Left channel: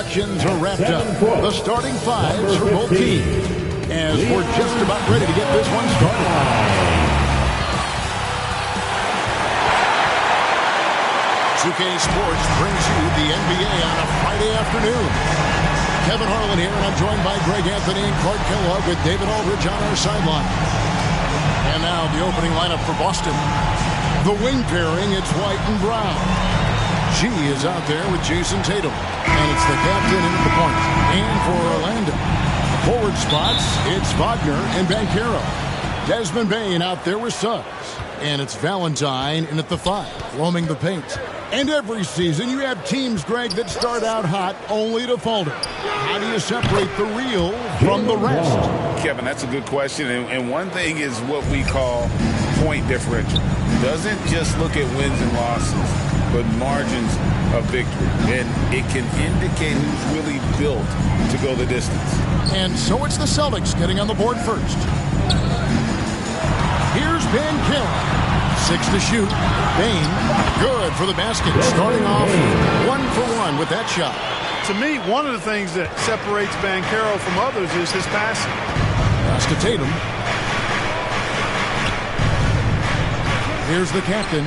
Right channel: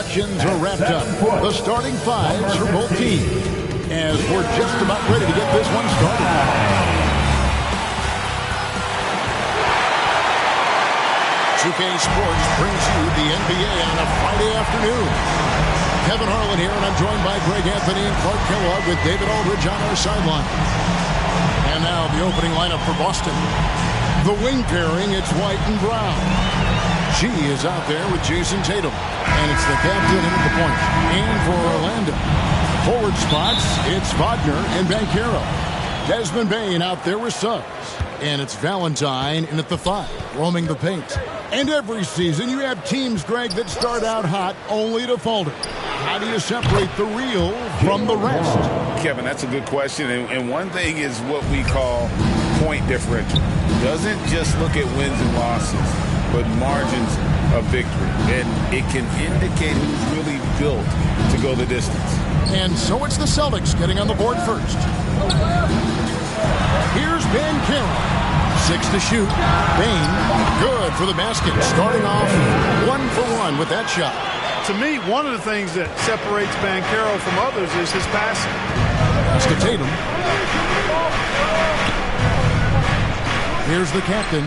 introductions are wrapped up. The starting fives for both teams, as we're just about ready to get this one started. 2K Sports brings you the NBA on a Friday afternoon. Kevin Harlan here, and I'm joined by Greg Anthony and Clark Kellogg with David Aldridge on our sideline. And now the opening lineup for Boston. The wing pairing, it's White and Brown. G is out there with Jason Tatum. And it's the captain in at the point. And for Orlando, the forward spots, it's Wagner and Banchero. Desmond Bane out there with Suggs. And it's Valentine in at the 5, roaming the paint. And every season you have teams, Greg, that start out hot only to falter. How do you separate the real from the rest? Kevin, that's a good question. And one thing is what we call point differential. Doesn't just look at wins and losses, but margins of victory. And it can indicate who's really built to go the distance. And so it's the Celtics getting on the board first. Here's Banchero. 6 to shoot. Bane, good for the basket. Starting off 1 for 1 with that shot. To me, one of the things that separates Banchero from others is his passing. Pass to Tatum. Here's the captain.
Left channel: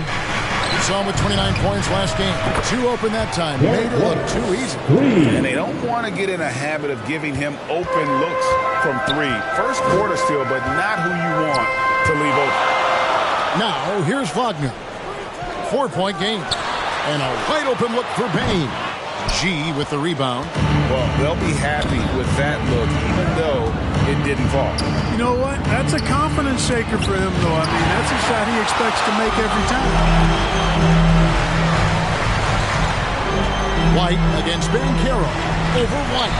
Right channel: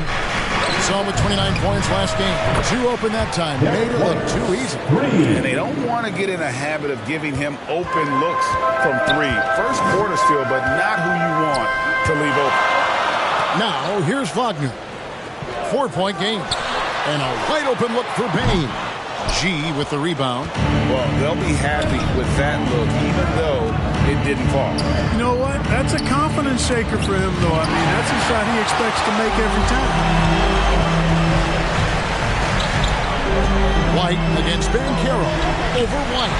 Saw him with 29 points last game. 2 open that time. Made it look too easy. And they don't want to get in a habit of giving him open looks from 3. First quarter still, but not who you want to leave open. Now, here's Wagner. 4-point game. And a wide open look for Bane. G with the rebound. Well, they'll be happy with that look, even though it didn't fall. You know what? That's a confidence shaker for him, though. I mean, that's a shot he expects to make every time. White against Banchero. Over White.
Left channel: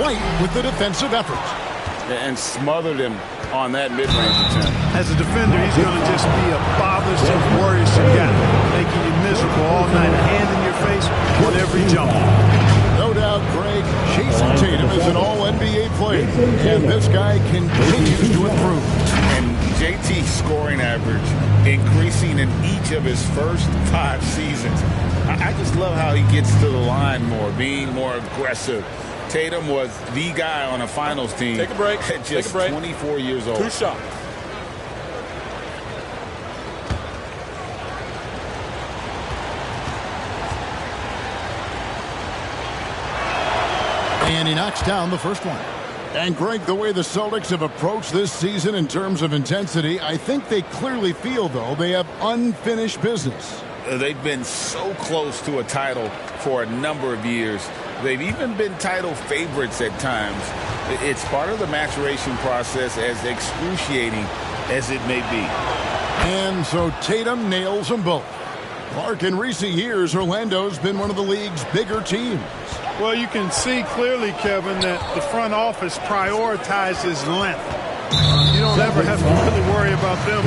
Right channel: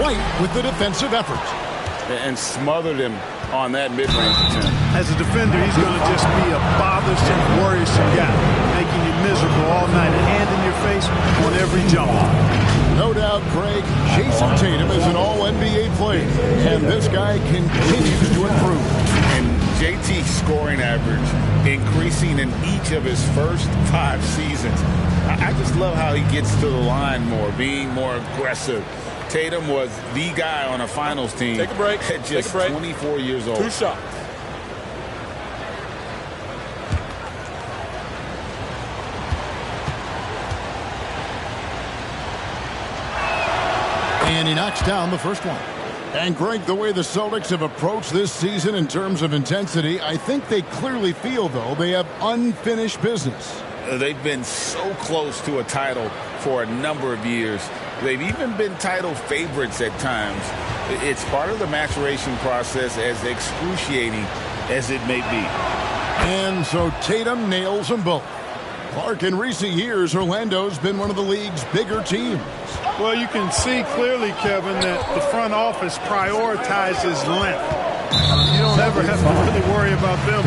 White with the defensive effort. And smothered him on that mid-range attempt. As a defender, he's going to just be a bothersome, worrisome guy, making you miserable all night, a hand in your face on every jump. No doubt, Greg, Jason Tatum is an all-NBA player, and this guy continues to improve. And JT's scoring average increasing in each of his first 5 seasons. I just love how he gets to the line more, being more aggressive. Tatum was the guy on a finals team. Take a break. At just 24 years old. 2 shots. And he knocks down the first one. And, Greg, the way the Celtics have approached this season in terms of intensity, I think they clearly feel, though, they have unfinished business. They've been so close to a title for a number of years. They've even been title favorites at times. It's part of the maturation process, as excruciating as it may be. And so Tatum nails them both. Clark, in recent years, Orlando's been one of the league's bigger teams. Well, you can see clearly, Kevin, that the front office prioritizes length. You don't ever have to really worry about them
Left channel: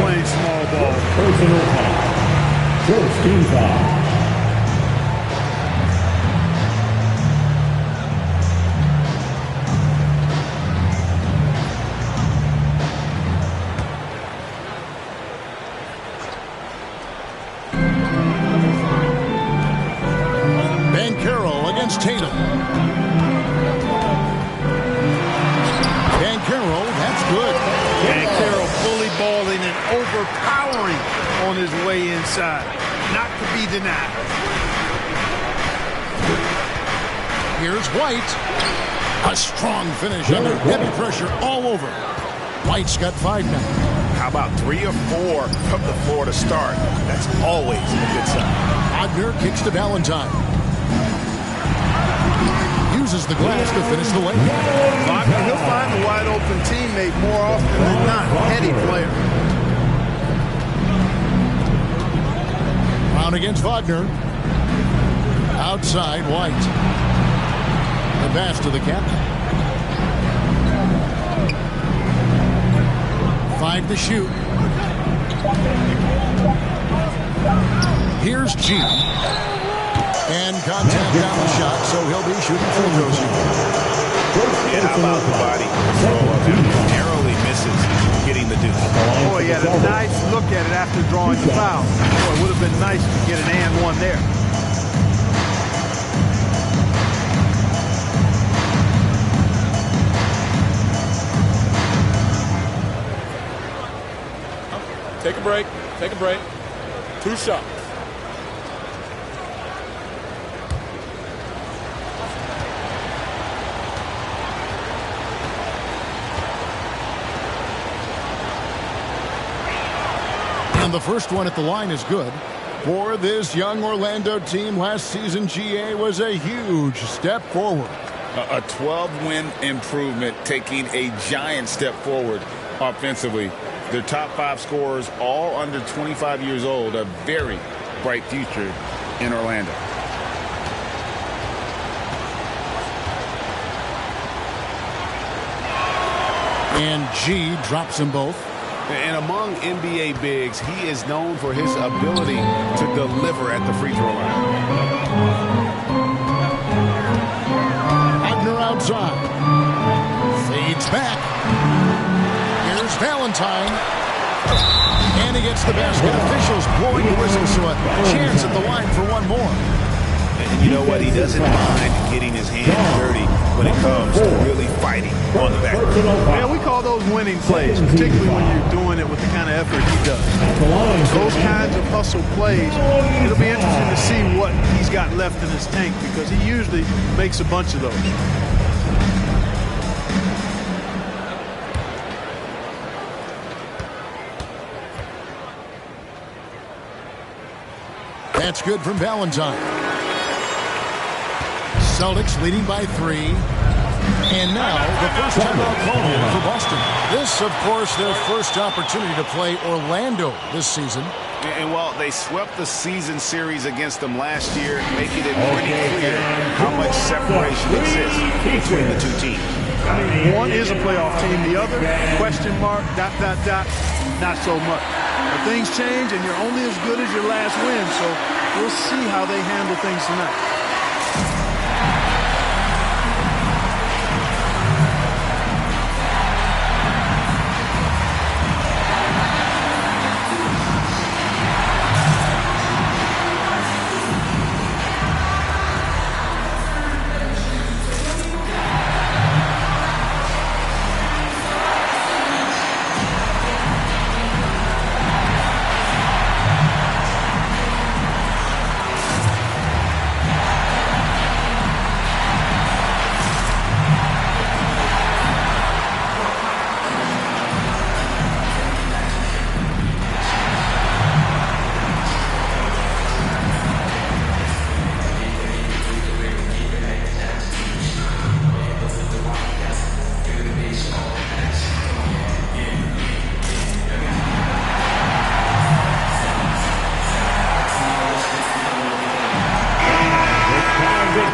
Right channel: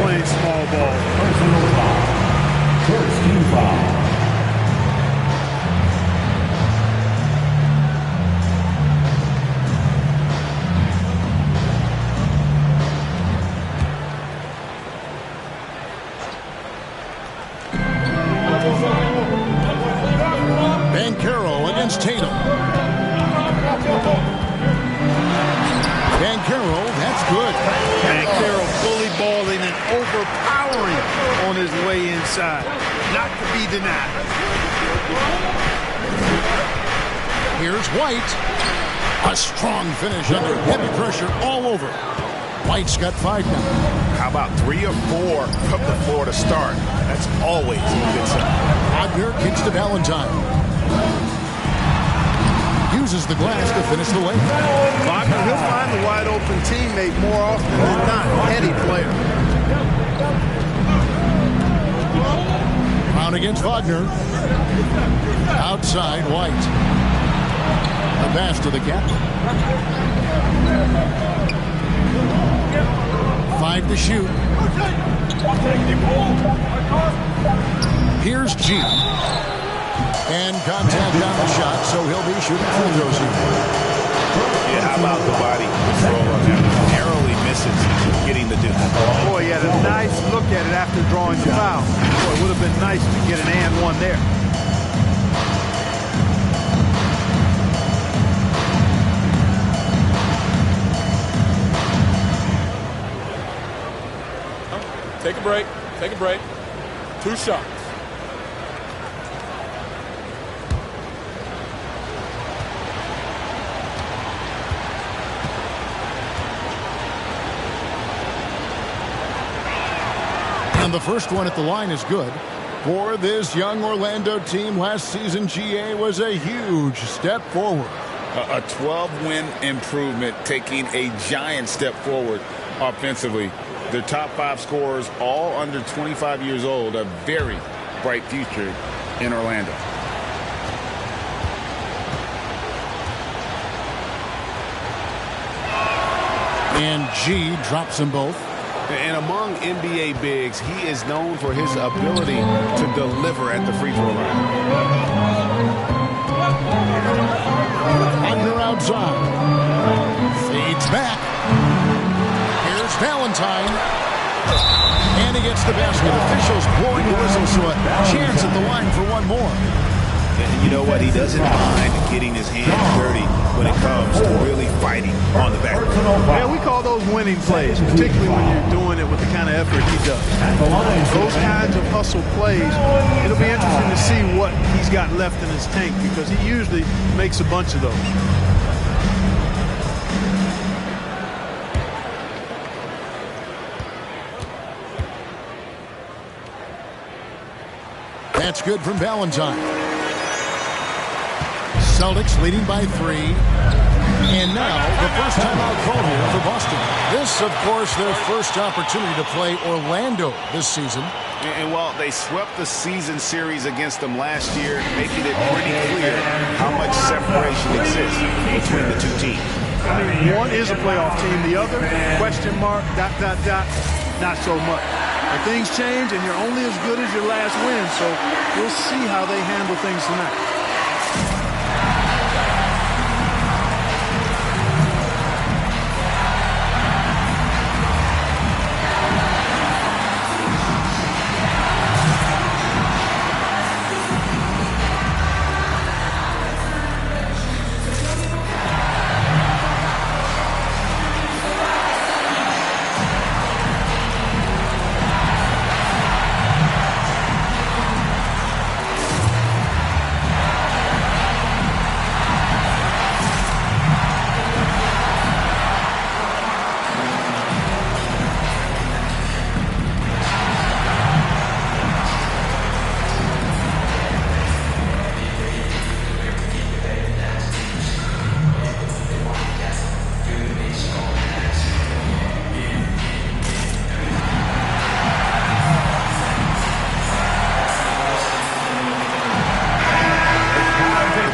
playing small ball. Personal foul. First team foul. Banchero against Tatum. Banchero, that's good. Banchero fully balling and overpowering on his way inside. Not to be denied. Here's White. A strong finish under heavy pressure all over. White's got 5 now. How about 3 or 4 from the floor to start? That's always a good sign. Wagner kicks to Valentine. Uses the glass to finish the lane. Wagner, he'll find the wide open teammate more often than not. Heady player. Brown against Wagner. Outside, White. The pass to the captain. 5 to shoot. Here's G. And contact on the shot, so he'll be shooting free throws here. Yeah, how about the body control on that? Narrowly misses getting the deuce. Boy, he had a nice look at it after drawing the foul. Boy, it would have been nice to get an and one there. Take a break. Take a break. 2 shots. And the first one at the line is good. For this young Orlando team, last season GA was a huge step forward. A 12-win improvement, taking a giant step forward offensively. Their top 5 scorers, all under 25 years old, a very bright future in Orlando. And G drops them both. And among NBA bigs, he is known for his ability to deliver at the free throw line. Wagner outside. Fades back. Here's Valentine. And he gets the basket. Officials blowing the whistle, so a chance at the line for one more. And you know what? He doesn't mind getting his hands dirty when it comes to really fighting on the back. Yeah, we call those winning plays, particularly when you're doing it with the kind of effort he does. Those kinds of hustle plays, it'll be interesting to see what he's got left in his tank because he usually makes a bunch of those. That's good from Valentine. Celtics leading by 3. And now the first timeout called here for Boston. This, of course, their first opportunity to play Orlando this season. And while they swept the season series against them last year, making it pretty clear how much separation exists between the two teams. I mean, one is a playoff team. The other, question mark, ... not so much. But things change, and you're only as good as your last win. So we'll see how they handle things tonight.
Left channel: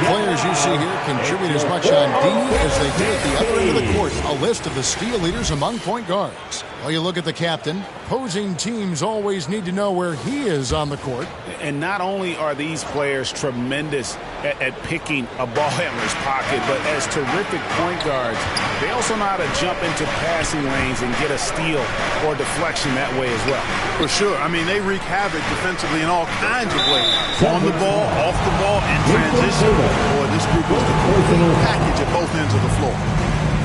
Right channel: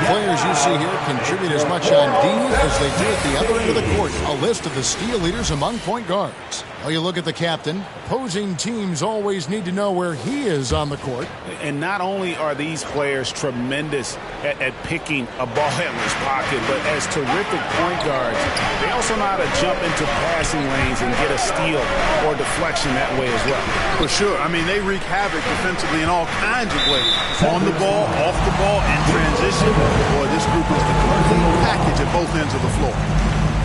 Players you see here contribute as much on D as they do at the other end of the court. A list of the steal leaders among point guards. Well, you look at the captain. Opposing teams always need to know where he is on the court. And not only are these players tremendous at picking a ball handler's pocket, but as terrific point guards, they also know how to jump into passing lanes and get a steal or deflection that way as well. For sure. I mean, they wreak havoc defensively in all kinds of ways. On the ball, off the ball, in transition. Boy, this group is the complete package at both ends of the floor.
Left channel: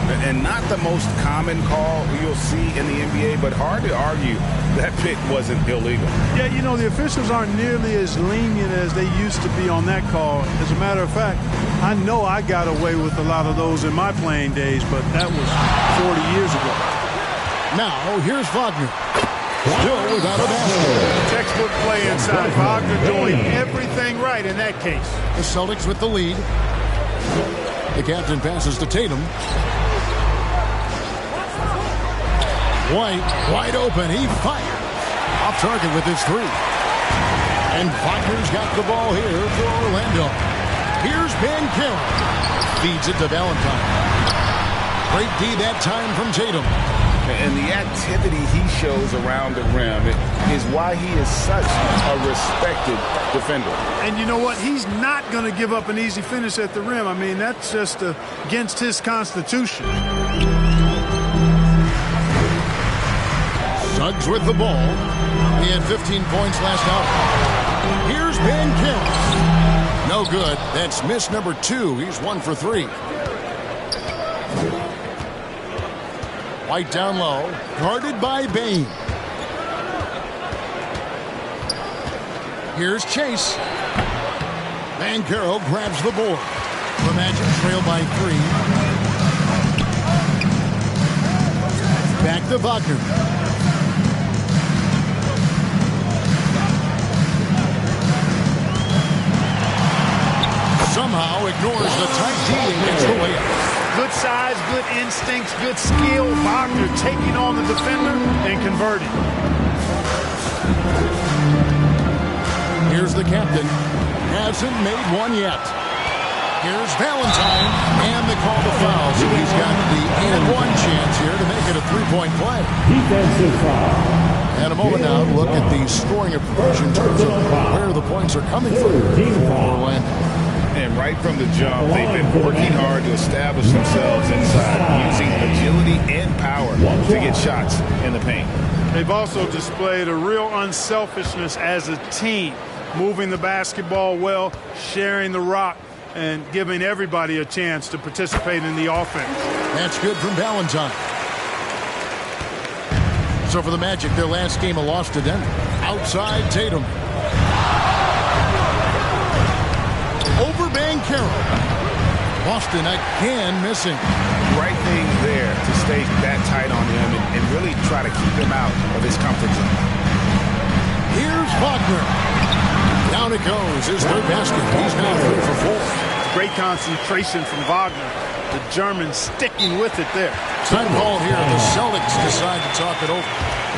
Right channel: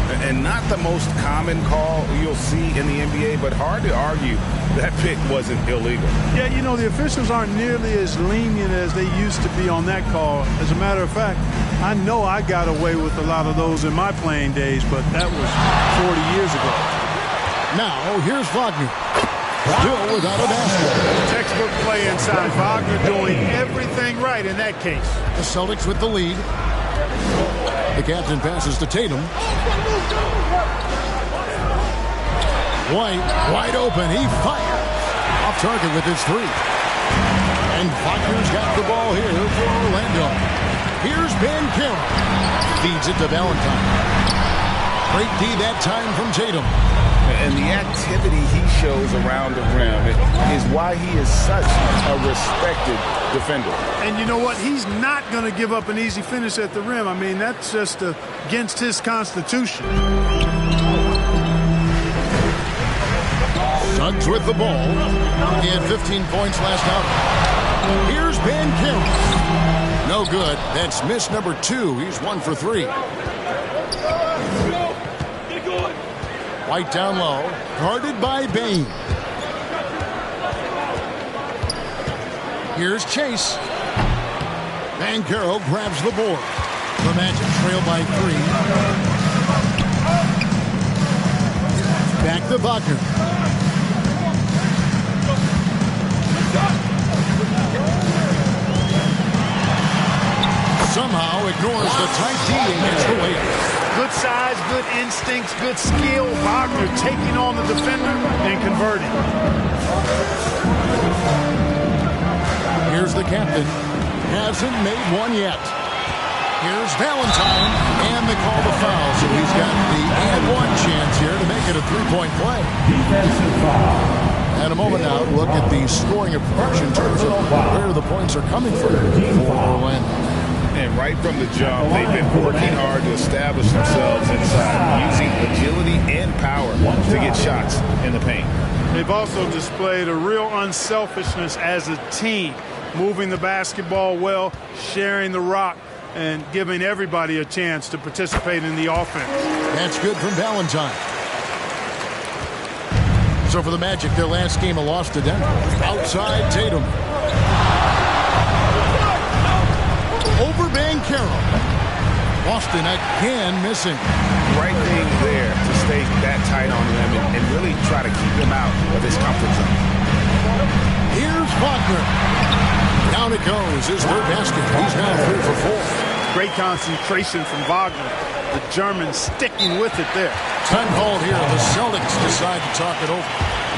And not the most common call you'll see in the NBA, but hard to argue that pick wasn't illegal. Yeah, you know, the officials aren't nearly as lenient as they used to be on that call. As a matter of fact, I know I got away with a lot of those in my playing days, but that was 40 years ago. Now, here's Wagner. Still without a basket. Textbook play inside. Wagner doing everything right in that case. The Celtics with the lead. The captain passes to Tatum. White, wide open. He fires. Off target with his 3. And Wagner's got the ball here for Orlando. Here's Banchero. Feeds it to Valentine. Great D that time from Tatum. And the activity he shows around the rim is why he is such a respected defender. And you know what? He's not going to give up an easy finish at the rim. I mean, that's just against his constitution. Suggs with the ball. He had 15 points last outing. Here's Banchero. No good. That's miss number 2. He's 1 for 3. White down low, guarded by Bane. Here's Chase. Banchero grabs the board. The Magic trail by 3. Back to Wagner. Somehow ignores the tight D and gets the layup. Good size, good instincts, good skill. Wagner taking on the defender and converting. Here's the captain. Hasn't made one yet. Here's Valentine, and they call the foul, so he's got the and one chance here to make it a three-point play. Defensive foul. And a moment now to look at the scoring approach in terms of where the points are coming from for Orlando. And right from the jump, they've been working hard to establish themselves inside, using agility and power to get shots in the paint. They've also displayed a real unselfishness as a team, moving the basketball well, sharing the rock, and giving everybody a chance to participate in the offense. That's good from Valentine. So for the Magic, their last game a loss to Denver. Outside Tatum. Over Banchero. Boston again missing. Right thing there to stay that tight on him and really try to keep him out of his comfort zone. Here's Wagner. Down it goes. His third basket. He's now 3 for 4. Great concentration from Wagner. The German sticking with it there. Time called here. The Celtics decide to talk it over.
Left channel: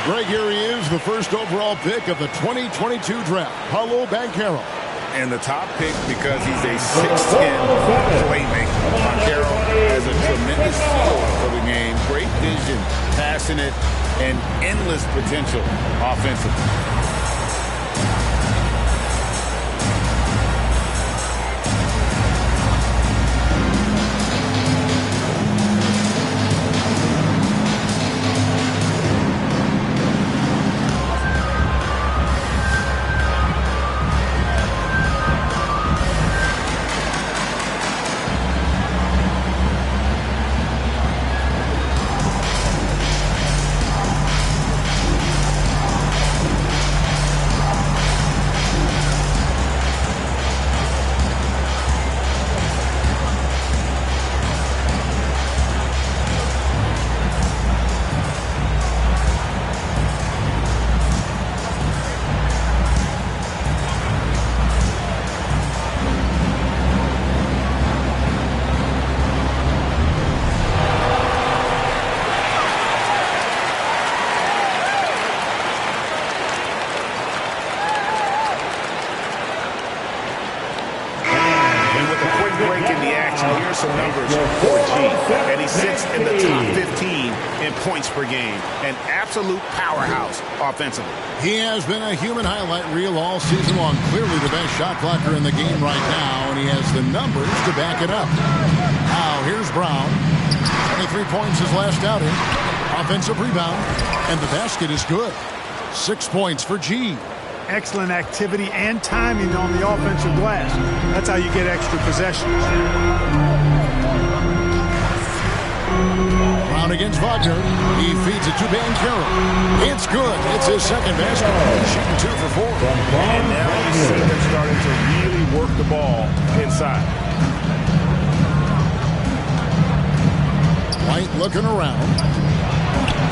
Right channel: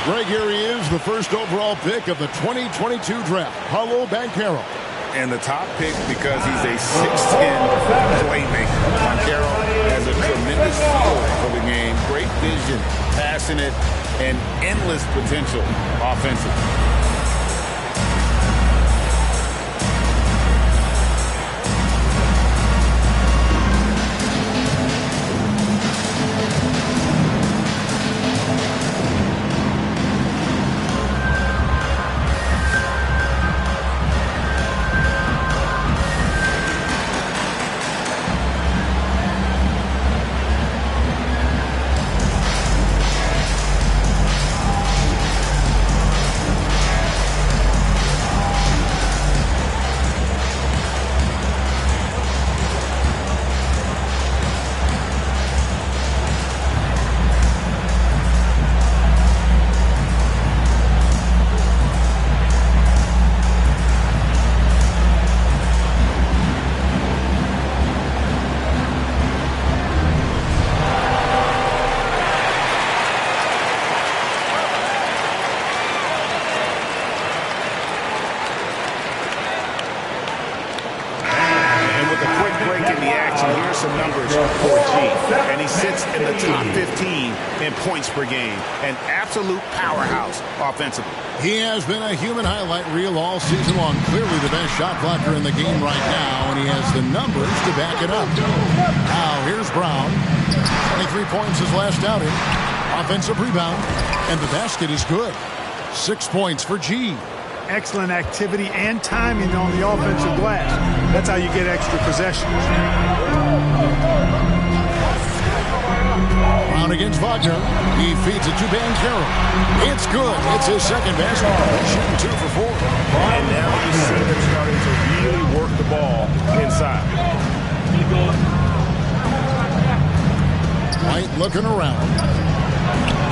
Greg, here he is, the first overall pick of the 2022 draft. Paolo Banchero. And the top pick because he's a 6'10 playmaker. Banchero has a tremendous feel for the game, great vision, passionate, and endless potential offensively. Some numbers for G, and he sits in the top 15 in points per game. An absolute powerhouse offensively. He has been a human highlight reel all season long. Clearly the best shot blocker in the game right now, and he has the numbers to back it up. Now here's Brown. 23 points his last outing. Offensive rebound, and the basket is good. 6 points for G. Excellent activity and timing on the offensive glass. That's how you get extra possessions. Brown against Wagner. He feeds it to Banchero. It's good. It's his second basket. He's shooting 2 for 4. And now you see them starting to really work the ball inside. White looking around.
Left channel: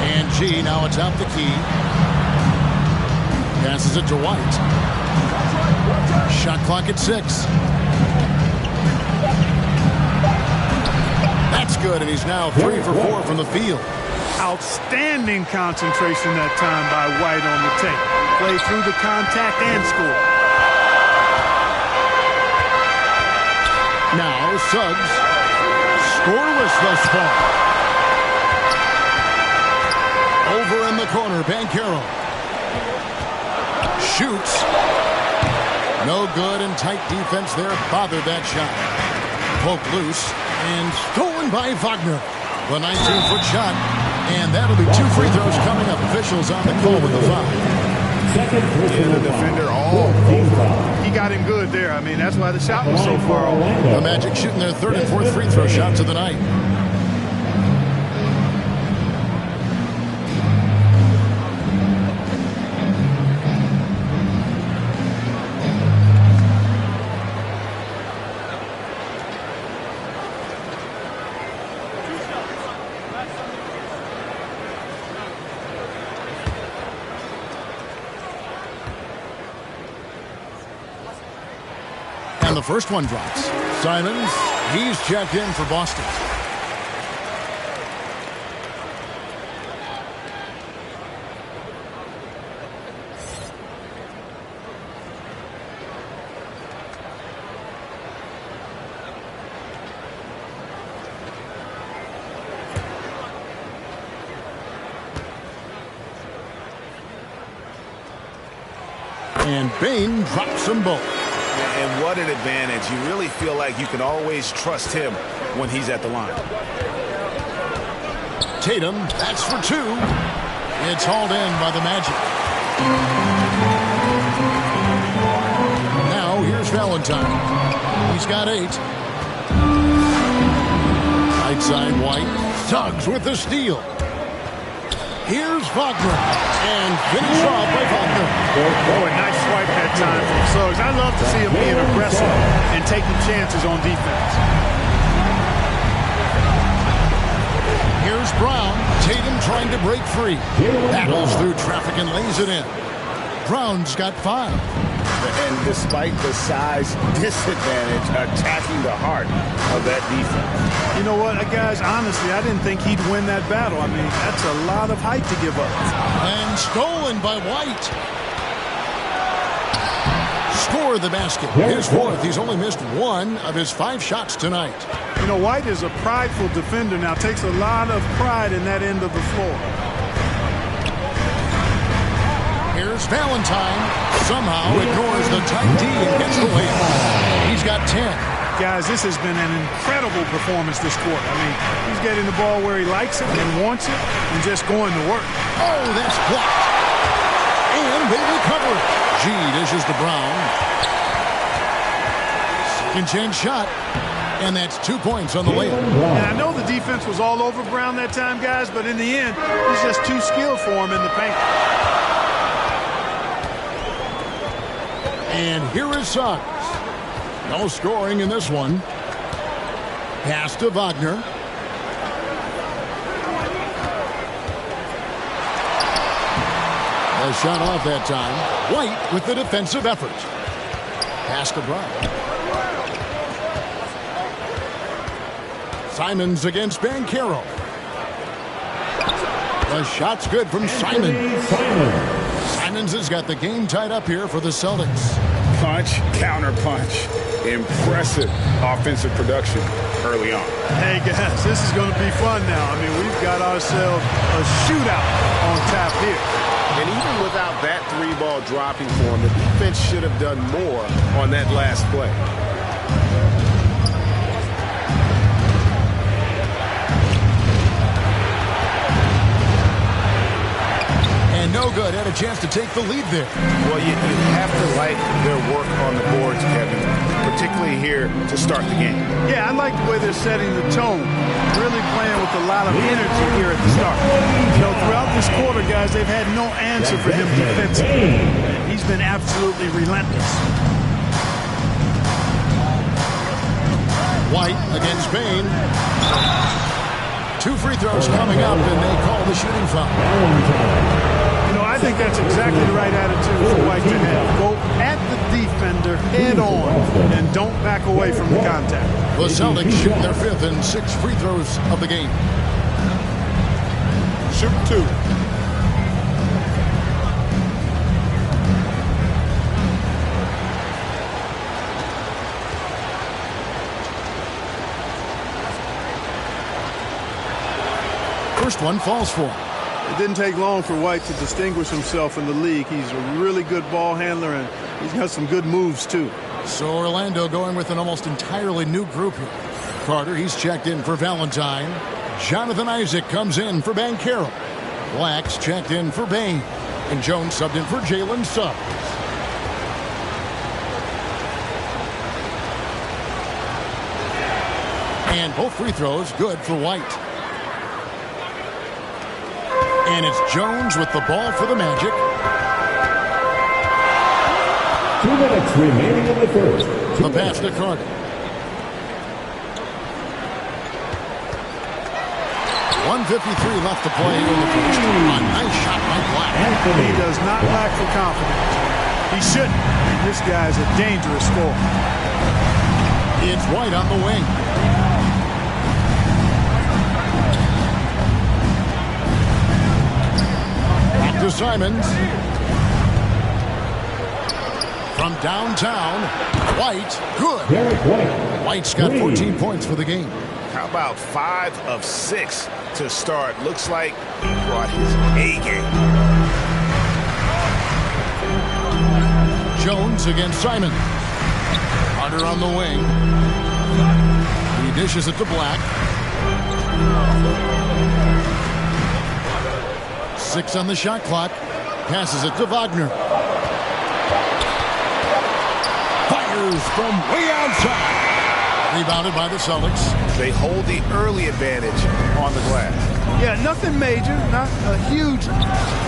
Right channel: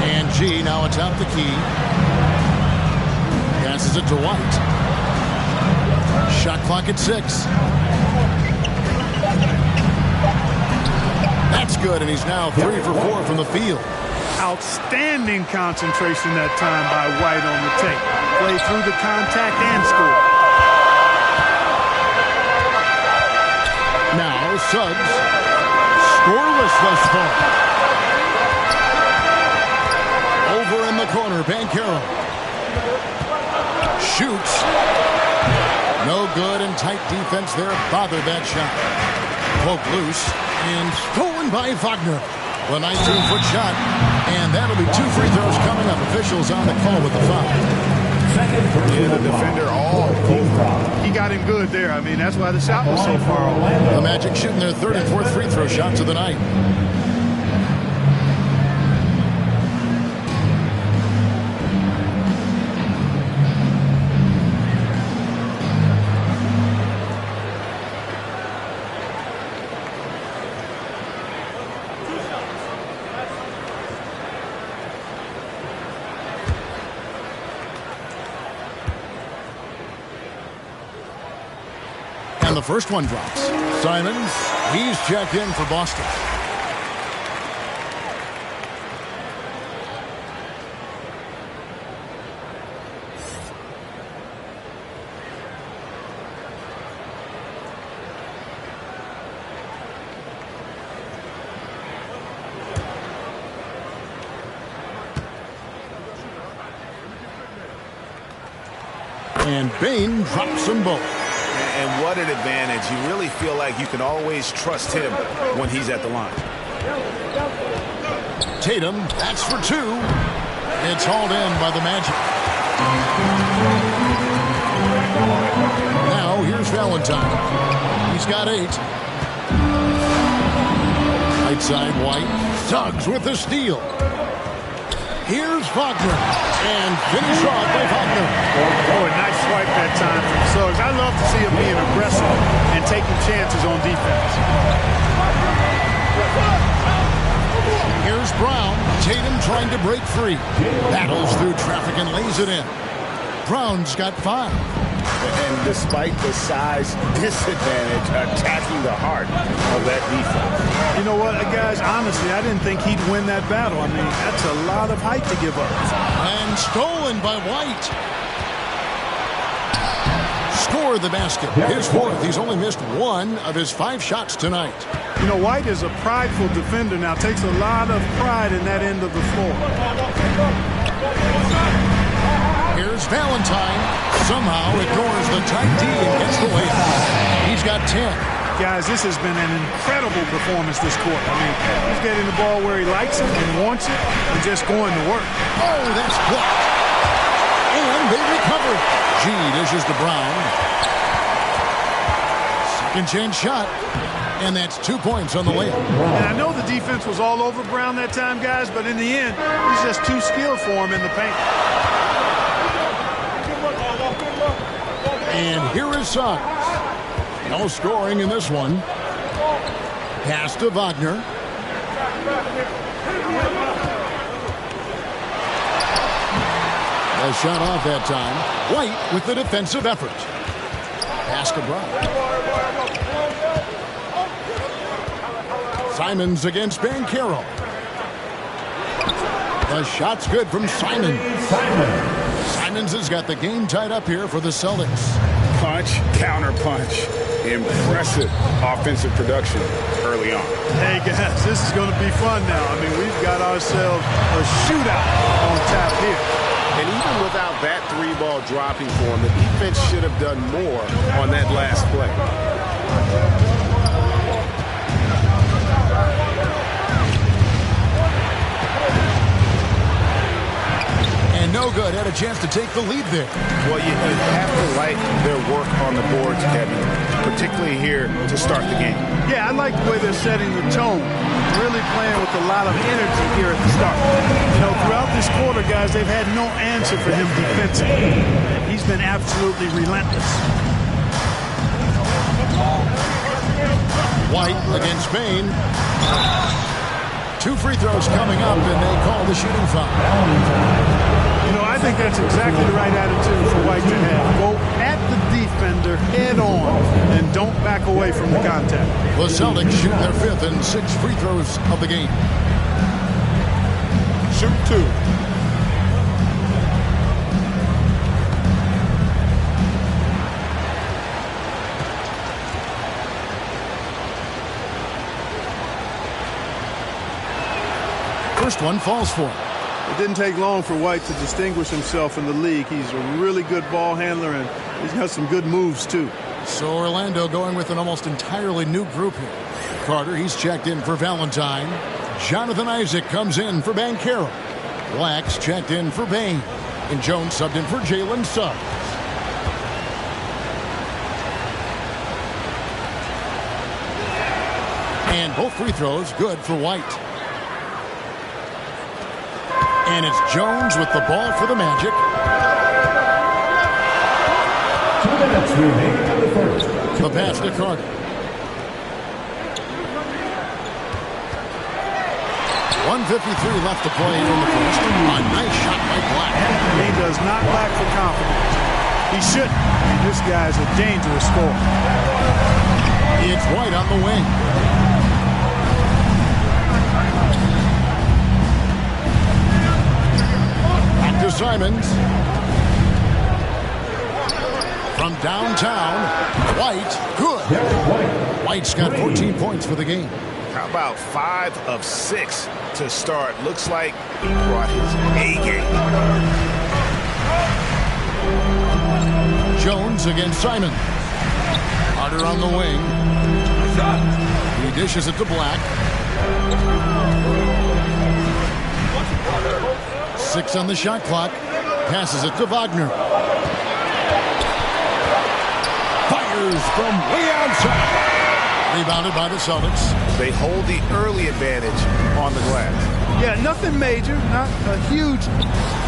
And G now atop the key. Passes it to White. Shot clock at 6. That's good, and he's now 3 for 4 from the field. Outstanding concentration that time by White on the tape. Play through the contact and score. Now Suggs. Scoreless thus far. Over in the corner, Banchero. Shoots. No good, and tight defense there bothered that shot. Poke loose and stolen by Wagner. The 19-foot shot, and that'll be 2 free throws coming up. Officials on the call with the foul. Yeah, the defender all over. He got him good there. I mean, that's why the shot was so far off. The Magic shooting their 3rd and 4th free throw shots of the night. And the first one drops. Simons, he's checked in for Boston. And Bane drops them both. And what an advantage. You really feel like you can always trust him when he's at the line. Tatum, that's for two. It's hauled in by the Magic. Now here's Valentine. He's got 8. Right side, White. Suggs with the steal. Here's Wagner, and finish off by Wagner. Oh, a nice swipe that time from Suggs. I love to see him being aggressive and taking chances on defense. Here's Brown. Tatum trying to break free. Battles through traffic and lays it in. Brown's got 5. And despite the size disadvantage, attacking the heart of that defense. You know what, guys, honestly, I didn't think he'd win that battle. I mean, that's a lot of height to give up. And stolen by White. Score the basket. His 4th. He's only missed 1 of his 5 shots tonight. You know, White is a prideful defender now. Takes a lot of pride in that end of the floor. Here's Valentine. Somehow ignores the tight D and gets the layup. He's got 10. Guys, this has been an incredible performance this quarter. I mean, he's getting the ball where he likes it and wants it and just going to work. Oh, that's blocked. And they recover. G dishes to Brown. Second chance shot. And that's 2 points on the layup. And I know the defense was all over Brown that time, guys, but in the end, he's just too skilled for him in the paint. And here is Suggs. No scoring in this one. Pass to Wagner. A shot off that time. White with the defensive effort. Pass to Brown. Simons against Banchero. The shot's good from Simons. Simons has got the game tied up here for the Celtics. Punch, counter punch. Impressive offensive production early on. Hey, guys, this is going to be fun now. I mean, we've got ourselves a shootout on tap here. And even without that 3-ball dropping for him, the defense should have done more on that last play. And no good. Had a chance to take the lead there. Well, you have to like their work on the boards, Kevin, particularly here to start the game. Yeah, I like the way they're setting the tone. Really playing with a lot of energy here at the start. You know, throughout this quarter, guys, they've had no answer for him defensively. He's been absolutely relentless. White against Bane. 2 free throws coming up, and they call the shooting foul. You know, I think that's exactly the right attitude for White to have. Go at the defender head on and don't back away from the contact. The Celtics shooting their 5th and 6th free throws of the game. Shoot 2. First one falls for him. It didn't take long for White to distinguish himself in the league. He's a really good ball handler, and he's got some good moves, too. So Orlando going with an almost entirely new group here. Carter, he's checked in for Valentine. Jonathan Isaac comes in for Banchero. Black's checked in for Bane. And Jones subbed in for Jalen Suggs. And both free throws good for White. And it's Jones with the ball for the Magic. 2 minutes remaining in the first. The pass to Carter. .153 left to play here in the first. A nice shot by Black. He does not lack for confidence. He shouldn't. I mean, this guy's a dangerous scorer. It's White on the wing. Back to Simons. From downtown, White, good. White's got 14 points for the game. How about 5 of 6 to start? Looks like he brought his A game. Jones against Simons. Carter on the wing. He dishes it to Black. 6 on the shot clock. Passes it to Wagner. Fires from way outside. Rebounded by the Celtics. They hold the early advantage on the glass. Yeah, nothing major, not a huge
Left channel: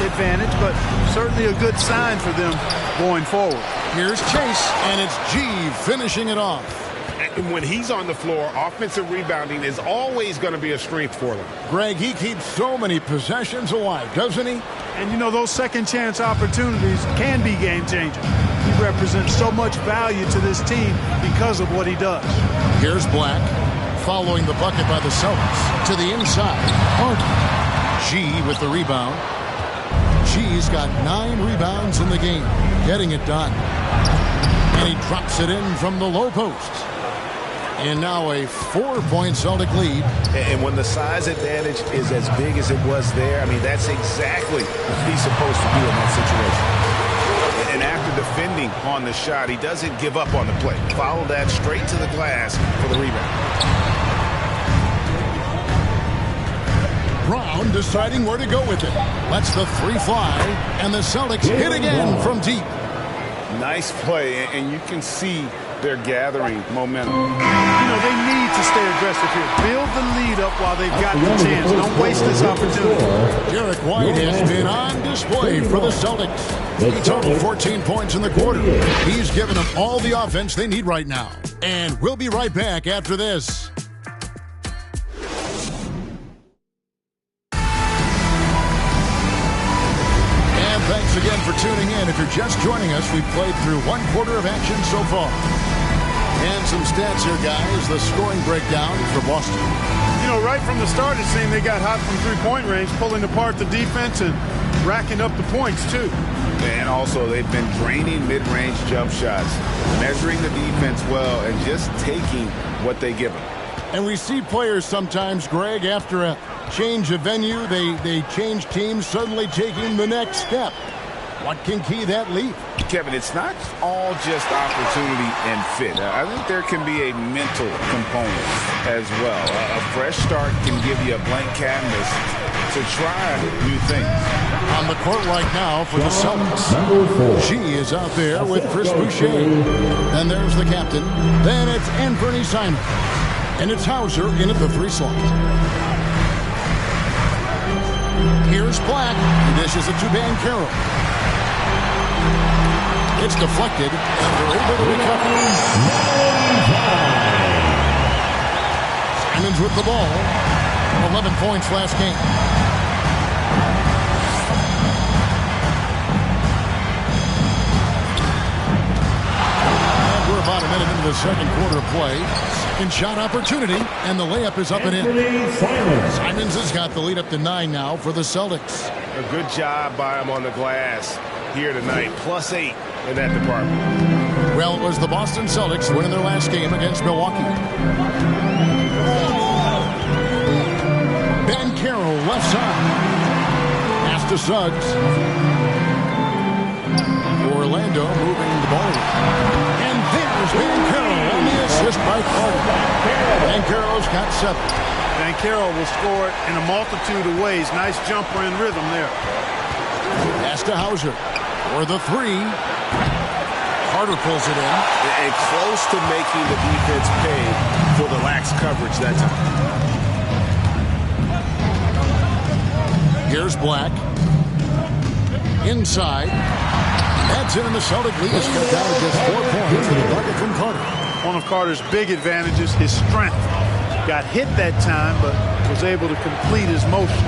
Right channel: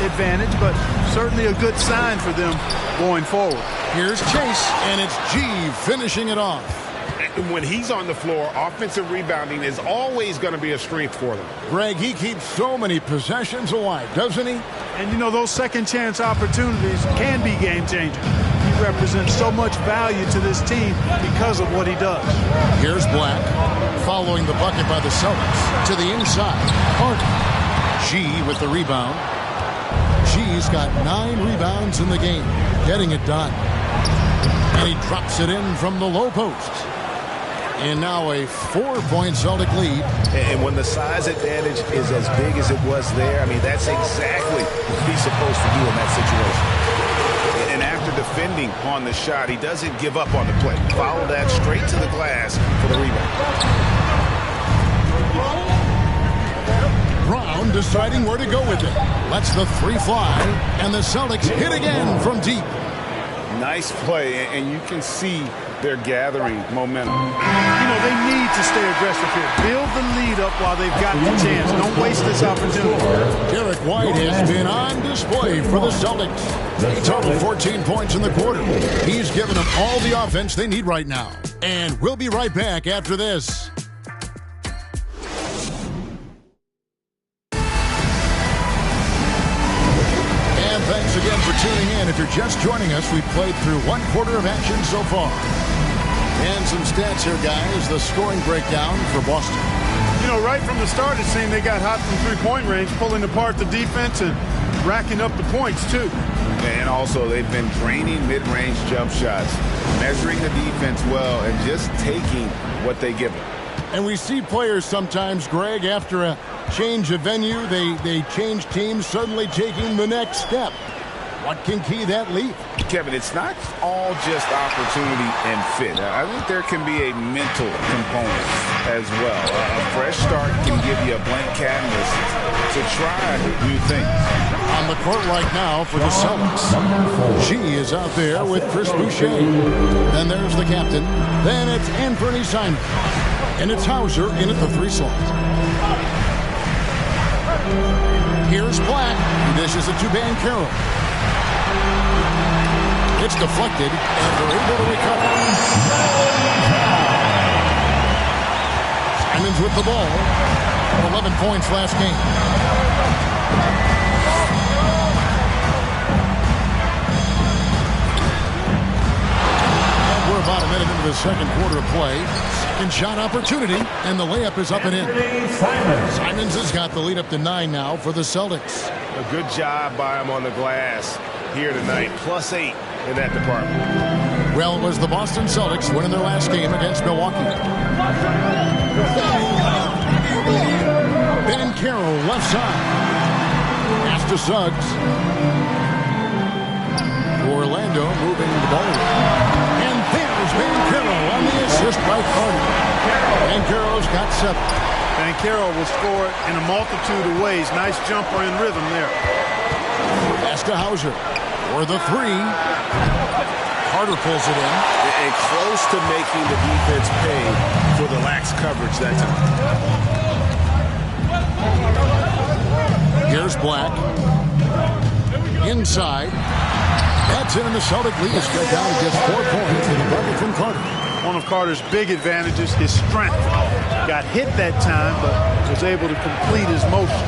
advantage, but certainly a good sign for them going forward. Here's Chase, and it's G finishing it off. And when he's on the floor, offensive rebounding is always going to be a strength for them. Greg, he keeps so many possessions alive, doesn't he? And, you know, those second-chance opportunities can be game-changing. He represents so much value to this team because of what he does. Here's Black, following the bucket by the Celtics. To the inside, Harden. G with the rebound. G's got 9 rebounds in the game, getting it done. And he drops it in from the low post. And now a 4-point Celtic lead. And when the size advantage is as big as it was there, I mean, that's exactly what he's supposed to do in that situation. And after defending on the shot, he doesn't give up on the play. Follow that straight to the glass for the rebound. Brown deciding where to go with it. Lets the 3 fly, and the Celtics hit again from deep. Nice play, and you can see they're gathering momentum. You know, they need to stay aggressive here. Build the lead up while they've got the chance. Don't waste this opportunity. Derek White has been on display for the Celtics. He totaled 14 points in the quarter. He's given them all the offense they need right now. And we'll be right back after this. And thanks again for tuning in. If you're just joining us, we've played through 1 quarter of action so far. And some stats here, guys. The scoring breakdown for Boston. You know, right from the start, it seemed they got hot from three-point range, pulling apart the defense and racking up the points, too. And also, they've been draining mid-range jump shots, measuring the defense well, and just taking what they give them. And we see players sometimes, Greg, after a change of venue, they change teams, suddenly taking the next step. What can key that leap? Kevin, it's not all just opportunity and fit. I think there can be a mental component as well. A fresh start can give you a blank canvas to try new things. On the court right now for the Celtics. She is out there with Chris Boucher. Then there's the captain. Then it's Anthony Simons. And it's Hauser in at the 3 slot. Here's Black. He dishes it to Banchero. It's deflected, and they're able to recover. Simons with the ball. 11 points last game. And we're about a minute into the second quarter of play. Second shot opportunity, and the layup is up and in. Simons has got the lead up to 9 now for the Celtics. A good job by him on the glass here tonight. +8 in that department. Well, it was the Boston Celtics winning their last game against Milwaukee. Banchero left side. Pass to Suggs. Orlando moving the ball away. And there's Banchero on the assist by Carter. Banchero's got 7. Banchero will score it in a multitude of ways. Nice jumper in rhythm there. Pass to Hauser for the 3. Carter pulls it in. And close to making the defense pay for the lax coverage that time. Here's Black. Inside. That's in, and the Celtic lead is cut down to just 4 points with a bucket from Carter. One of Carter's big advantages is strength. Got hit that time, but was able to complete his motion.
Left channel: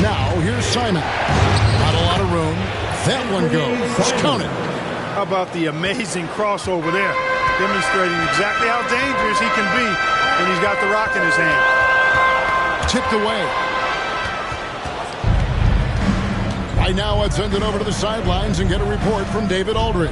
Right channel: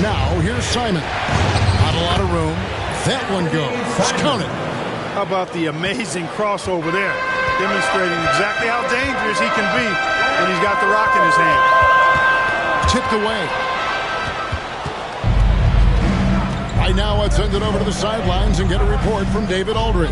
Now, here's Simon. Not a lot of room. That one goes. Count it. How about the amazing crossover there, demonstrating exactly how dangerous he can be when he's got the rock in his hand. Tipped away. Right now, let's send it over to the sidelines and get a report from David Aldridge.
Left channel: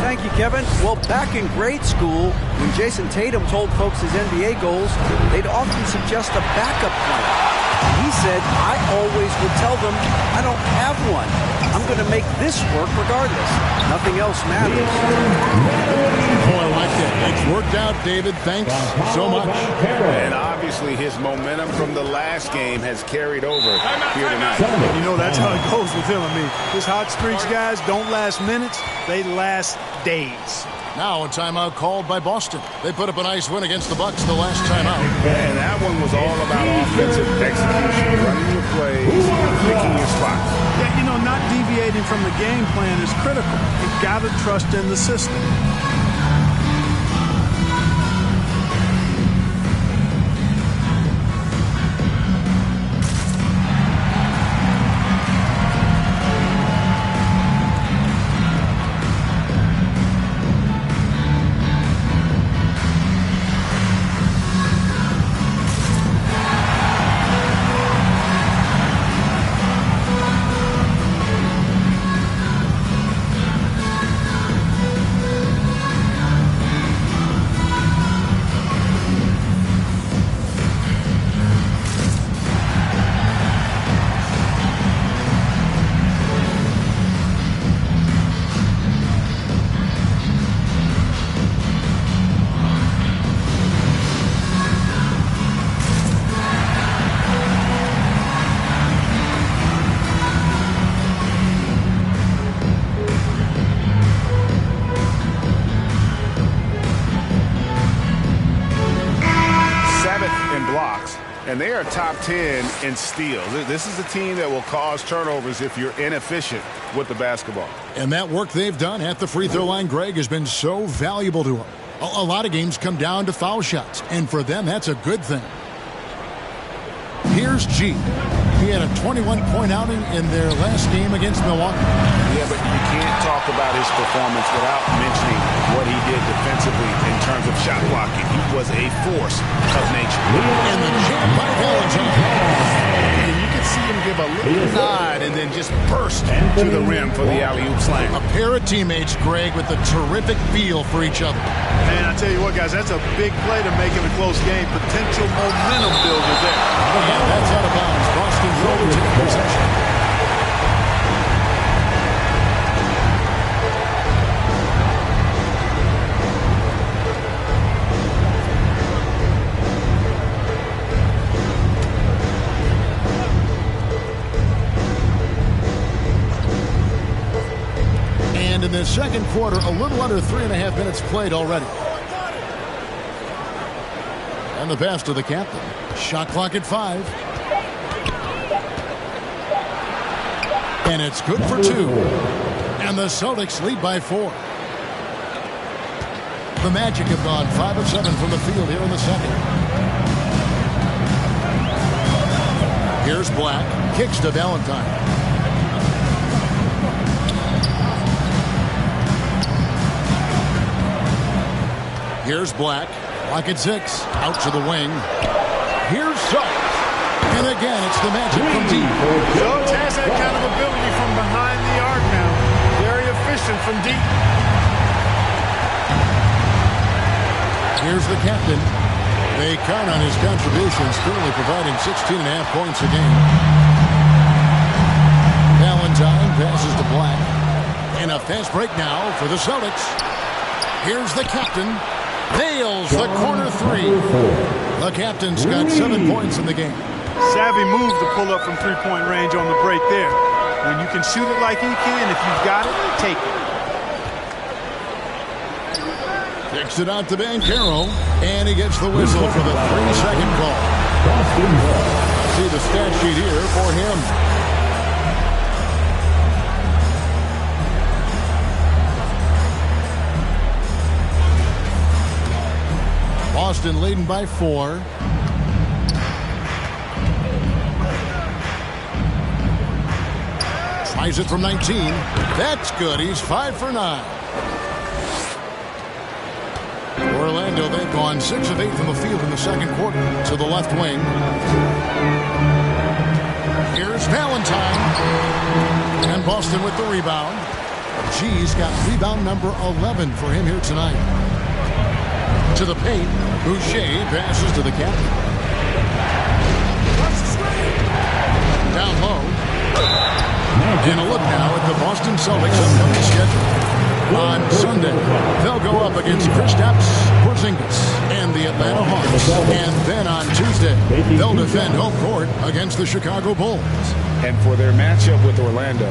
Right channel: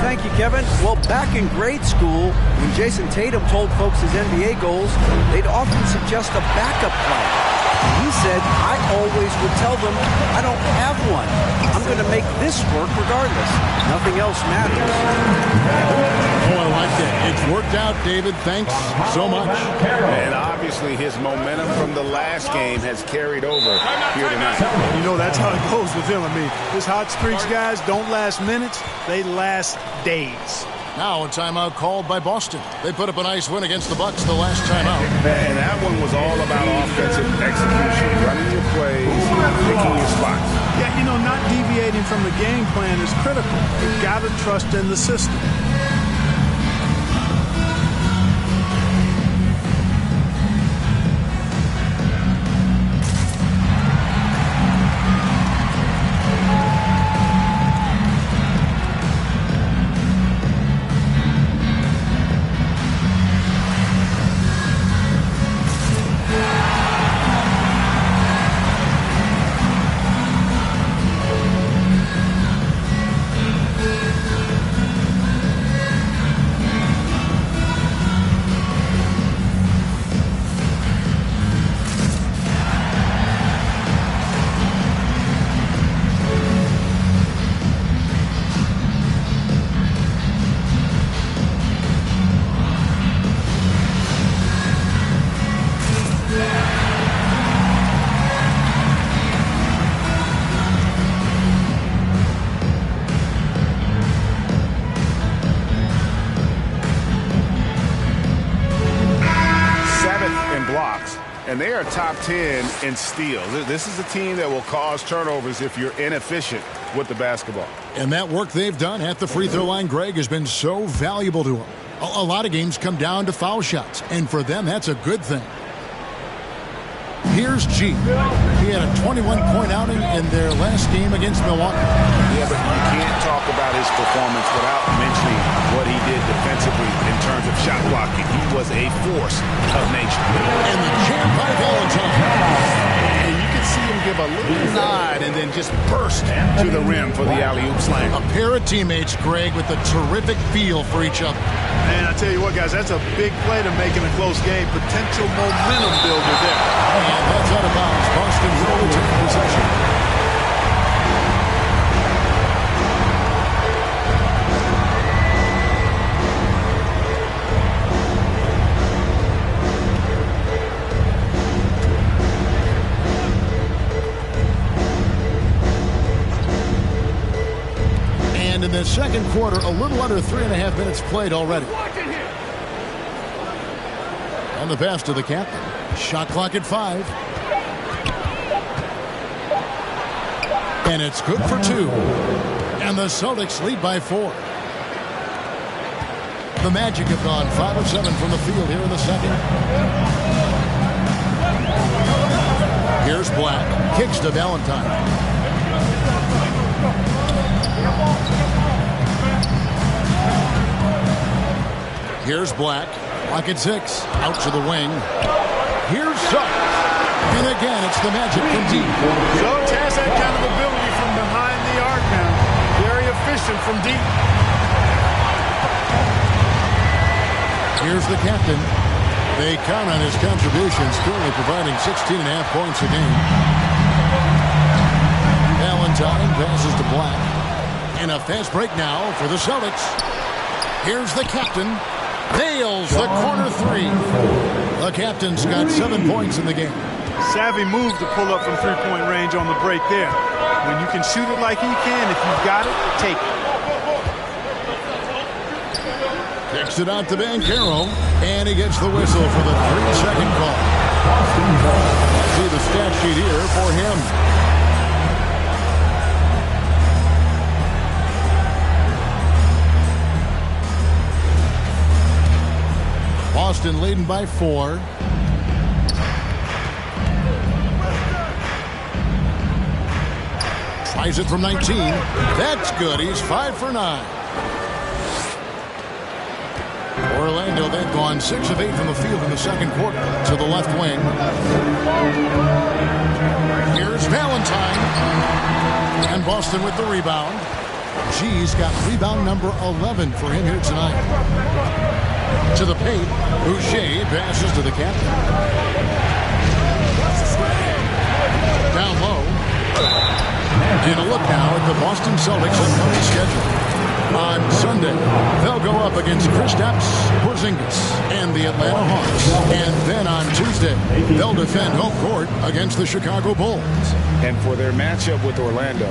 Thank you, Kevin. Well, back in grade school, when Jason Tatum told folks his NBA goals, they'd often suggest a backup plan. And he said, I always would tell them, I don't have one. I'm going to make this work regardless. Nothing else matters. Oh, I like that. It's worked out, David. Thanks so much. And obviously his momentum from the last game has carried over here tonight. You know, that's how it goes with him. I mean, his hot streaks, guys, don't last minutes. They last days. Now a timeout called by Boston. They put up a nice win against the Bucks the last timeout. And that one was all about offensive execution, running your plays, picking your spots. Yeah, you know, not deviating from the game plan is critical. You've got to trust in the system. In blocks, and they are top 10 in steals. This is a team that will cause turnovers if you're inefficient with the basketball. And that work they've done at the free throw line, Greg, has been so valuable to them. A lot of games come down to foul shots, and for them, that's a good thing. Here's G. He had a 21-point outing in their last game against Milwaukee. Yeah, but you can't talk about his performance without mentioning what he did defensively in terms of shot blocking. He was a force of nature. And the jam by Valentine. And you could see him give a little nod and then just burst to the rim for the alley-oop slam. A pair of teammates, Greg, with a terrific feel for each other. Man, I tell you what, guys, that's a big play to make in a close game. Potential momentum builder there. And that's out of bounds. Boston will retain possession. And in the second quarter, a little under 3.5 minutes played already. And the pass to the captain. Shot clock at 5. And it's good for 2. And the Celtics lead by 4. The Magic have gone 5 of 7 from the field here in the second. Here's Black. Kicks to Valentine. Here's Black. Black at 6. Out to the wing. Here's Suggs. And again, it's the Magic from deep. Suggs has that kind of ability from behind the arc now. Very efficient from deep. Here's the captain. They count on his contributions, currently providing 16.5 points a game. Valentine passes to Black. And a fast break now for the Celtics. Here's the captain. Nails the corner 3. The captain's got 7 points in the game. Savvy move to pull up from three-point range on the break there. When you can shoot it like he can, if you've got it, take it. Kicks it out to Banchero, and he gets the whistle for the 3-second call. See the stat sheet here for him. Boston leading by 4. Tries it from 19. That's good. He's 5 for 9. Orlando, they've gone 6 of 8 from the field in the second quarter to the left wing. Here's Valentine. And Boston with the rebound. G's got rebound number 11 for him here tonight. To the paint, Boucher passes to the captain. Down low. And a look now at the Boston Celtics' upcoming schedule. On Sunday, they'll go up against Kristaps Porzingis and the Atlanta Hawks. And then on Tuesday, they'll defend home court against the Chicago Bulls. And for their matchup with Orlando,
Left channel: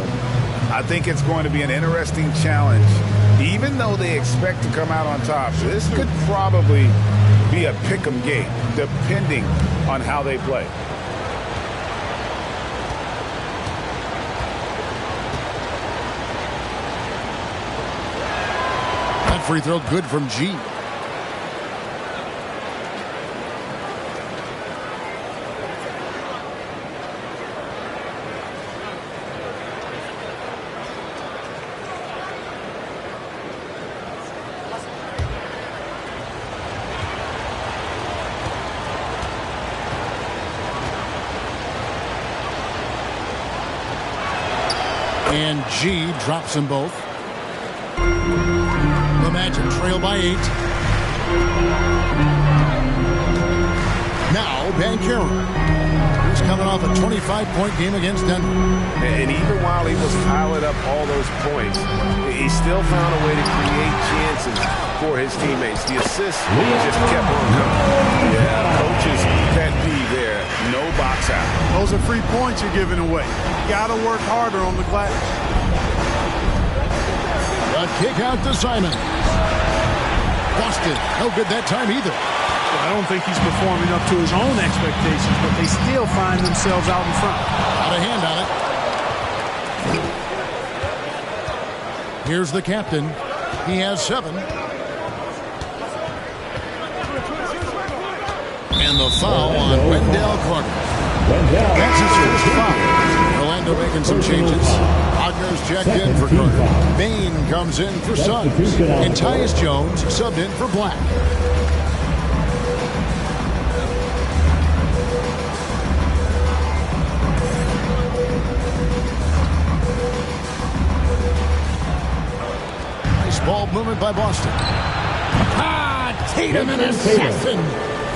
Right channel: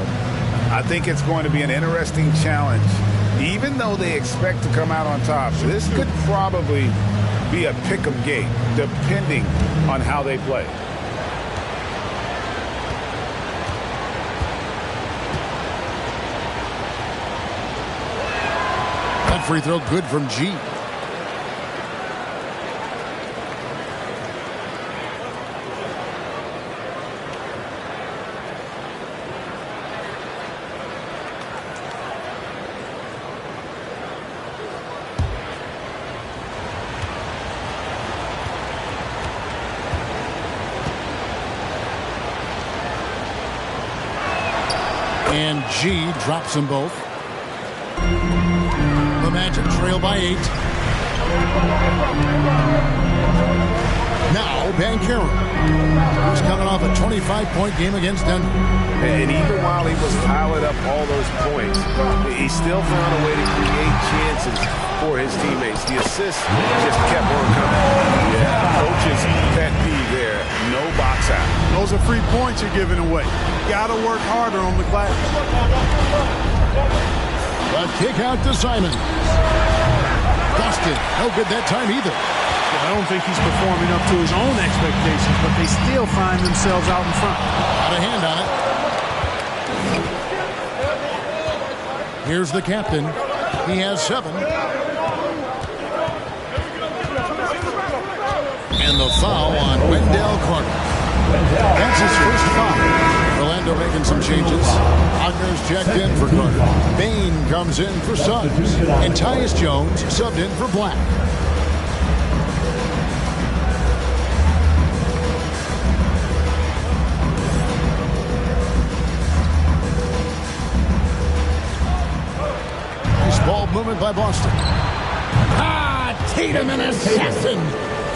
I think it's going to be an interesting challenge. Even though they expect to come out on top, this could probably be a pick-em game, depending on how they play. That free throw good from G. And G drops them both. The Magic trail by 8. Now Banchero. He's coming off a 25-point game against Denver. And even while he was piling up all those points, he still found a way to create chances for his teammates. The assists just kept on coming. Yeah, coach's pet peeve there. No box out. Those are free points you're giving away. You got to work harder on the glass. A kick out to Simons. Boston, no good that time either. Well, I don't think he's performing up to his own expectations, but they still find themselves out in front. Got a hand on it. Here's the captain. He has 7. And the foul on Wendell Carter. That's his first foul. Orlando making some changes. Wagner's checked in for Carter. Bain comes in for Suggs. And Tyus Jones subbed in for Black. Nice ball movement by Boston. Tatum and assassin.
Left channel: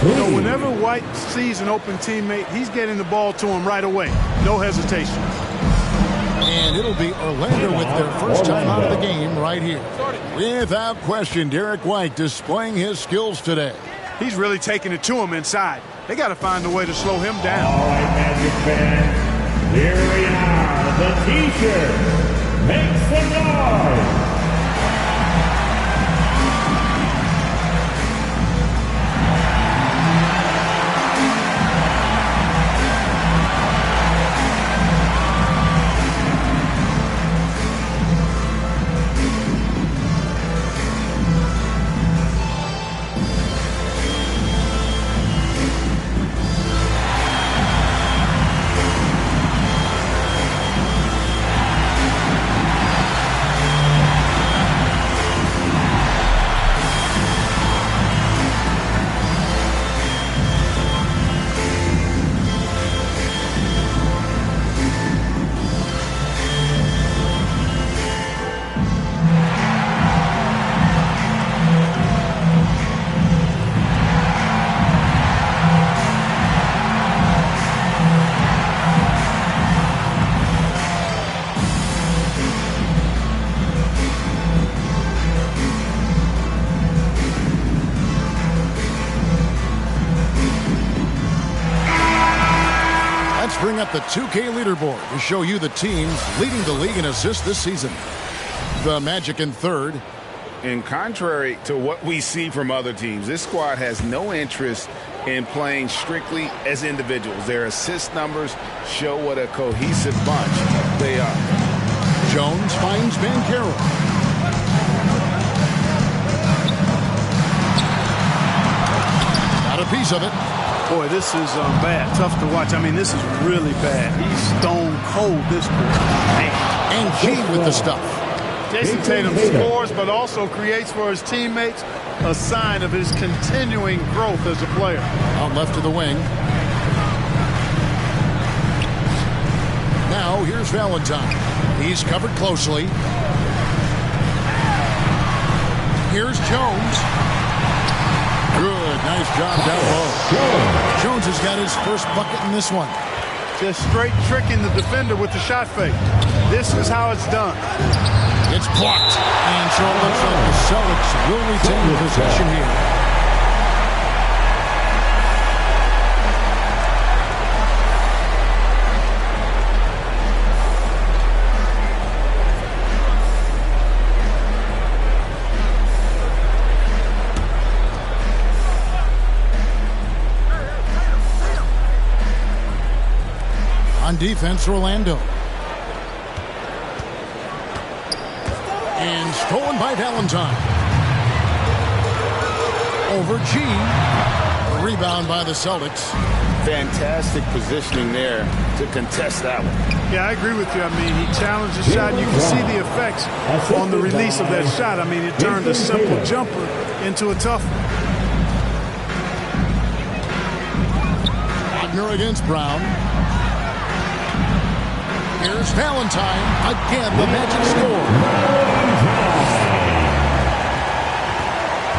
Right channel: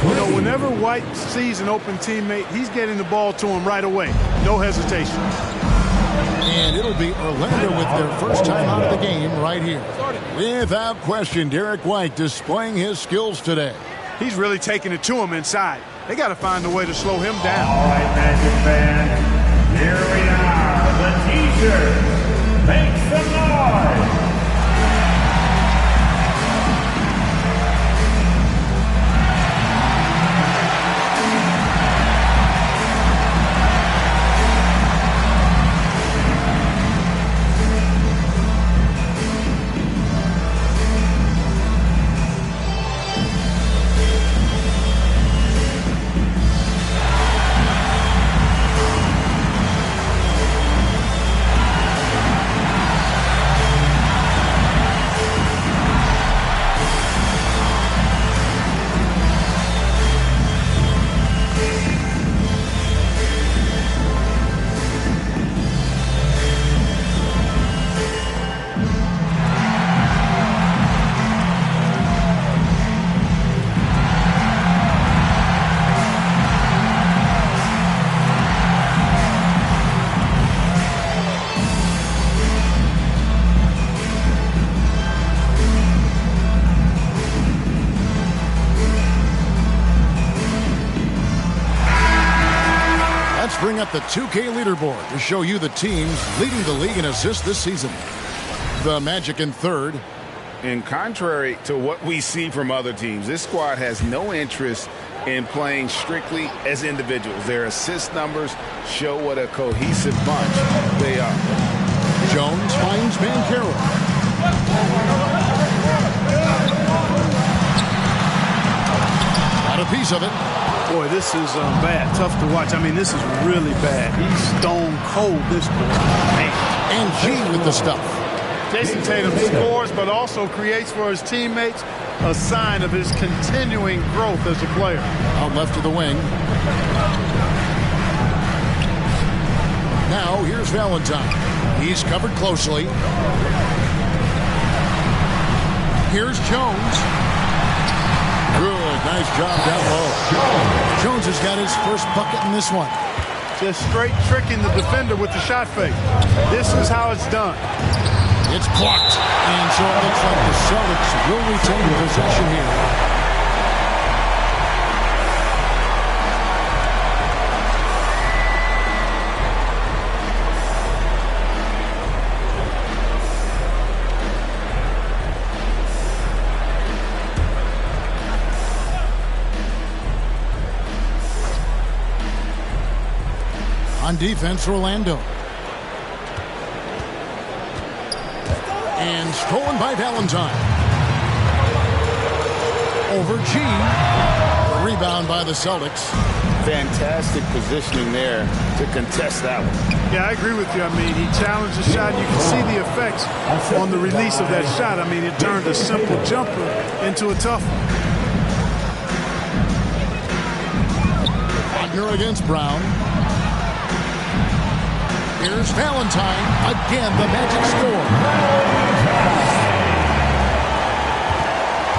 You know, whenever White sees an open teammate, he's getting the ball to him right away. No hesitation. And it'll be Orlando with their first time out of the game right here. Without question, Derek White displaying his skills today. He's really taking it to him inside. They got to find a way to slow him down. All right, Magic fans, here we are. The T-shirt makes some noise. Let's bring up the 2K leaderboard to show you the teams leading the league in assists this season. The Magic in third. And contrary to what we see from other teams, this squad has no interest in playing strictly as individuals. Their assist numbers show what a cohesive bunch they are. Jones finds Banchero. Got a piece of it. Boy, this is bad. Tough to watch. I mean, this is really bad. He's stone cold, this boy. Man. And G with the stuff. Jason Tatum scores, but also creates for his teammates. a sign of his continuing growth as a player. Out left to the wing. Now here's Valentine. He's covered closely. Here's Jones. Good, nice job down low. Jones has got his first bucket in this one. Just straight tricking the defender with the shot fake. This is how it's done. It's blocked. And so it looks like the Celtics will retain possession here. On defense, Orlando. And stolen by Valentine. Over G. The rebound by the Celtics. Fantastic positioning there to contest that one. Yeah, I agree with you. I mean, he challenged the shot, and you can see the effects on the release of that shot. I mean, it turned a simple jumper into a tough one. Wagner against Brown. Here's Valentine. Again, the Magic score.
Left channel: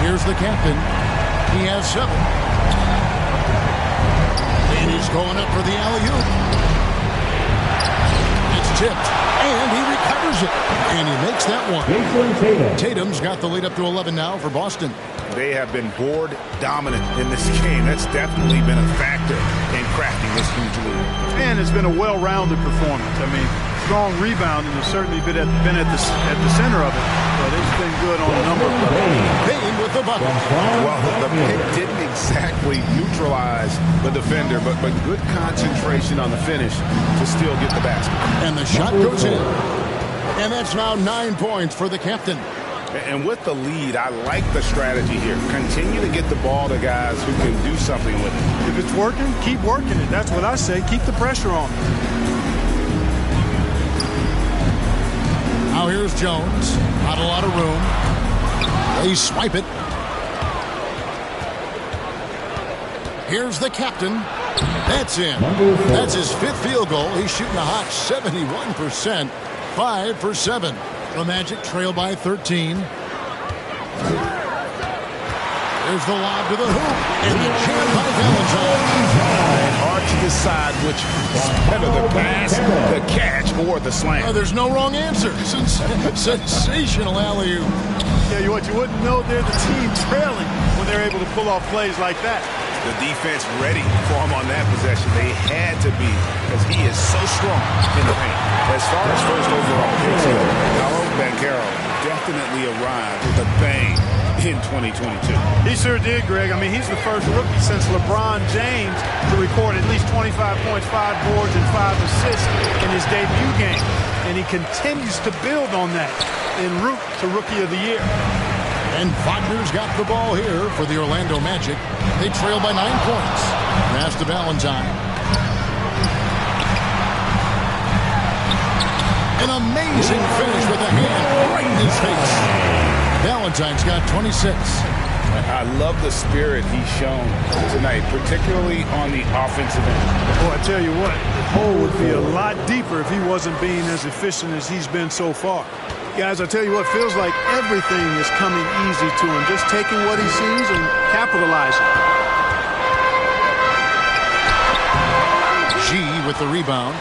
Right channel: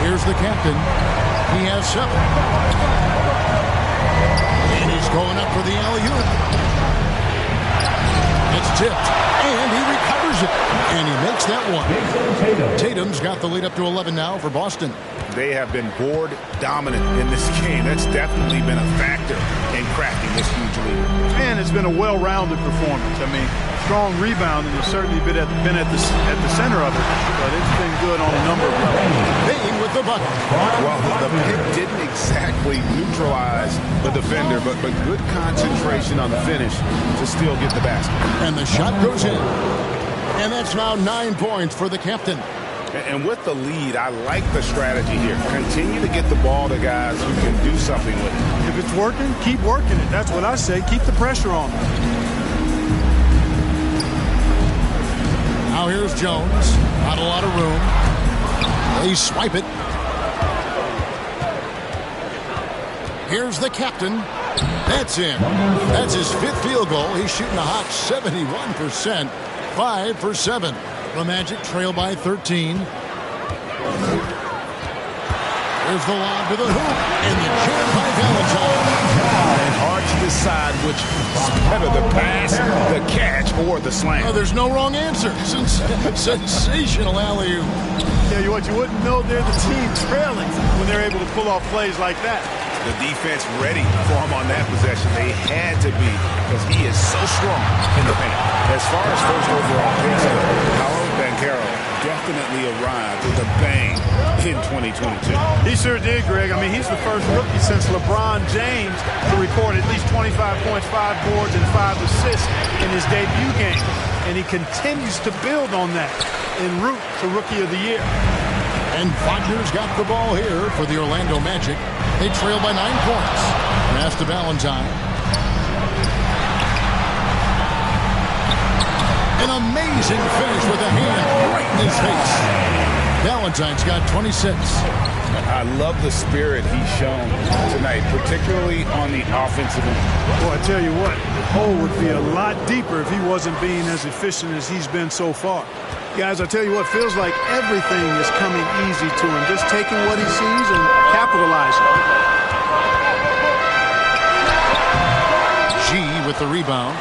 Here's the captain. He has 7. And he's going up for the alley-oop. It's tipped. And he recovers it. And he makes that one. Tatum's got the lead up to 11 now for Boston. They have been board dominant in this game. That's definitely been a factor in cracking this huge lead. And it's been a well-rounded performance. I mean, strong rebounding has certainly been at the center of it, but it's been good on a number of levels. Bain with the bucket. Well, the pick didn't exactly neutralize the defender, but good concentration on the finish to still get the basket. And the shot goes in. And that's now 9 points for the captain. And with the lead, I like the strategy here. Continue to get the ball to guys who can do something with it. If it's working, keep working it. That's what I say. Keep the pressure on them. Now here's Jones. Not a lot of room. They swipe it. Here's the captain. That's in. That's his 5th field goal. He's shooting a hot 71%. 5 for 7. The Magic trail by 13. There's the lob to the hoop. And the jam by Valentine. And hard to decide which is better, the pass, the catch, or the slam. Oh, there's no wrong answer. Sensational alley-oop. Yeah, what you wouldn't know, they're the team trailing when they're able to pull off plays like that. The defense ready for him on that possession. They had to be, because he is so strong in the paint. As far as first overall picks go, Paolo Banchero definitely arrived with a bang in 2022. He sure did, Greg. I mean, he's the first rookie since LeBron James to record at least 25 points, 5 boards, and 5 assists in his debut game. And he continues to build on that en route to Rookie of the Year. And Wagner's got the ball here for the Orlando Magic. They trail by 9 points. Pass to Valentine. An amazing finish with a hand right in his face. Valentine's got 26. I love the spirit he's shown tonight, particularly on the offensive end. Boy, I tell you what, the hole would be a lot deeper if he wasn't being as efficient as he's been so far. Guys, I tell you what, feels like everything is coming easy to him. Just taking what he sees and capitalizing. G with the rebound.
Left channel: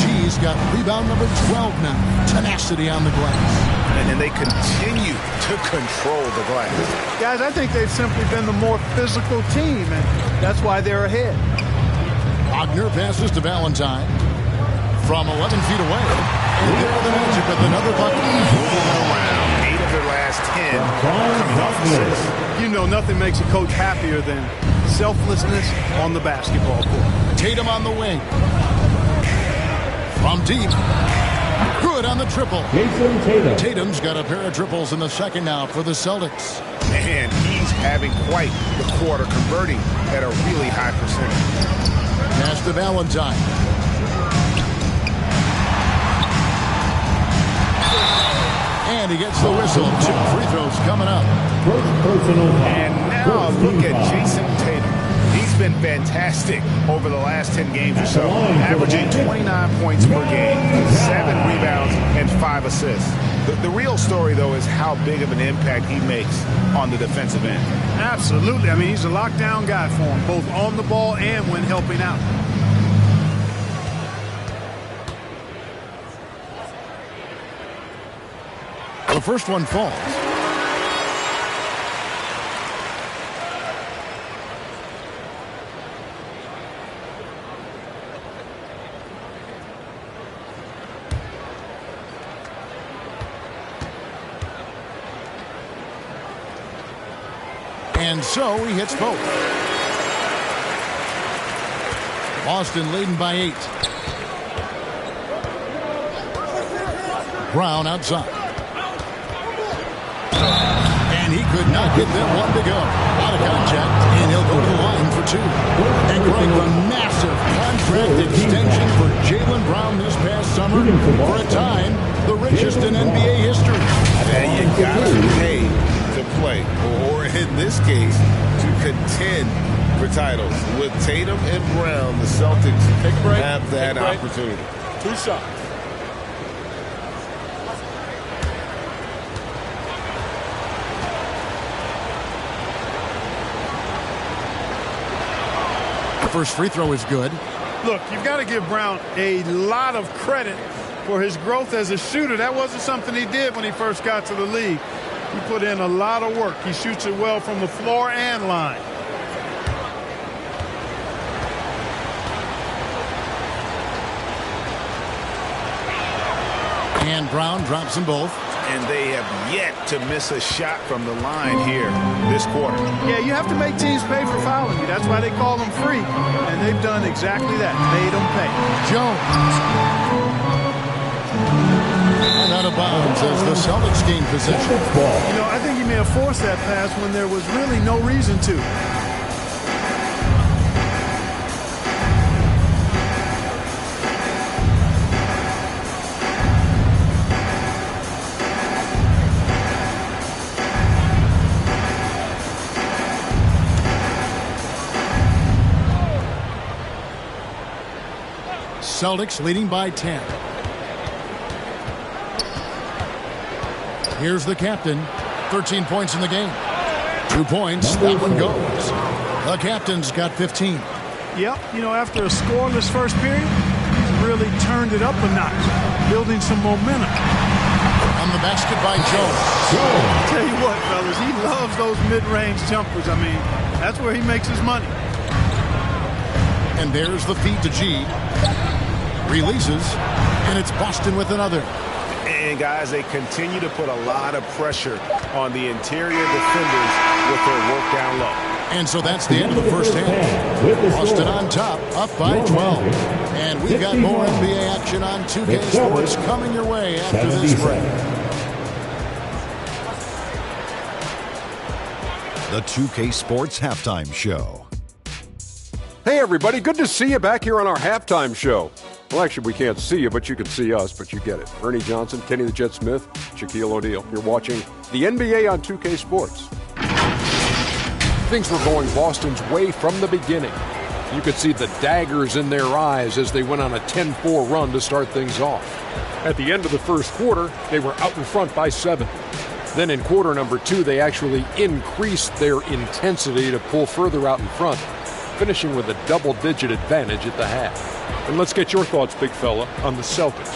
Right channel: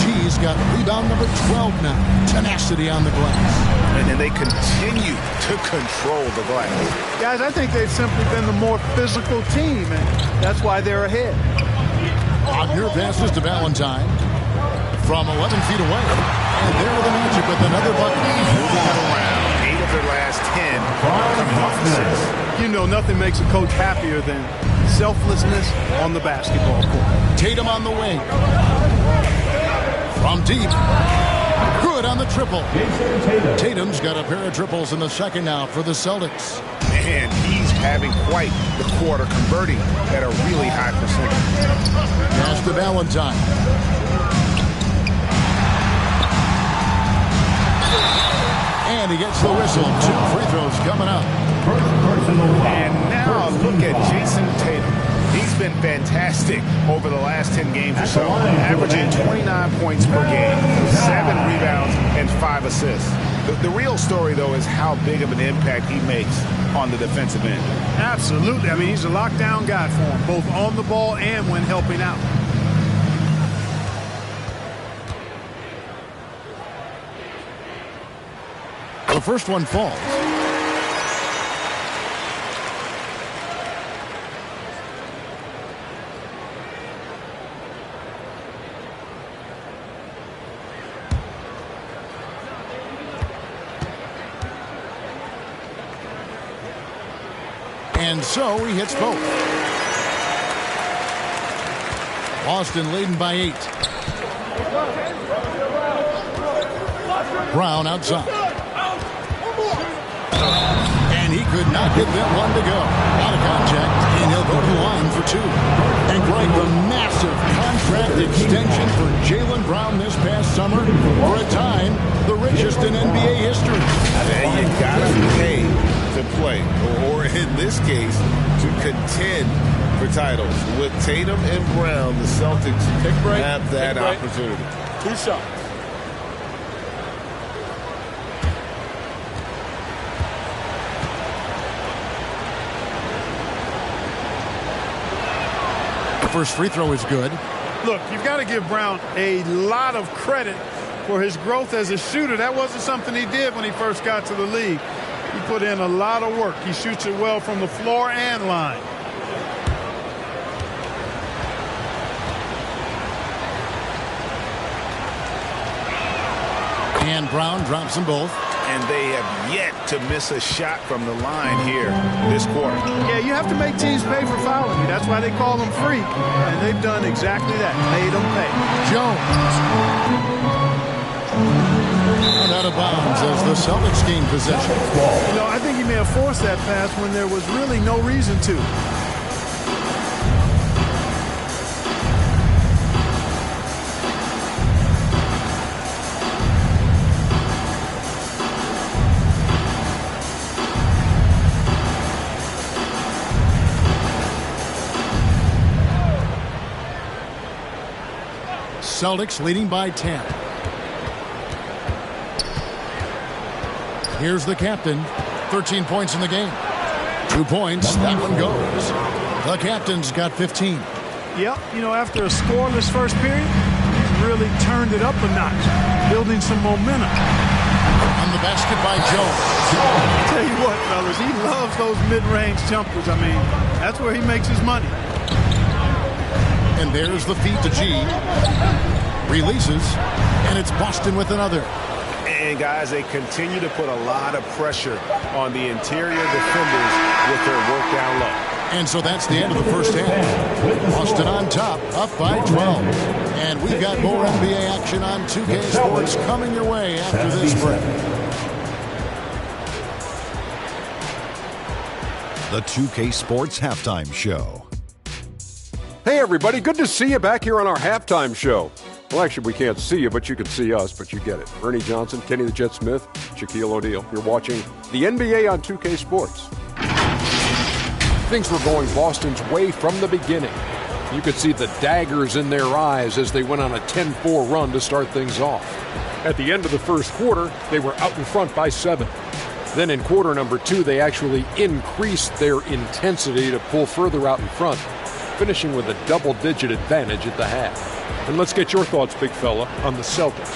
G's got rebound number 12 now. Tenacity on the glass. And they continue to control the glass. Guys, I think they've simply been the more physical team, and that's why they're ahead. Wagner passes to Valentine from 11 feet away. And there are the Magic with another bucket. Moving it around. 8 of their last 10 coming off the 6. You know, nothing makes a coach happier than selflessness on the basketball court. Tatum on the wing. From deep. Good on the triple. Tatum's got a pair of triples in the second now for the Celtics. Man, he's having quite the quarter, converting at a really high percentage. Pass to Valentine. And he gets the whistle. 2 free throws coming up. first personal foul. And now look at Jason Tatum. He's been fantastic over the last 10 games or so, averaging 29 points per game, 7 rebounds, and 5 assists. The real story, though, is how big of an impact he makes on the defensive end. Absolutely. I mean, he's a lockdown guy for him, both on the ball and when helping out. The first one falls. And so he hits both. Boston leading by 8. Brown outside. And he could not get that one to go. Out of contact, and he'll go to the line for 2. And Greg, the massive contract extension for Jaylen Brown this past summer, for a time, the richest in NBA history. And you gotta pay to play, or in this case, to contend for titles. With Tatum and Brown, the Celtics have that opportunity. 2 shots. The first free throw is good. Look, you've got to give Brown a lot of credit for his growth as a shooter. That wasn't something he did when he first got to the league. He put in a lot of work. He shoots it well from the floor and line. And Brown drops them both. And they have yet to miss a shot from the line here this quarter. Yeah, you have to make teams pay for fouling you. That's why they call them free. And they've done exactly that. Made them pay. Jones. And out of bounds as the Celtics gain possession. You know, I think he may have forced that pass when there was really no reason to. Celtics leading by 10. Here's the captain. 13 points in the game. 2 points. That one goes. The captain's got 15. Yep. You know, after a scoreless first period, he's really turned it up a notch, building some momentum. On the basket by Jones. I tell you what, fellas, he loves those mid-range jumpers. I mean, that's where he makes his money. And there's the feed to G. Releases, and it's Boston with another. And, guys, they continue to put a lot of pressure on the interior defenders with their work down low. And so that's the end of the first half. Boston on top, up by 12. And we've got more NBA action on 2K Sports coming your way after this break. The 2K Sports Halftime Show. Hey, everybody. Good to see you back here on our halftime show. Well, actually, we can't see you, but you can see us, but you get it. Ernie Johnson, Kenny the Jet Smith, Shaquille O'Neal. You're watching the NBA on 2K Sports. Things were going Boston's way from the beginning. You could see the daggers in their eyes as they went on a 10-4 run to start things off. At the end of the first quarter, they were out in front by 7. Then in quarter number 2, they actually increased their intensity to pull further out in front, finishing with a double-digit advantage at the half. And let's get your thoughts, big fella, on the Celtics.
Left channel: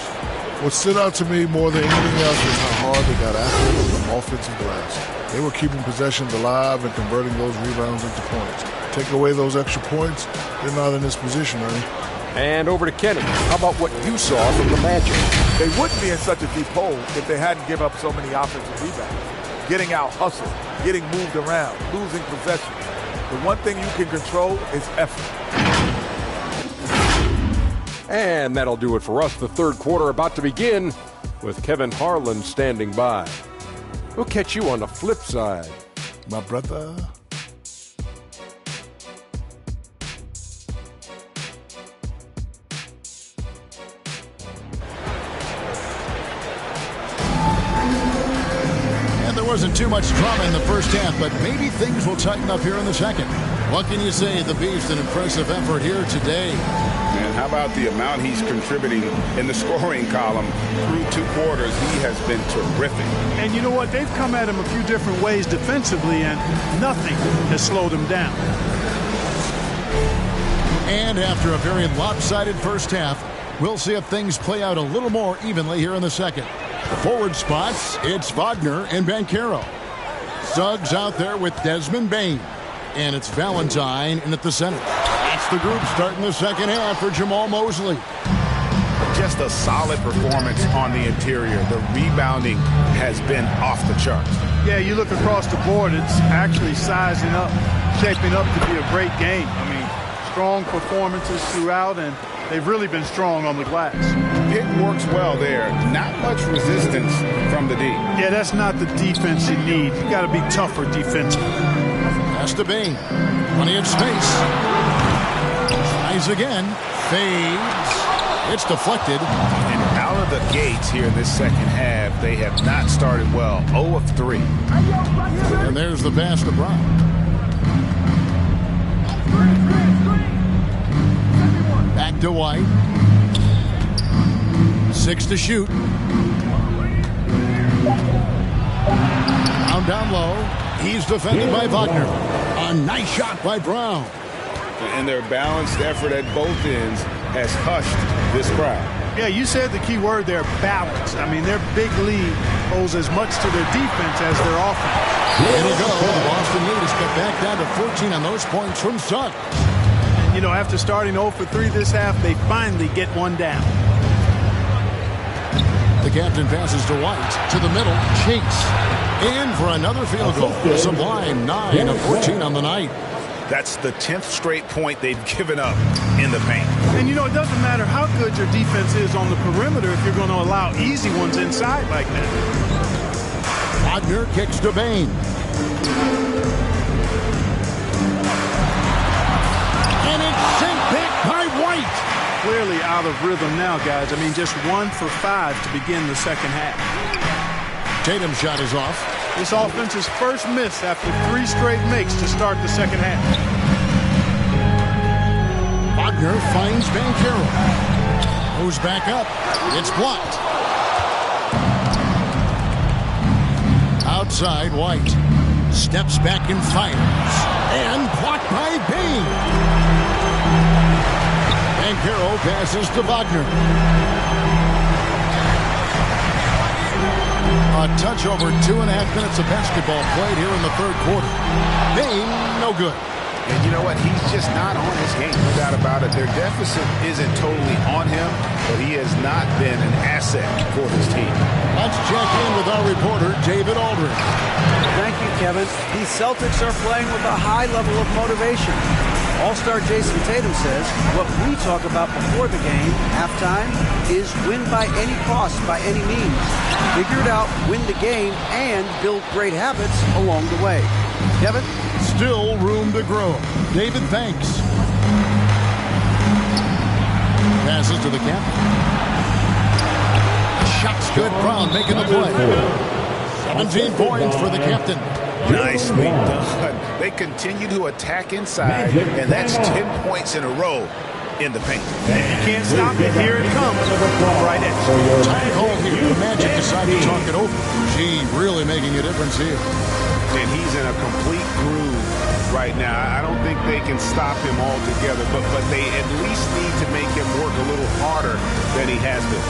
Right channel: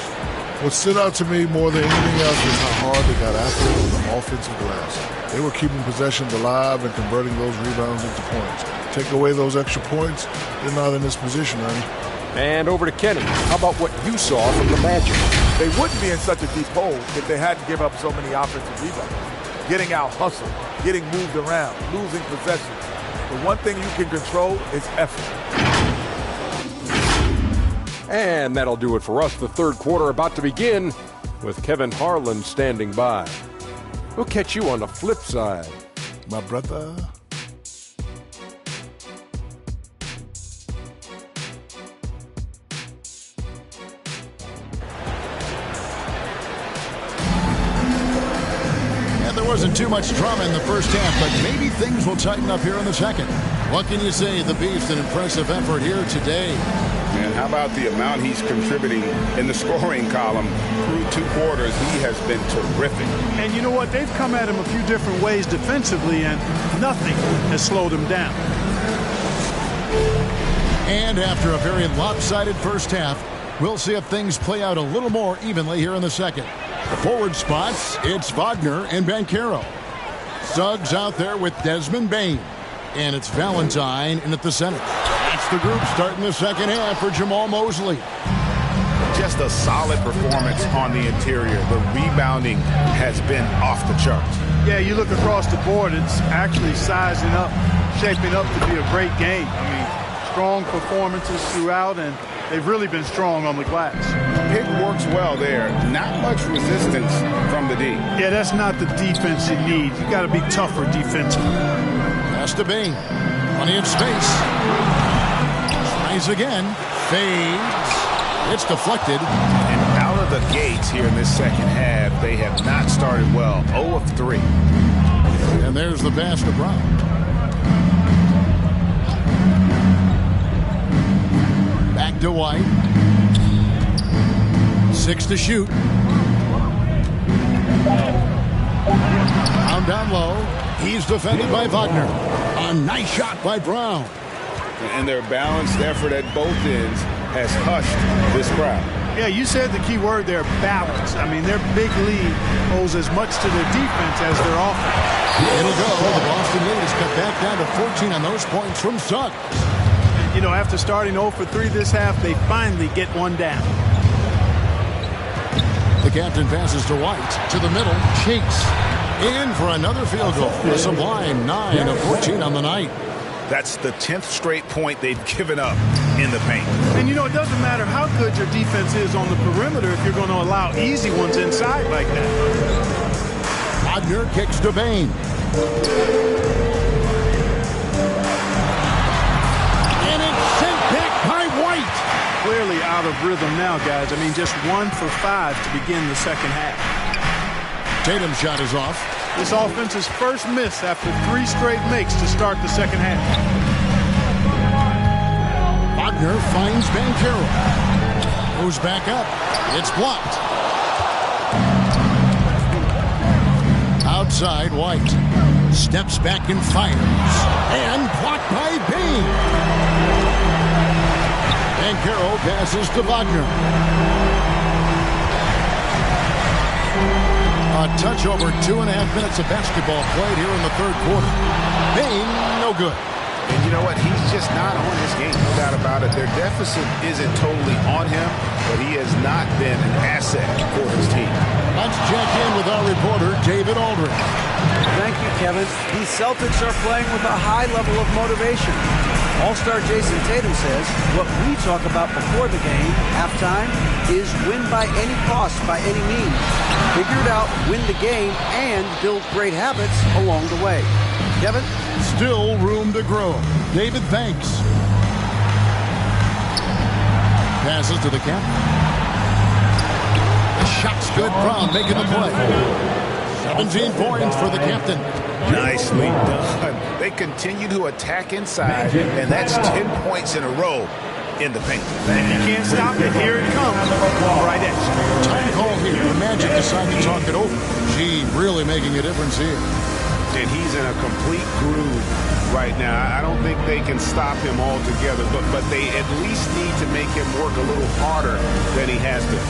What stood out to me more than anything else was how hard they got after it on the offensive glass. They were keeping possessions alive and converting those rebounds into points. Take away those extra points, they're not in this position, Ernie. And over to Kenny. How about what you saw from the Magic? They wouldn't be in such a deep hole if they hadn't given up so many offensive rebounds. Getting out hustled, getting moved around, losing possessions. The one thing you can control is effort. And that'll do it for us. The third quarter about to begin with Kevin Harlan standing by. We'll catch you on the flip side. My brother. wasn't too much drama in the first half, but maybe things will tighten up here in the second. What can you say? The Beast, an impressive effort here today. And how about the amount he's contributing in the scoring column through 2 quarters? He has been terrific. And you know what? They've come at him a few different ways defensively, and nothing has slowed him down. And after a very lopsided first half, we'll see if things play out a little more evenly here in the second. The forward spots, it's Wagner and Banchero. Suggs out there with Desmond Bain. And it's Valentine in at the center. That's the group starting the second half for Jamal Mosley. Just a solid performance on the interior. The rebounding has been off the charts. Yeah, you look across the board, it's actually sizing up, shaping up to be a great game. I mean, strong performances throughout, and they've really been strong on the glass. Pick works well there. Not much resistance from the D. Yeah, that's not the defense you need. You got to be tougher defensively. Pass to Bain. Plenty of space. Tries again. Fades. It's deflected. And out of the gates here in this second half, they have not started well. 0 of 3. And there's the pass to Brown. Back to White. 6 to shoot. Down low. He's defended by Wagner. A nice shot by Brown. And their balanced effort at both ends has hushed this crowd. Yeah, you said the key word there, balance. I mean, their big lead owes as much to their defense as their offense. It'll go. The Boston lead is cut back down to 14 on those points from Suggs. And, you know, after starting 0 for 3 this half, they finally get one down. The captain passes to White. To the middle. Chase. In for another field goal. A sublime 9 of 14 on the night. That's the 10th straight point they've given up in the paint. And, you know, it doesn't matter how good your defense is on the perimeter if you're going to allow easy ones inside like that. Wagner kicks to Bain. And it's sent back by White. Clearly out of rhythm now, guys. I mean, just 1 for 5 to begin the second half. Tatum's shot is off. This offense's first miss after 3 straight makes to start the second half. Wagner finds Banchero. Goes back up. It's blocked. Outside, White. Steps back and fires. And blocked by Bain. Banchero passes to Wagner. A touch over 2.5 minutes of basketball played here in the third quarter. Bain, no good. And you know what? He's just not on his game, no doubt about it. Their deficit isn't totally on him, but he has not been an asset for his team. Let's check in with our reporter, David Aldridge. Thank you, Kevin. These Celtics are playing with a high level of motivation. All-star Jason Tatum says what we talk about before the game, halftime, is win by any cost, by any means. Figure it out, win the game, and build great habits along the way. Kevin? Still room to grow. David, thanks. Passes to the captain. The shot's good. Brown making the play. 17 points for the captain. Nicely done. They continue to attack inside, and that's 10 points in a row in the paint. And you can't stop it. Here it comes. Right at you. Time call here. The Magic decide to talk it over. Gee, really making a difference here. And he's in a complete groove right now. I don't think they can stop him altogether, but they at least need to make him work a little harder than he has been.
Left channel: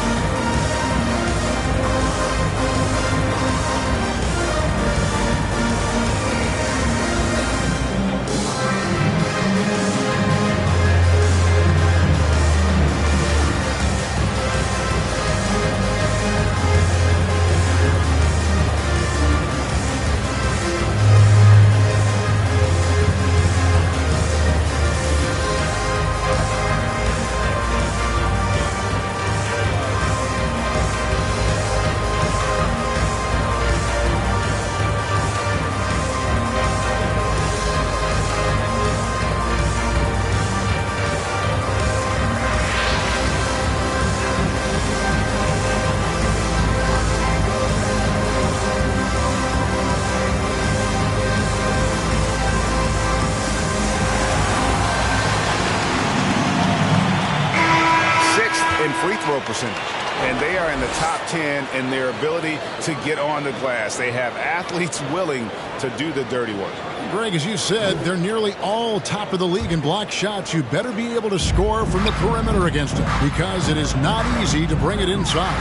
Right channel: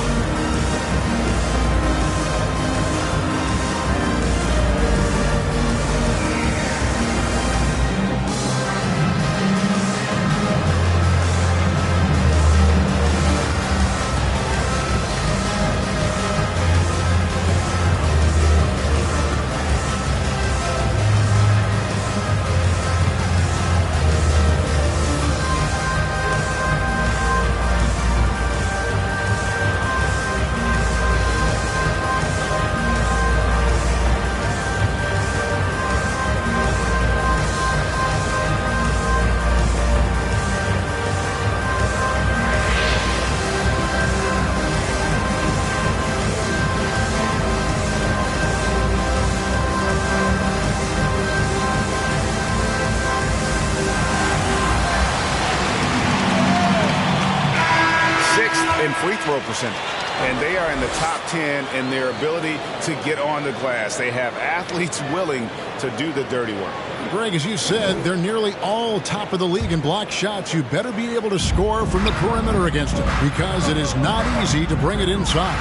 in free throw percentage. And they are in the top 10 in their ability to get on the glass. They have athletes willing to do the dirty work. Greg, as you said, they're nearly all top of the league in block shots. You better be able to score from the perimeter against them because it is not easy to bring it inside.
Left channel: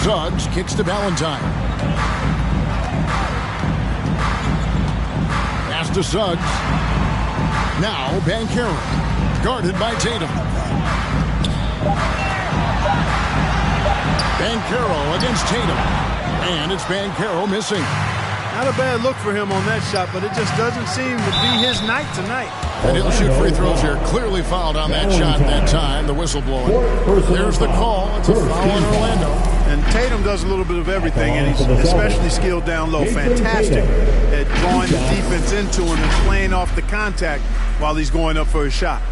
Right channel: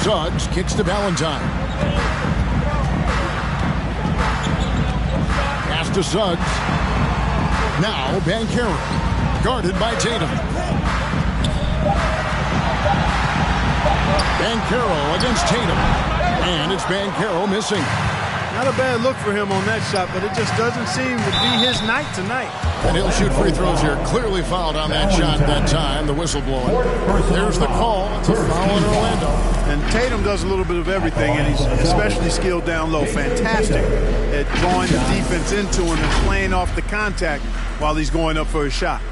Suggs kicks to Valentine. Pass to Suggs. Now Banchero, guarded by Tatum. Banchero against Tatum. And it's Banchero missing. Not a bad look for him on that shot, but it just doesn't seem to be his night tonight. And he'll shoot free throws here. Clearly fouled on that shot that time. The whistle blowing. There's the call. It's a foul on Orlando. And Tatum does a little bit of everything, and he's especially skilled down low. Fantastic at drawing the defense into him and playing off the contact while he's going up for his shot.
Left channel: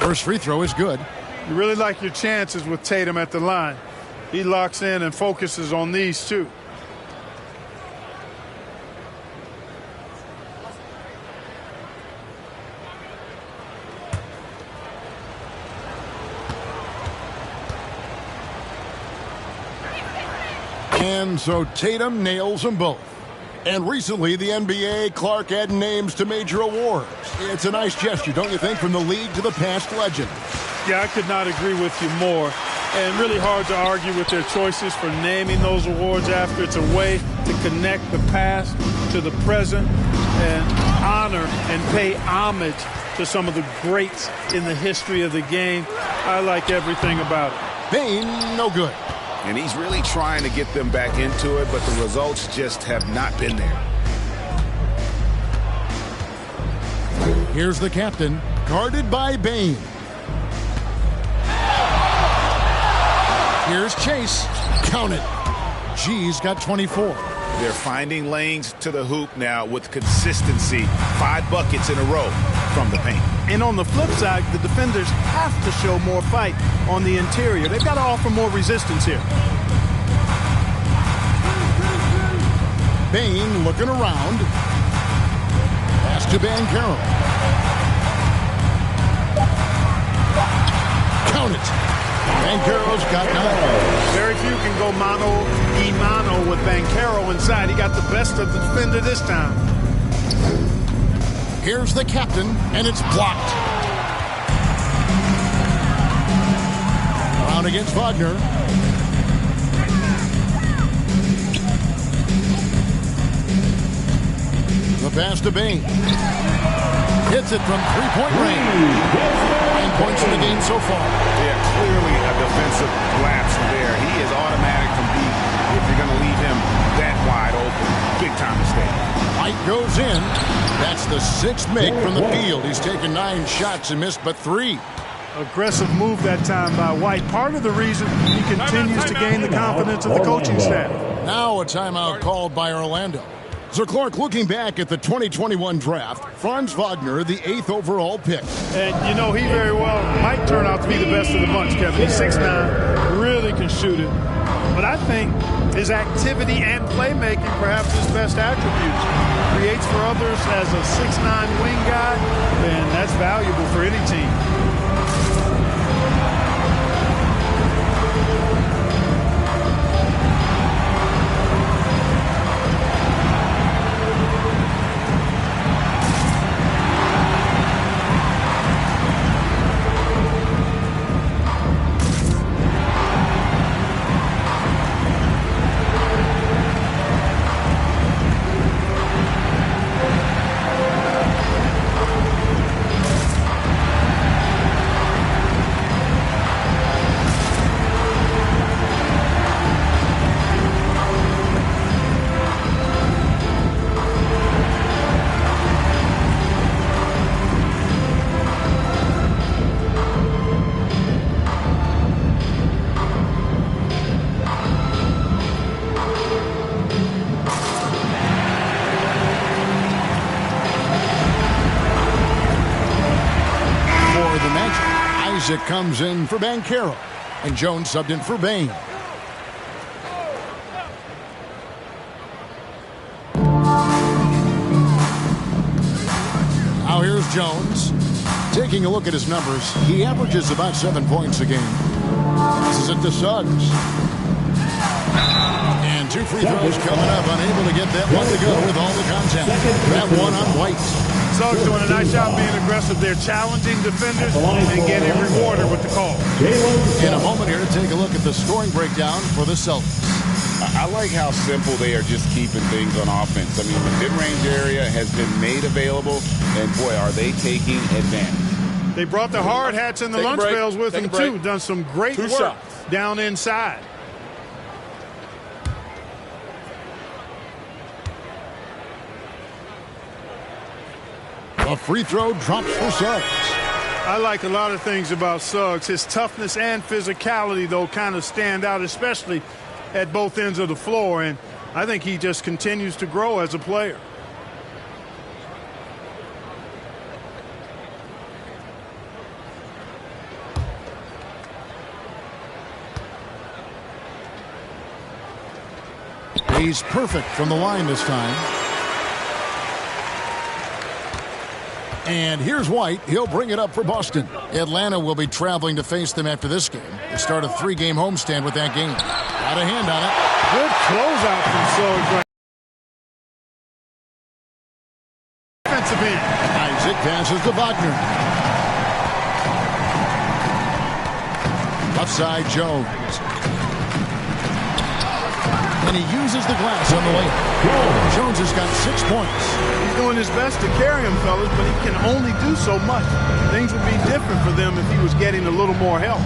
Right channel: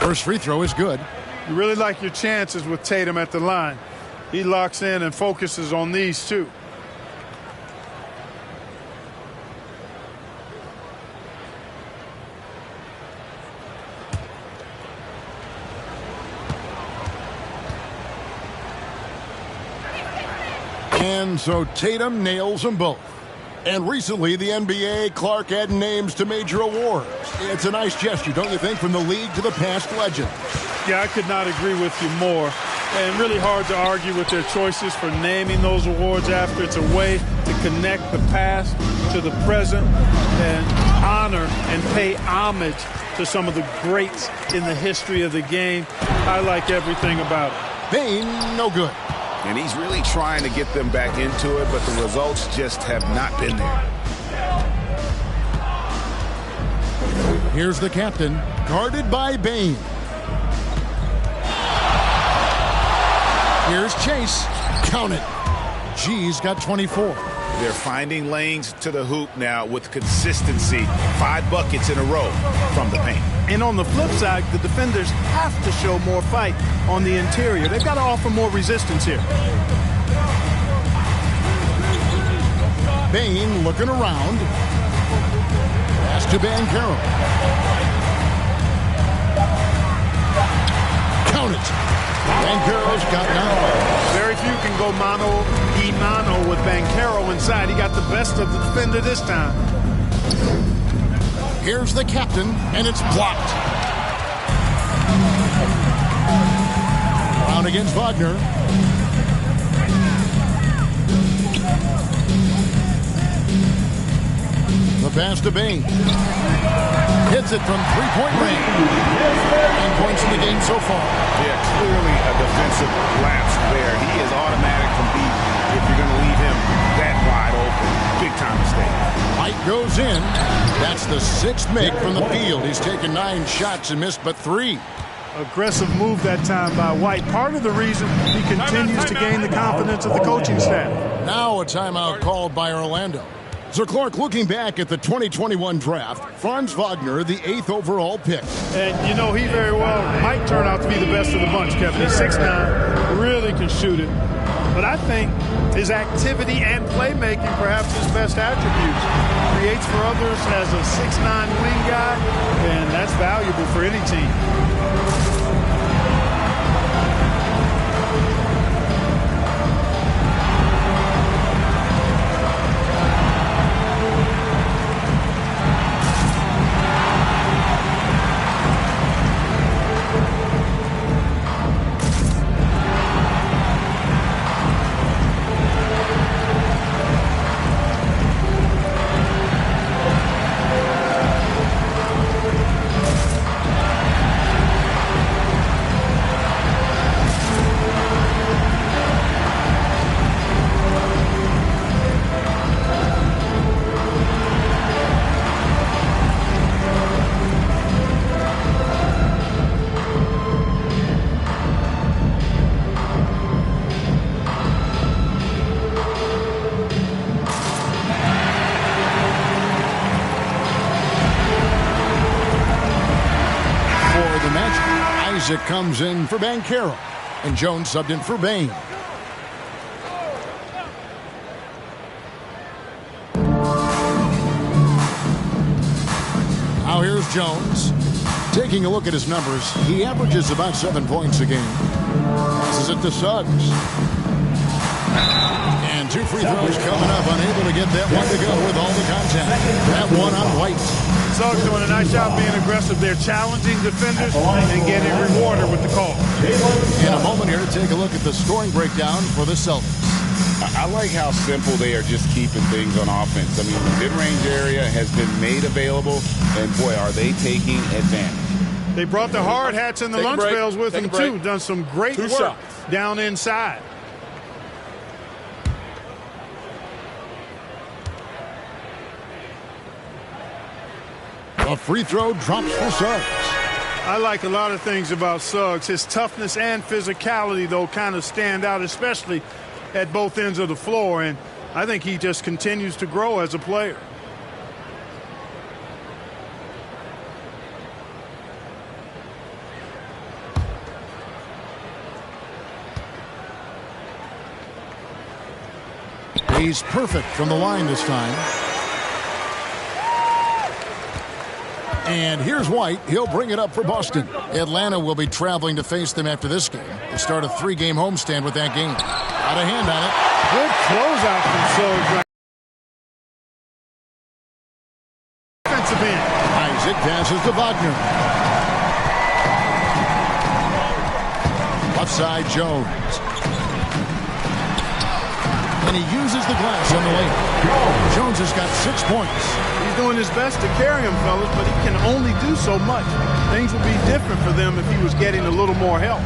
First free throw is good. You really like your chances with Tatum at the line. He locks in and focuses on these two. And so Tatum nails them both. And recently, the NBA, Clark added names to major awards. It's a nice gesture, don't you think, from the league to the past legends? Yeah, I could not agree with you more. And really hard to argue with their choices for naming those awards after. It's a way to connect the past to the present and honor and pay homage to some of the greats in the history of the game. I like everything about it. Bane, no good. And he's really trying to get them back into it, but the results just have not been there. Here's the captain, guarded by Bane. Here's Chase. Count it. G's got 24. They're finding lanes to the hoop now with consistency. 5 buckets in a row from the paint. And on the flip side, the defenders have to show more fight on the interior. They've got to offer more resistance here. Bane looking around. Pass to Banchero. Count it. Banchero's got 9. Very few can go mano-a-mano with Banchero inside. He got the best of the defender this time. Here's the captain, and it's blocked. Brown against Wagner. The pass to Bane. Hits it from three-point range. 9 points in the game so far. Yeah, clearly a defensive lapse there. He is automatic from deep if you're going to leave him that wide open. Big-time mistake. White goes in. That's the 6th make from the field. He's taken 9 shots and missed but 3. Aggressive move that time by White. Part of the reason he continues to gain the confidence of the coaching staff. Now a timeout called by Orlando. So, Clark, looking back at the 2021 draft, Franz Wagner, the 8th overall pick. And, you know, he very well might turn out to be the best of the bunch, Kevin. He's 6'9", really can shoot it. But I think his activity and playmaking perhaps his best attributes. Creates for others as a 6'9" wing guy, and that's valuable for any team. Isaac comes in for Banchero, and Jones subbed in for Bain. Now here's Jones. Taking a look at his numbers, he averages about 7 points a game. Passes it to Suggs. And 2 free throws coming up, unable to get that one to go with all the contact. That one on White. Suggs doing a nice job being aggressive. They're challenging defenders and getting rewarded with the call. In a moment here to take a look at the scoring breakdown for the Celtics. I like how simple they are just keeping things on offense. I mean, the mid-range area has been made available, and boy, are they taking advantage. They brought the hard hats and the lunch pails with them, too. Done some great work down inside. A free throw drops for Suggs. I like a lot of things about Suggs. His toughness and physicality, though, kind of stand out, especially at both ends of the floor. And I think he just continues to grow as a player. He's perfect from the line this time. And here's White. He'll bring it up for Boston. Atlanta will be traveling to face them after this game. They start a 3-game homestand with that game. Got a hand on it. Good closeout from Suggs right. Defensive end. Isaac passes to Wagner. Left side, Jones. And he uses the glass on the layup. Jones has got 6 points. He's doing his best to carry him, fellas, but he can only do so much. Things would be different for them if he was getting a little more help.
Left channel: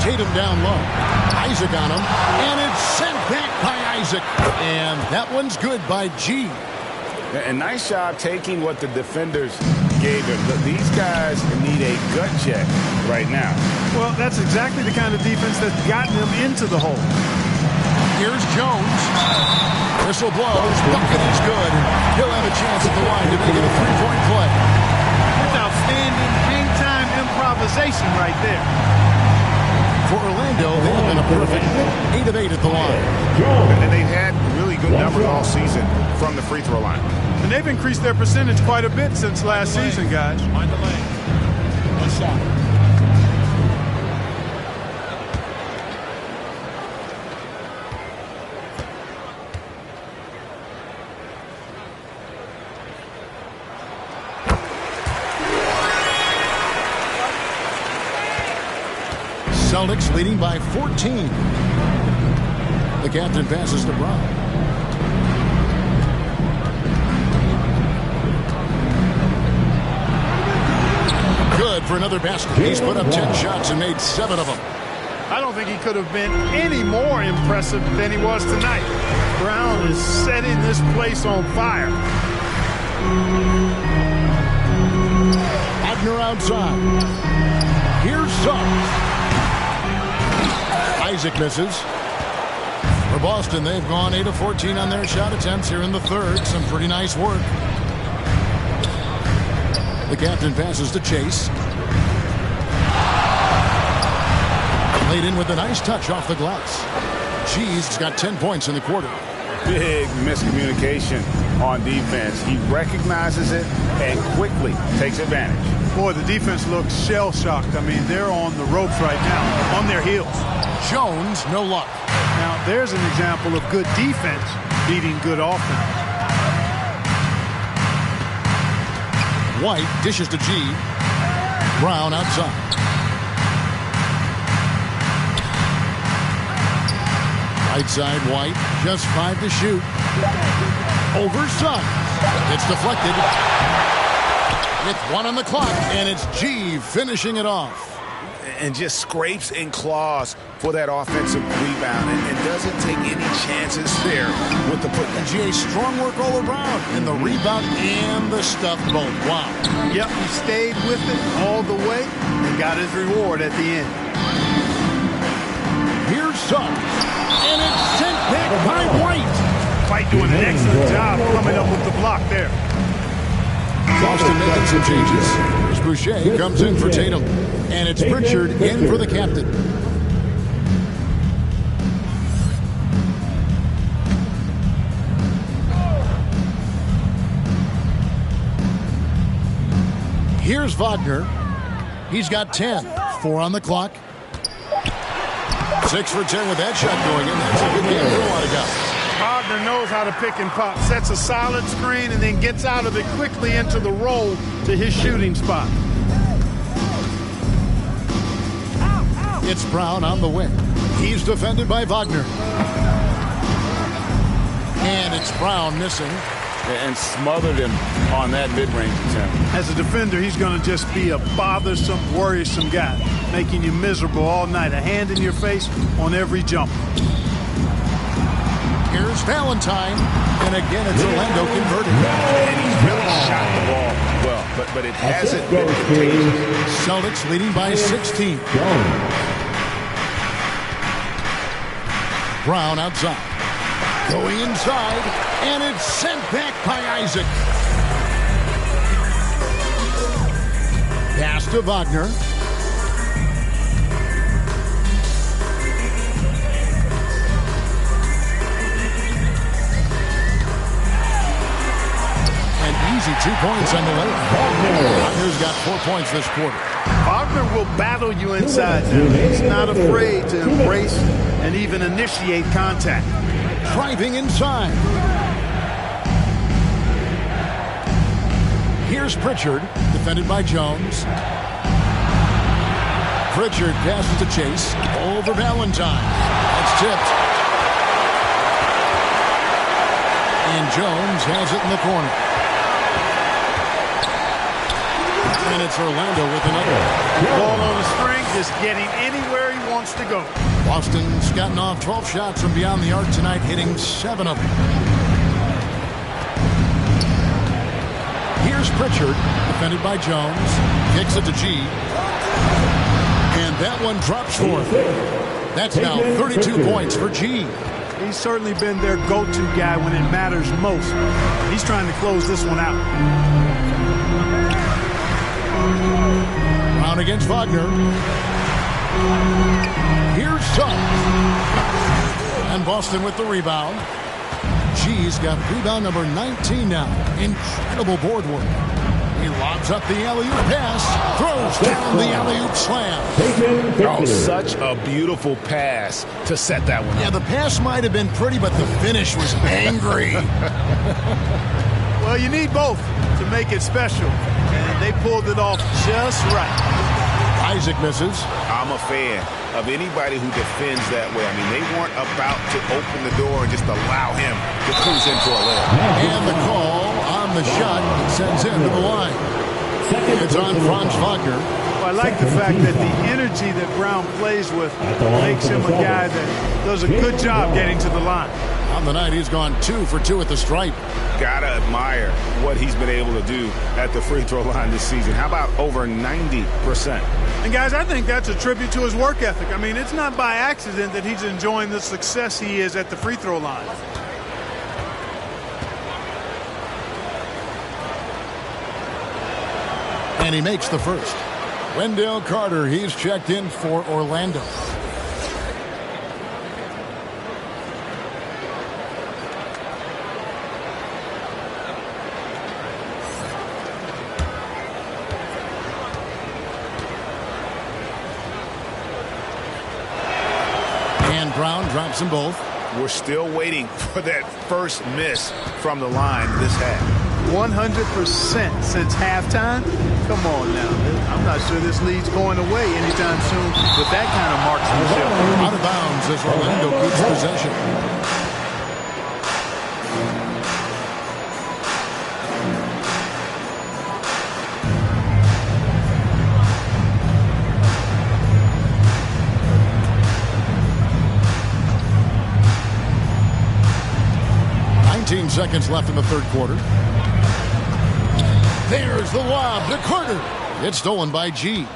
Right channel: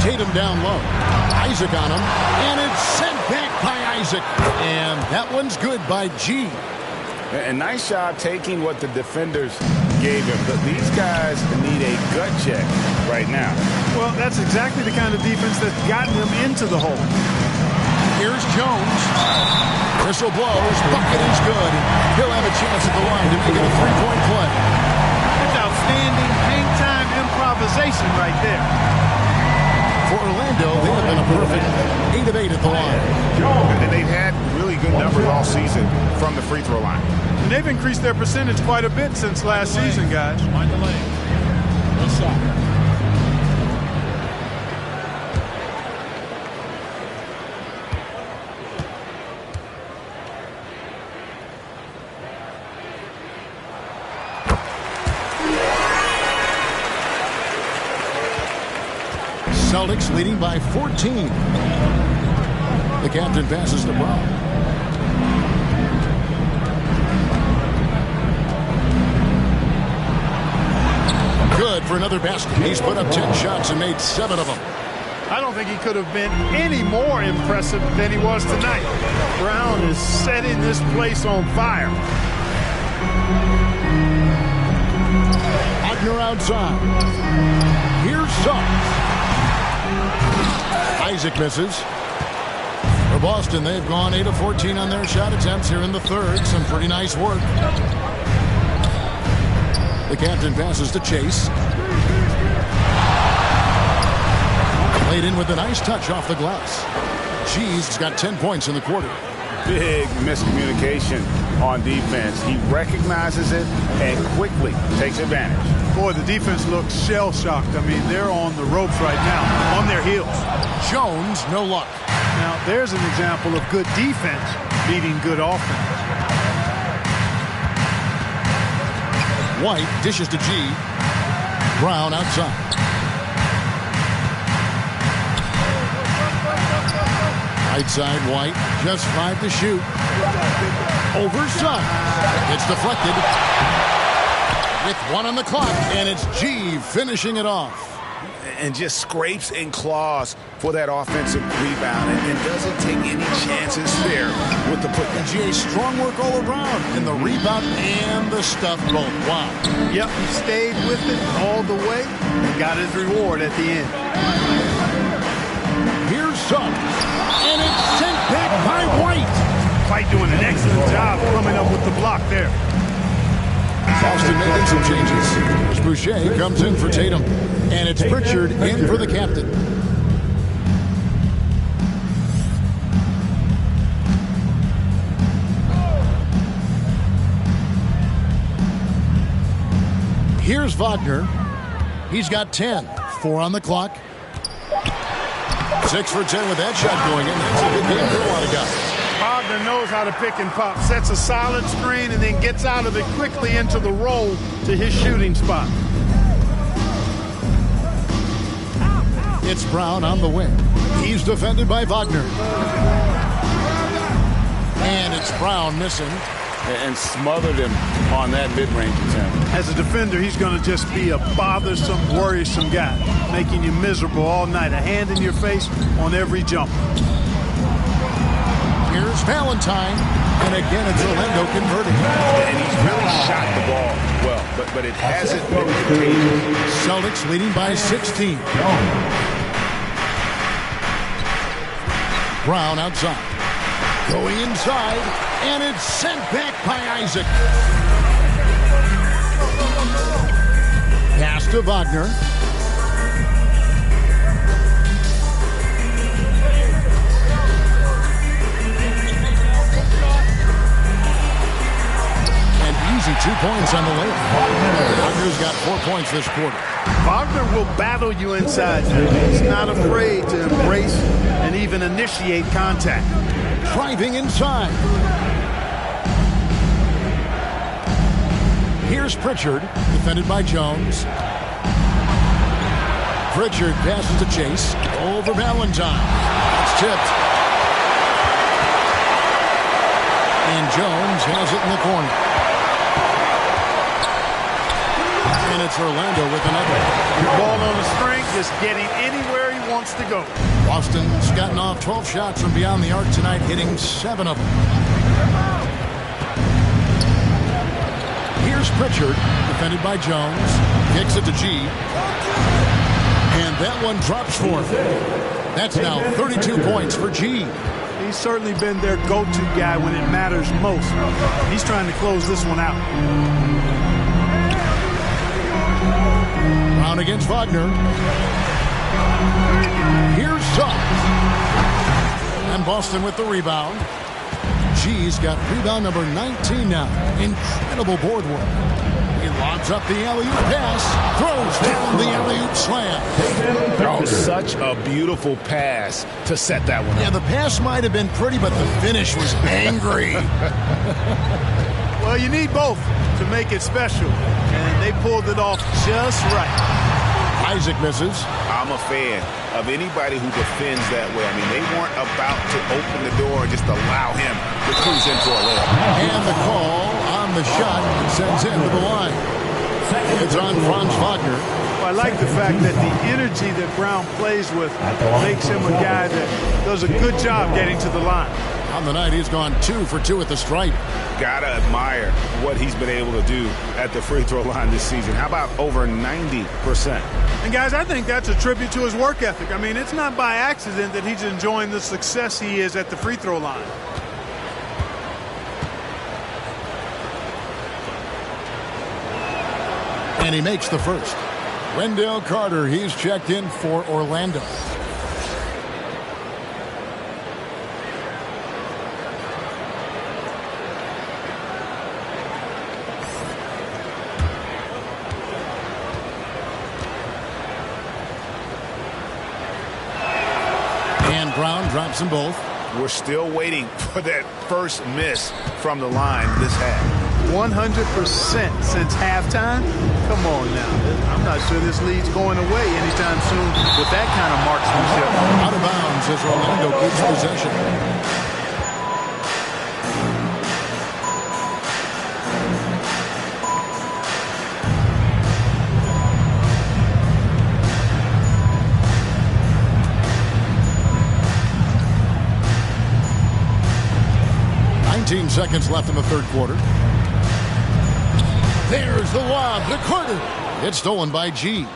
Tatum down low. Isaac on him. And it's sent back by Isaac. And that one's good by G. A nice job taking what the defenders gave him. But these guys need a gut check right now. Well, that's exactly the kind of defense that's gotten them into the hole. Here's Jones. Whistle blows. Bucket is good. And he'll have a chance at the line to make it a 3-point play. That's outstanding hang-time improvisation right there. For Orlando, they have been a perfect 8 of 8 at the line. And they've had really good numbers all season from the free throw line. And they've increased their percentage quite a bit since last season, guys. Mind the lane. One shot. Celtics leading by 14. The captain passes to Brown. Good for another basket. He's put up 10 shots and made 7 of them. I don't think he could have been any more impressive than he was tonight. Brown is setting this place on fire. Wagner outside. Here's Suggs. Isaac misses. For Boston, they've gone 8 of 14 on their shot attempts here in the third. Some pretty nice work. The captain passes to Chase. Played in with a nice touch off the glass. G's got 10 points in the quarter. Big miscommunication on defense. He recognizes it and quickly takes advantage. Boy, the defense looks shell-shocked. I mean, they're on the ropes right now, on their heels. Jones, no luck. Now, there's an example of good defense beating good offense. White dishes to G. Brown outside. Right side, White. Just 5 to shoot. Over Suggs. It's deflected. With 1 on the clock, and it's G finishing it off. And just scrapes and claws for that offensive rebound and doesn't take any chances there with the putdown. G, strong work all around, and the rebound and the stuff both. Wow. Yep, he stayed with it all the way and got his reward at the end. Here's Suggs, and it's sent back by White. White doing an excellent job coming up with the block there. Boston making some changes. Here's Boucher comes in for Tatum. And it's Pritchard in for the captain. Here's Wagner. He's got 10. 4 on the clock. 6 for 10 with that shot going in. That's a good game for a lot of guys. Wagner knows how to pick and pop. Sets a solid screen and then gets out of it quickly into the roll to his shooting spot. It's Brown on the wing. He's defended by Wagner. And it's Brown missing. And smothered him on that mid-range attempt. As a defender, he's going to just be a bothersome, worrisome guy, making you miserable all night. A hand in your face on every jump. Here's Valentine. And again, it's Orlando converting. And he's really shot the ball well, but it hasn't been contagious. Celtics leading by 16. Brown outside. Going inside, and it's sent back by Isaac. Pass to Wagner. And easy 2 points on the layup. Wagner's got 4 points this quarter. Wagner will battle you inside now. He's not afraid to embrace and even initiate contact. Driving inside. Here's Pritchard, defended by Jones. Pritchard passes to Chase. Over Valentine. That's tipped. And Jones has it in the corner. And it's Orlando with another. Ball on the string, just getting anywhere he wants to go. Boston's gotten off 12 shots from beyond the arc tonight, hitting 7 of them. Here's Pritchard, defended by Jones. Kicks it to G. And that one drops for him. That's now 32 points for G. He's certainly been their go-to guy when it matters most. He's trying to close this one out. Brown against Wagner. Here's Suggs. And Boston with the rebound. G's got rebound number 19 now. Incredible board work. He lobs up the alley-oop pass. Throws down the alley-oop slam. Oh, such a beautiful pass to set that one up. Yeah, the pass might have been pretty, but the finish was angry. Well, you need both to make it special. And they pulled it off just right. Isaac misses. I'm a fan of anybody who defends that way. I mean, they weren't about to open the door and just allow him to cruise in for a layup. And the call on the shot that sends him to the line. It's on Franz Wagner. Well, I like the fact that the energy that Brown plays with makes him a guy that does a good job getting to the line. On the night, he's gone 2 for 2 at the stripe. Gotta admire what he's been able to do at the free throw line this season. How about over 90%? And guys, I think that's a tribute to his work ethic. I mean, it's not by accident that he's enjoying the success he is at the free throw line. And he makes the first. Wendell Carter, he's checked in for Orlando. Brown drops them both. We're still waiting for that first miss from the line this half. 100% since halftime? Come on now. I'm not sure this lead's going away anytime soon with that kind of marksmanship. Out of bounds as Orlando keeps possession. Seconds left in the third quarter. There's the lob to Carter. It's stolen by G.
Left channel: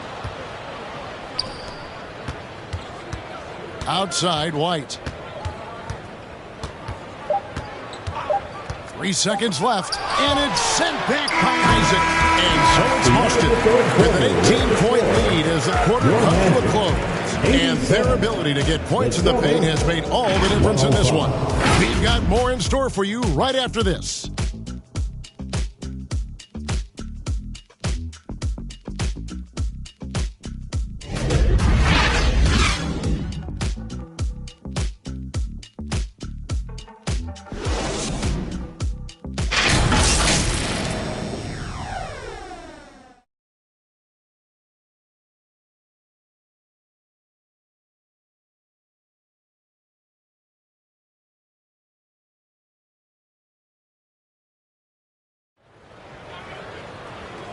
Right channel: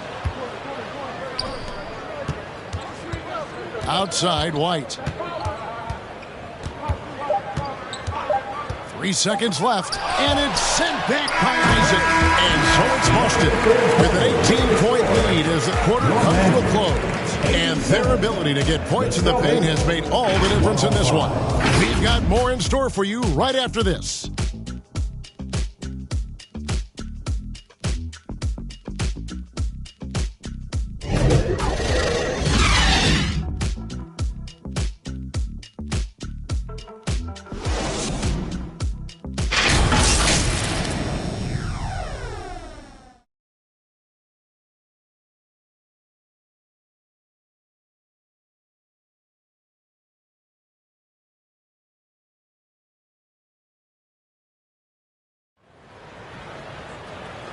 Outside, White. 3 seconds left, and it's sent back by Isaac. And so it's Boston with an 18-point lead as the quarter comes to a close. And their ability to get points in the paint has made all the difference in this one. We've got more in store for you right after this.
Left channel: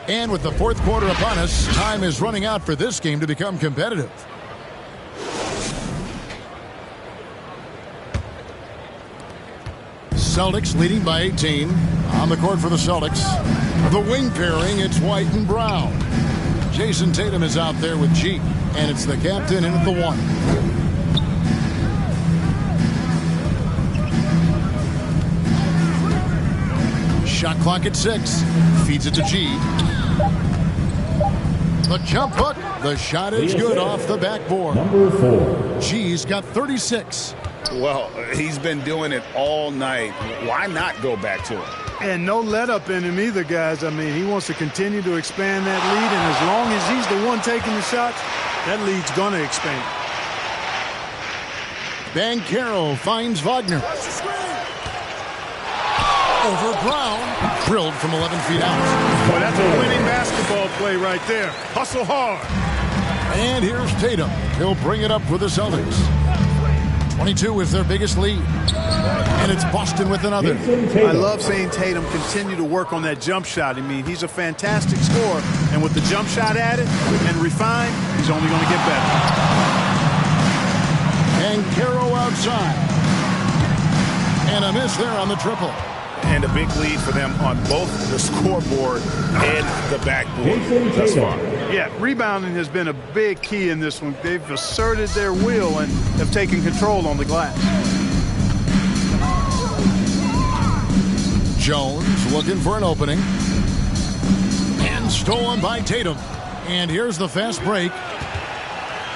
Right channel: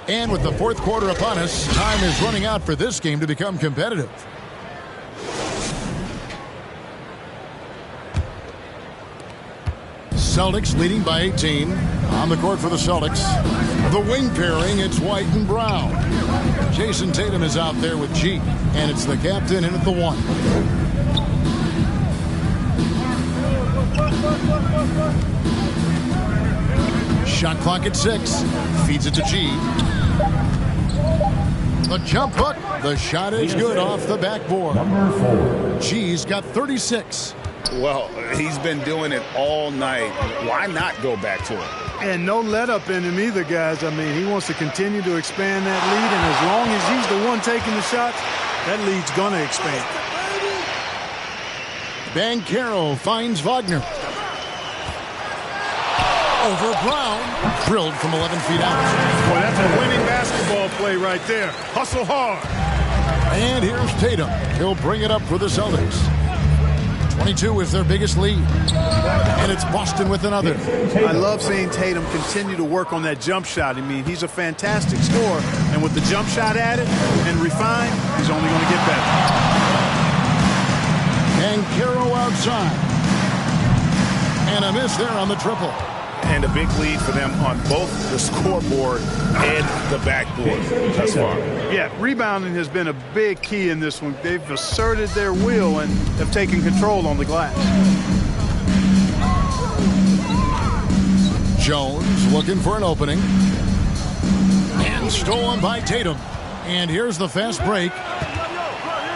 And with the fourth quarter upon us, time is running out for this game to become competitive. Celtics leading by 18. On the court for the Celtics. The wing pairing, it's White and Brown. Jason Tatum is out there with G. And it's the captain in at the 1. Shot clock at 6. Feeds it to G. The jump hook. The shot is good off the backboard. Number 4. G's got 36. Well, he's been doing it all night. Why not go back to him? And no let up in him either, guys. I mean, he wants to continue to expand that lead, and as long as he's the one taking the shots, that lead's going to expand. Banchero finds Wagner. Over Brown. Drilled from 11 feet out. Boy, that's a winning basketball play right there. Hustle hard. And here's Tatum. He'll bring it up for the Celtics. 22 is their biggest lead. And it's Boston with another. I love seeing Tatum continue to work on that jump shot. I mean, he's a fantastic scorer. And with the jump shot added and refined, he's only going to get better. Banchero outside. And a miss there on the triple. And a big lead for them on both the scoreboard and the backboard thus far. Yeah, rebounding has been a big key in this one. They've asserted their will and have taken control on the glass. Jones looking for an opening. And stolen by Tatum. And here's the fast break.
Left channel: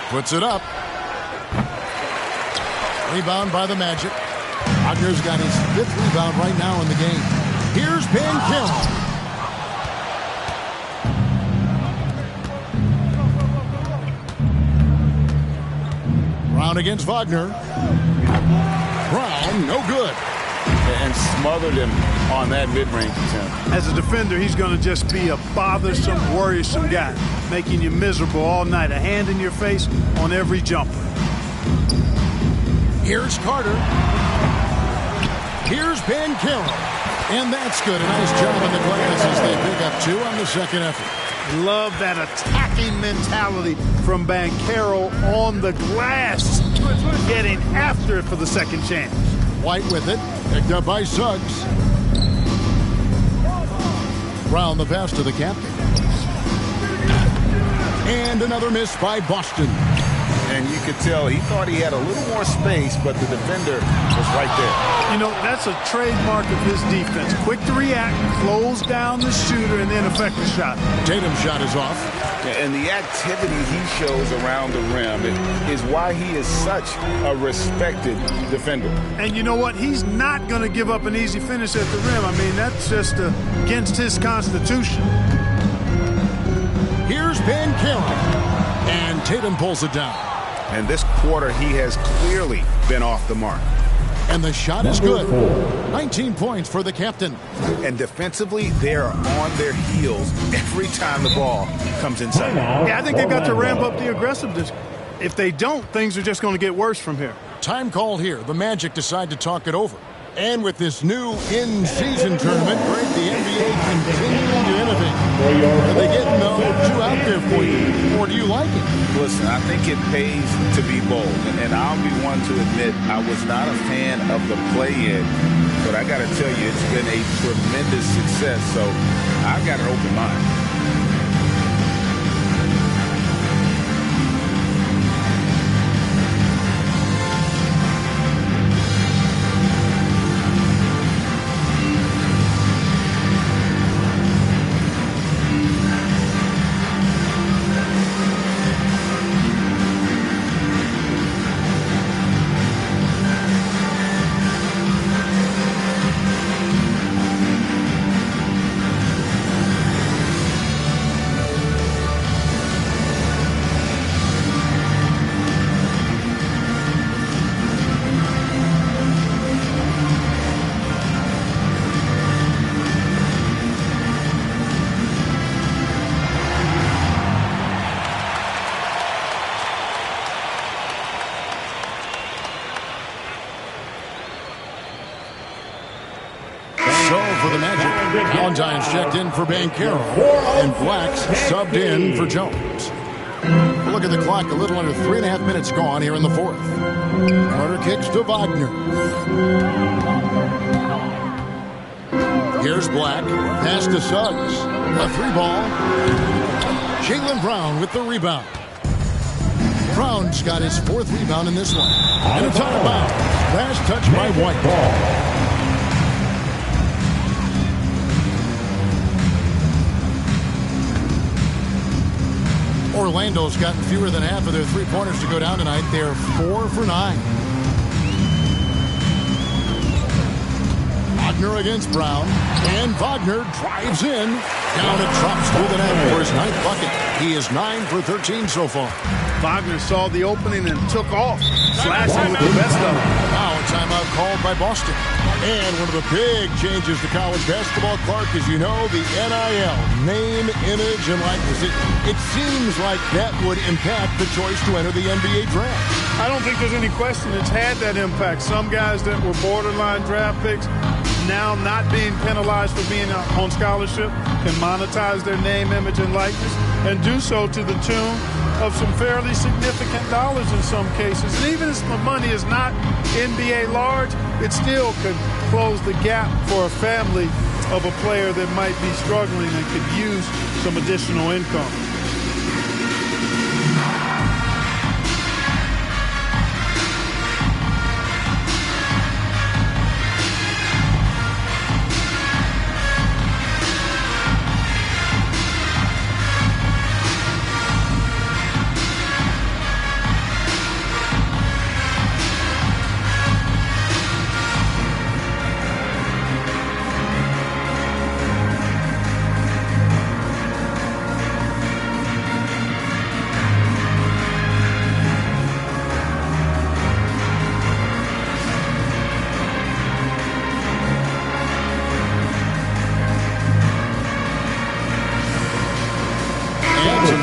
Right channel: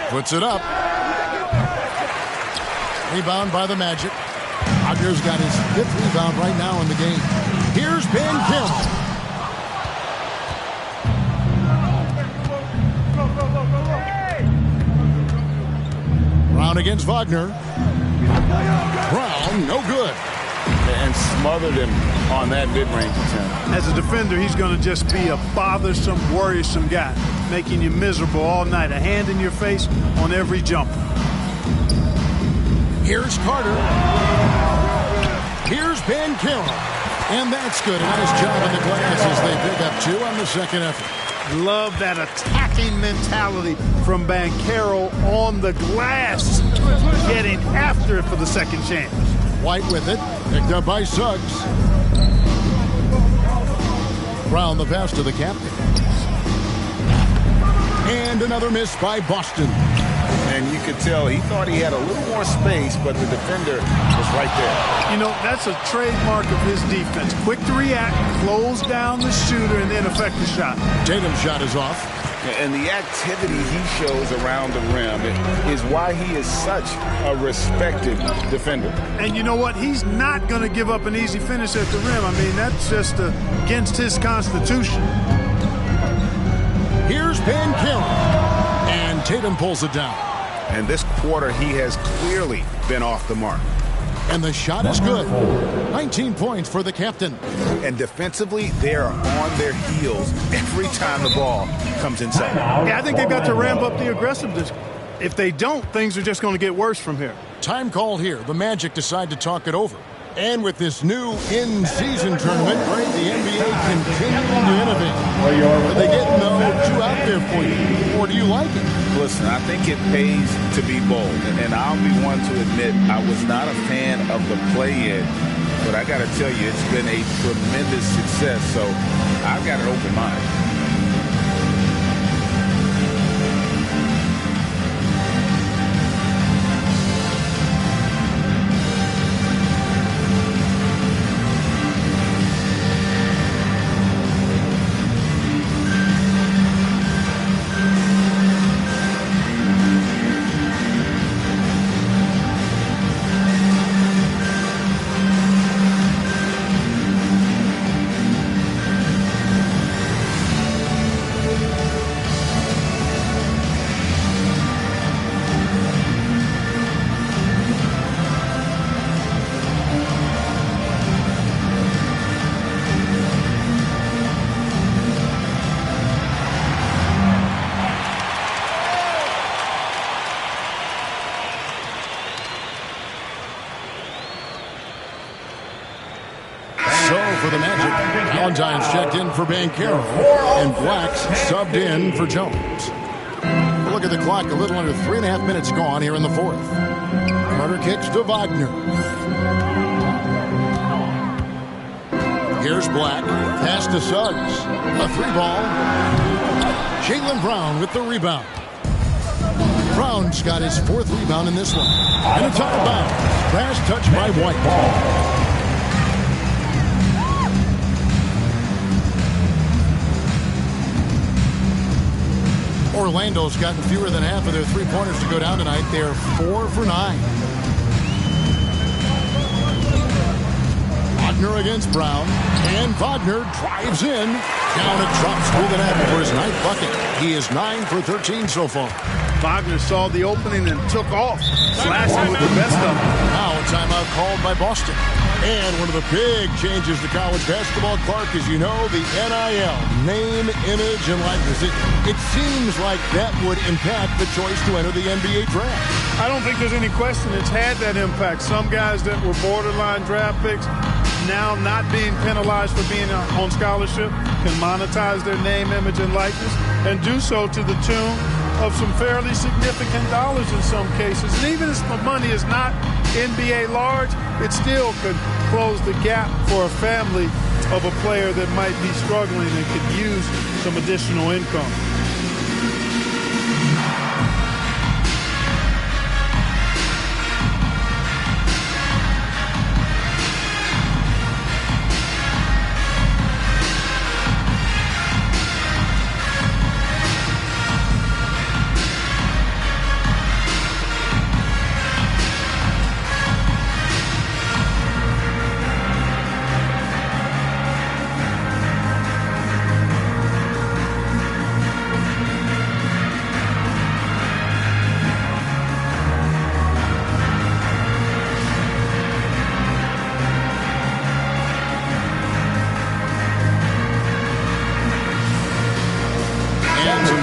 Puts it up. Rebound by the Magic. Wagner's got his 5th rebound right now in the game. Here's Banchero. Brown against Wagner. Brown, no good. And smothered him on that mid-range attempt. As a defender, he's going to just be a bothersome, worrisome guy, making you miserable all night. A hand in your face on every jumper. Here's Carter. Here's Banchero. And that's good. A nice job on the glass as they pick up 2 on the second effort. Love that attacking mentality from Banchero on the glass. Getting after it for the second chance. White with it. Picked up by Suggs. Brown the pass to the captain. And another miss by Boston. And you could tell he thought he had a little more space, but the defender was right there. You know, that's a trademark of his defense. Quick to react, close down the shooter, and then affect the shot. Tatum's shot is off. And the activity he shows around the rim is why he is such a respected defender. And you know what? He's not going to give up an easy finish at the rim. I mean, that's just against his constitution. Here's Banchero. And Tatum pulls it down. And this quarter, he has clearly been off the mark. And the shot is good. 19 points for the captain. And defensively, they are on their heels every time the ball comes inside. Yeah, I think they've got to ramp up the aggressiveness. If they don't, things are just going to get worse from here. Time called here. The Magic decide to talk it over. And with this new in-season tournament, Greg, the NBA continuing to innovate. Are they getting two out there for you, or do you like it? Listen, I think it pays to be bold, and I'll be one to admit I was not a fan of the play-in, but I got to tell you, it's been a tremendous success, so I've got an open mind. So for the Magic, Valentine's checked in for Banchero, and Black's subbed in for Jones. We'll look at the clock, a little under 3.5 minutes gone here in the fourth. Carter kicks to Wagner. Here's Black, pass to Suggs. A 3-ball. Jaylen Brown with the rebound. Brown's got his 4th rebound in this one. And it's out of bounds. Last touch by White. Orlando's gotten fewer than half of their three-pointers to go down tonight. They're 4 for 9. Wagner against Brown. And Wagner drives in. Down and drops through the net for his 9th bucket. He is 9 for 13 so far. Wagner saw the opening and took off, slashing with the best of them. Now a timeout called by Boston. And one of the big changes to college basketball, Clark, as you know, the NIL, name, image, and likeness. It seems like that would impact the choice to enter the NBA draft. I don't think there's any question it's had that impact. Some guys that were borderline draft picks now not being penalized for being on scholarship can monetize their name, image, and likeness and do so to the tune of some fairly significant dollars in some cases. And even if the money is not NBA large, it still could close the gap for a family of a player that might be struggling and could use some additional income.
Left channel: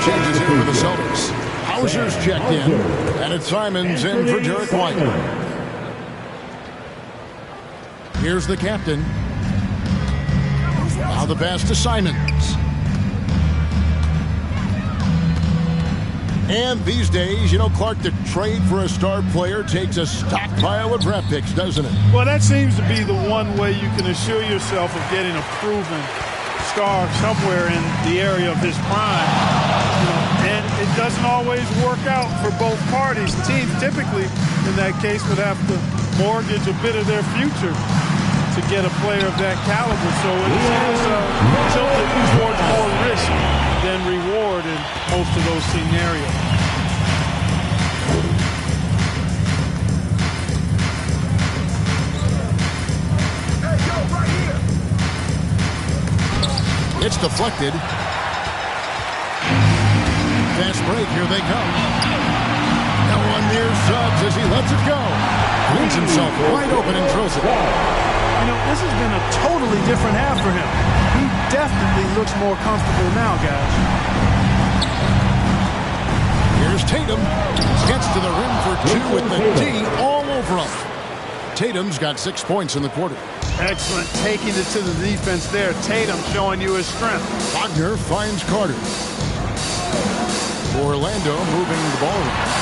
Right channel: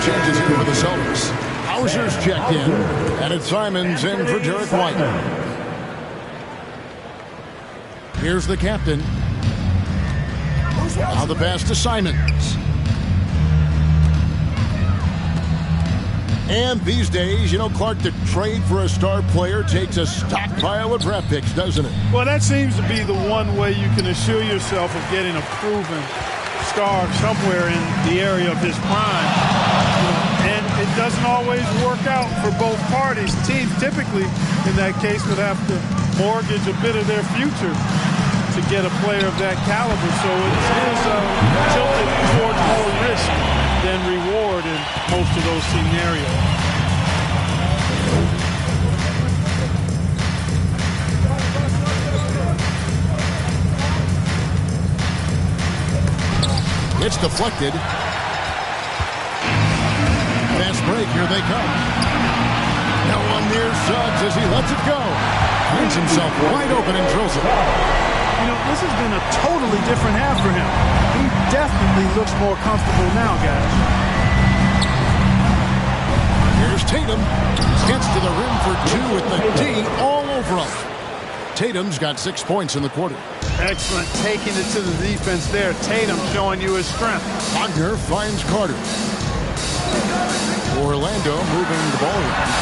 Changes here for the Celtics. Hauser's checked in, and it's Simons in for Derek White. Here's the captain. Now the pass to Simons. And these days, you know, Clark, the trade for a star player takes a stockpile of draft picks, doesn't it? Well, that seems to be the one way you can assure yourself of getting a proven star somewhere in the area of his prime. And it doesn't always work out for both parties. Teams typically, in that case, would have to mortgage a bit of their future to get a player of that caliber. So it is tilted towards more risk than reward in most of those scenarios. It's deflected. Fast break, here they come. Now one near Suggs as he lets it go. Finds himself wide open and drills it. You know, this has been a totally different half for him. He definitely looks more comfortable now, guys. Here's Tatum. Gets to the rim for 2 with the D all over him. Tatum's got 6 points in the quarter. Excellent taking it to the defense there. Tatum showing you his strength. Wagner finds Carter. Orlando moving the ball around.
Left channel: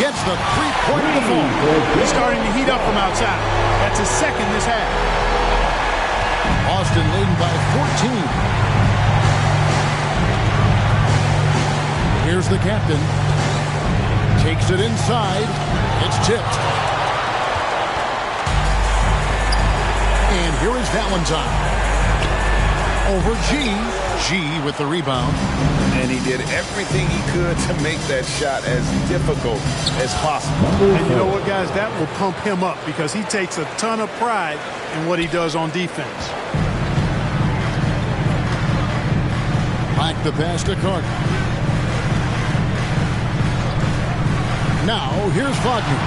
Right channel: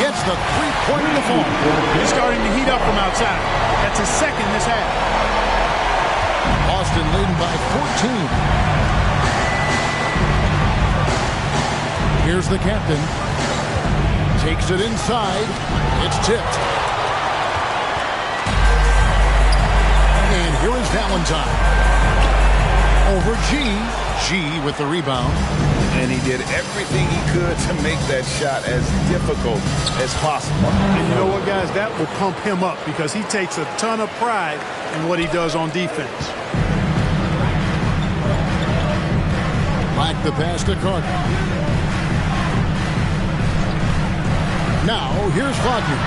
Gets the three-pointer to fall. He's starting to heat up from outside. That's his second this half. Boston leading by 14. Here's the captain. Takes it inside. It's tipped. And here is Valentine. Over G. G with the rebound. And he did everything he could to make that shot as difficult as possible. And you know what, guys? That will pump him up because he takes a ton of pride in what he does on defense. Back the pass to Carter. Now, here's Wagner.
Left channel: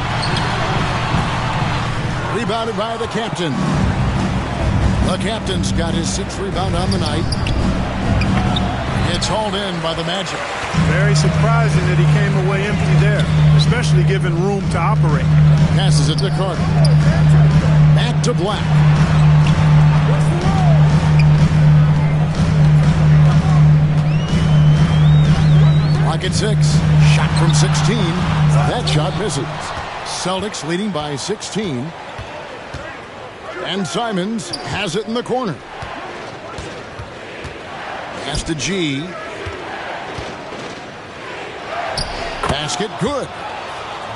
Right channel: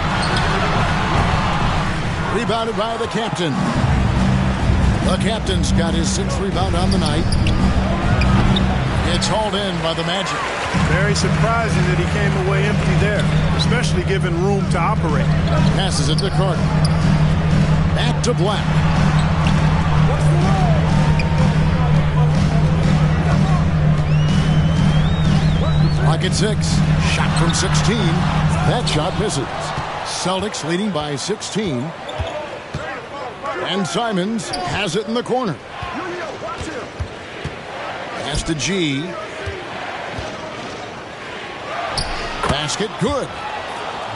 Rebounded by the captain. The captain's got his 6th rebound on the night. It's hauled in by the Magic. Very surprising that he came away empty there, especially given room to operate. Passes it to Carter. Back to Black. Clock at 6. Shot from 16. That shot misses. Celtics leading by 16. And Simons has it in the corner. Pass to G. Basket good.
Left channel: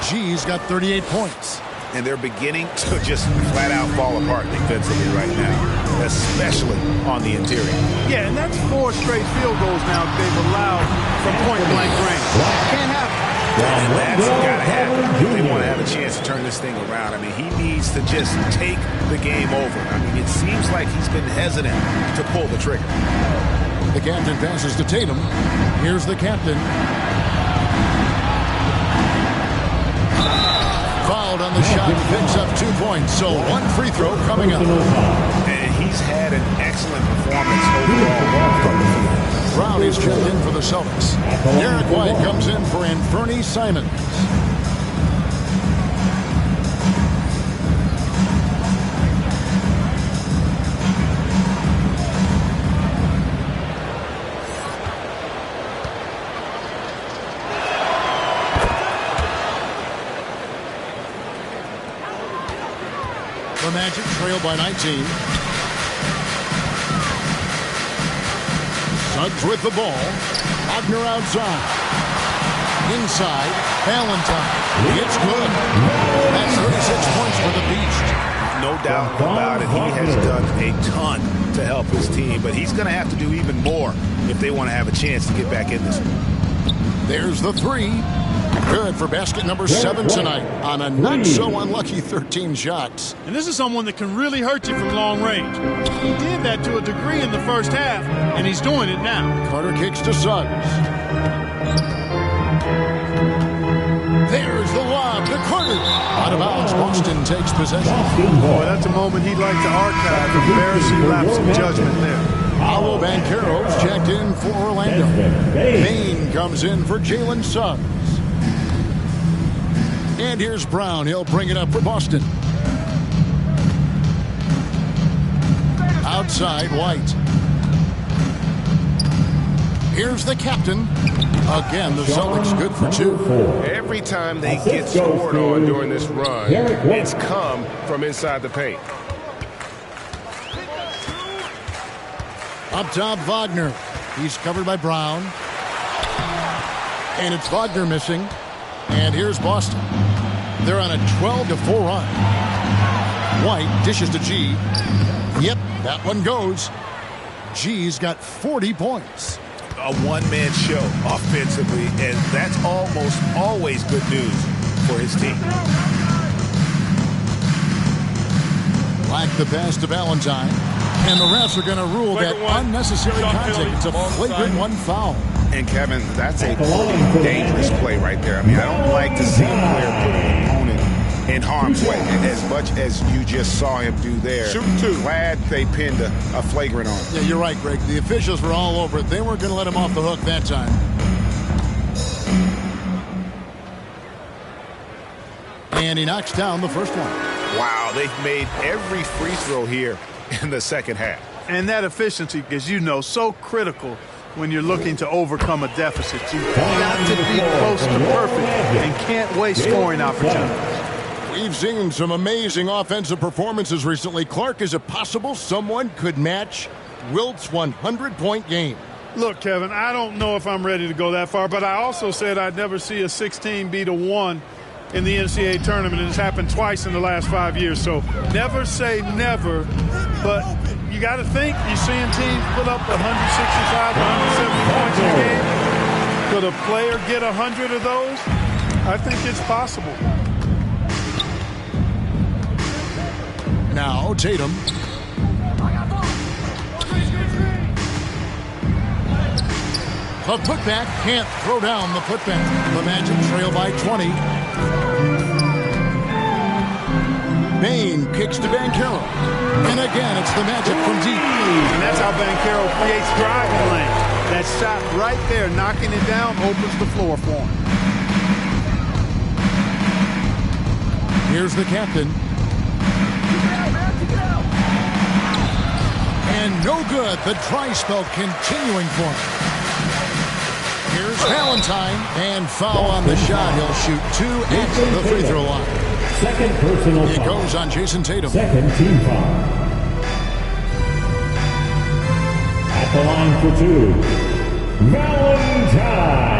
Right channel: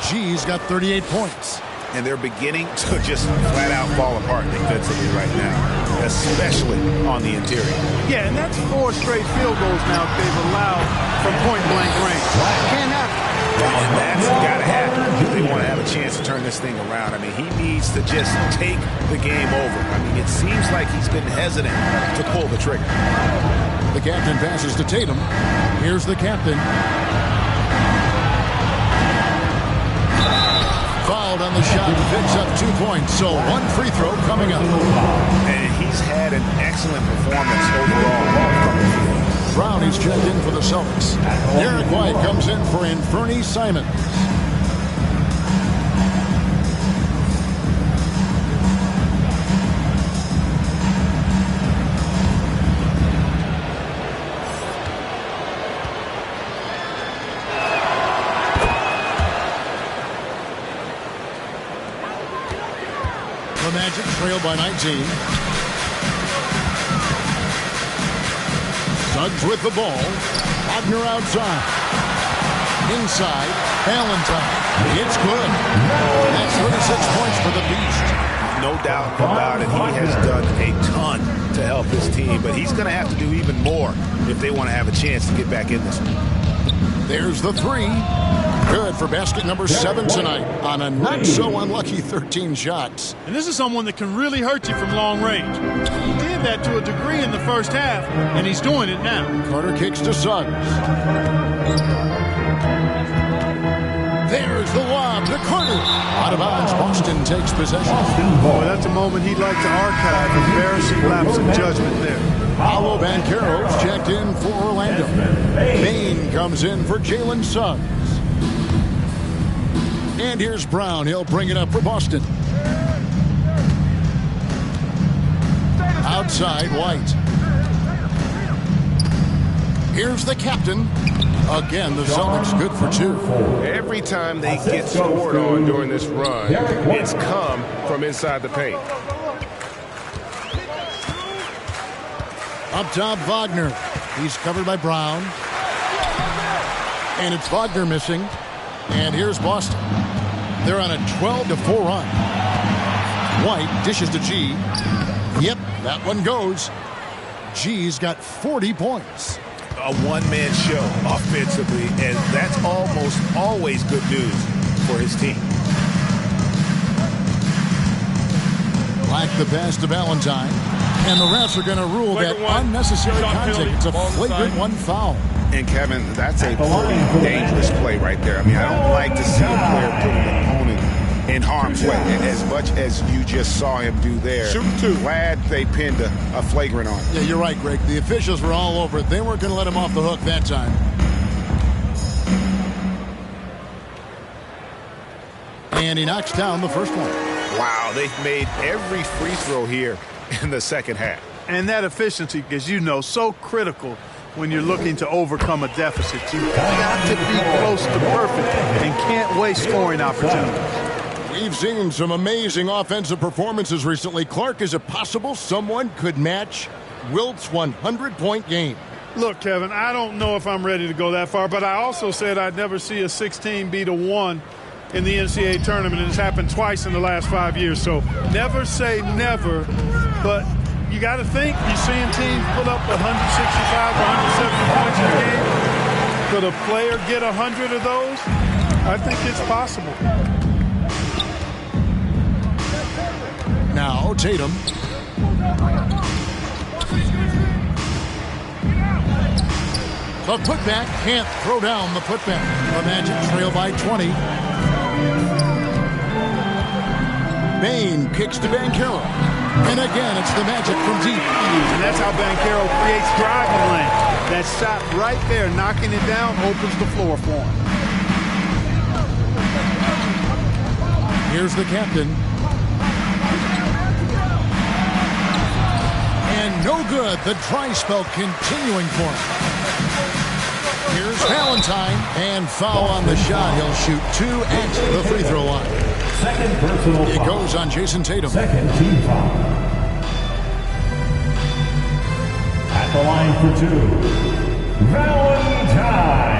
G's got 38 points. And they're beginning to just flat out fall apart defensively right now, especially on the interior. Yeah, and that's 4 straight field goals now they've allowed from point-blank range. Can't happen. And that's got to happen if they want to have a chance to turn this thing around. I mean, he needs to just take the game over. I mean, it seems like he's been hesitant to pull the trigger. The captain passes to Tatum. Here's the captain. Fouled on the shot, picks up 2 points. So 1 free throw coming up. And he's had an excellent performance overall from the field. Brown is checked in for the Celtics. Derek White comes in for Anfernee Simons. The Magic trail by 19. Suggs with the ball. Wagner outside. Inside. Valentine. It's good. That's 36 points for the Beast. No doubt about it. He has done a ton to help his team, but he's going to have to do even more if they want to have a chance to get back in this one. There's the 3. Good for basket number 7 tonight on a not-so-unlucky 13 shots. And this is someone that can really hurt you from long range. He did that to a degree in the first half, and he's doing it now. Carter kicks to Suggs. There's the lob to Carter. Out of bounds, Boston takes possession. Boy, that's a moment he'd like to archive. Embarrassing lapse of judgment there. Paolo Banchero's checked in for Orlando. Bain comes in for Jalen Suggs. And here's Brown. He'll bring it up for Boston. Outside, White. Here's the captain. Again, the Celtics good for 2. Every time they get scored on during this run, it's come from inside the paint. Up top, Wagner. He's covered by Brown. And it's Wagner missing. And here's Boston. They're on a 12-4 run. White dishes to G. Yep, that one goes. G's got 40 points. A one-man show offensively, and that's almost always good news for his team. Like the pass to Valentine. And the refs are going to rule that unnecessary contact. It's a flagrant 1 foul. And, Kevin, that's a pretty dangerous play right there. I mean, I don't like to see a player put an opponent in harm's way as much as you just saw him do there. Shooting 2. Glad they pinned a flagrant on him. Yeah, you're right, Greg. The officials were all over it. They weren't going to let him off the hook that time. And he knocks down the first one. Wow, they've made every free throw here in the second half. And that efficiency, as you know, so critical when you're looking to overcome a deficit. You've got to be close to perfect and can't waste scoring opportunities. We've seen some amazing offensive performances recently. Clark, is it possible someone could match Wilt's 100-point game? Look, Kevin, I don't know if I'm ready to go that far, but I also said I'd never see a 16 beat a 1 in the NCAA tournament, and it's happened twice in the last 5 years. So never say never, but you got to think, you're seeing teams put up 165, 170 points in a game. Could a player get 100 of those? I think it's possible. Now Tatum. The putback, can't throw down the putback. The Magic trail by 20. Bain kicks to Banchero. And again, it's the Magic from deep. And that's how Banchero creates driving lane. That shot right there, knocking it down, opens the floor for him. Here's the captain. And no good. The dry spell continuing for him. Here's Valentine. And foul on the shot. He'll shoot 2 at the free throw line. Second personal It foul. goes on Jason Tatum. Second team foul. At the line for 2, Valentine.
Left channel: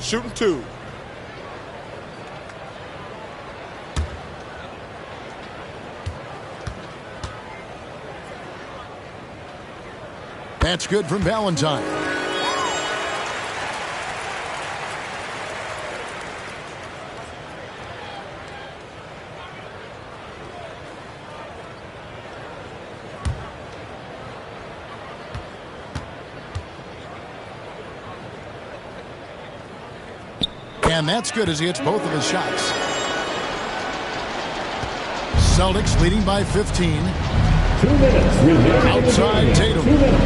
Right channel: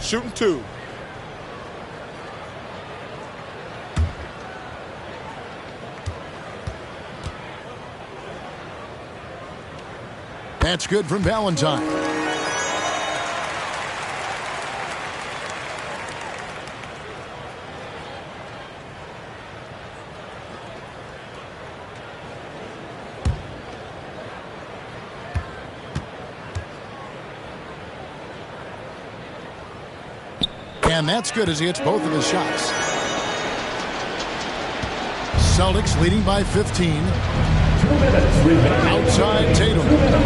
Shooting 2. That's good from Valentine. And that's good as he hits both of his shots. Celtics leading by 15. 2 minutes remaining. Outside Tatum. 2 minutes.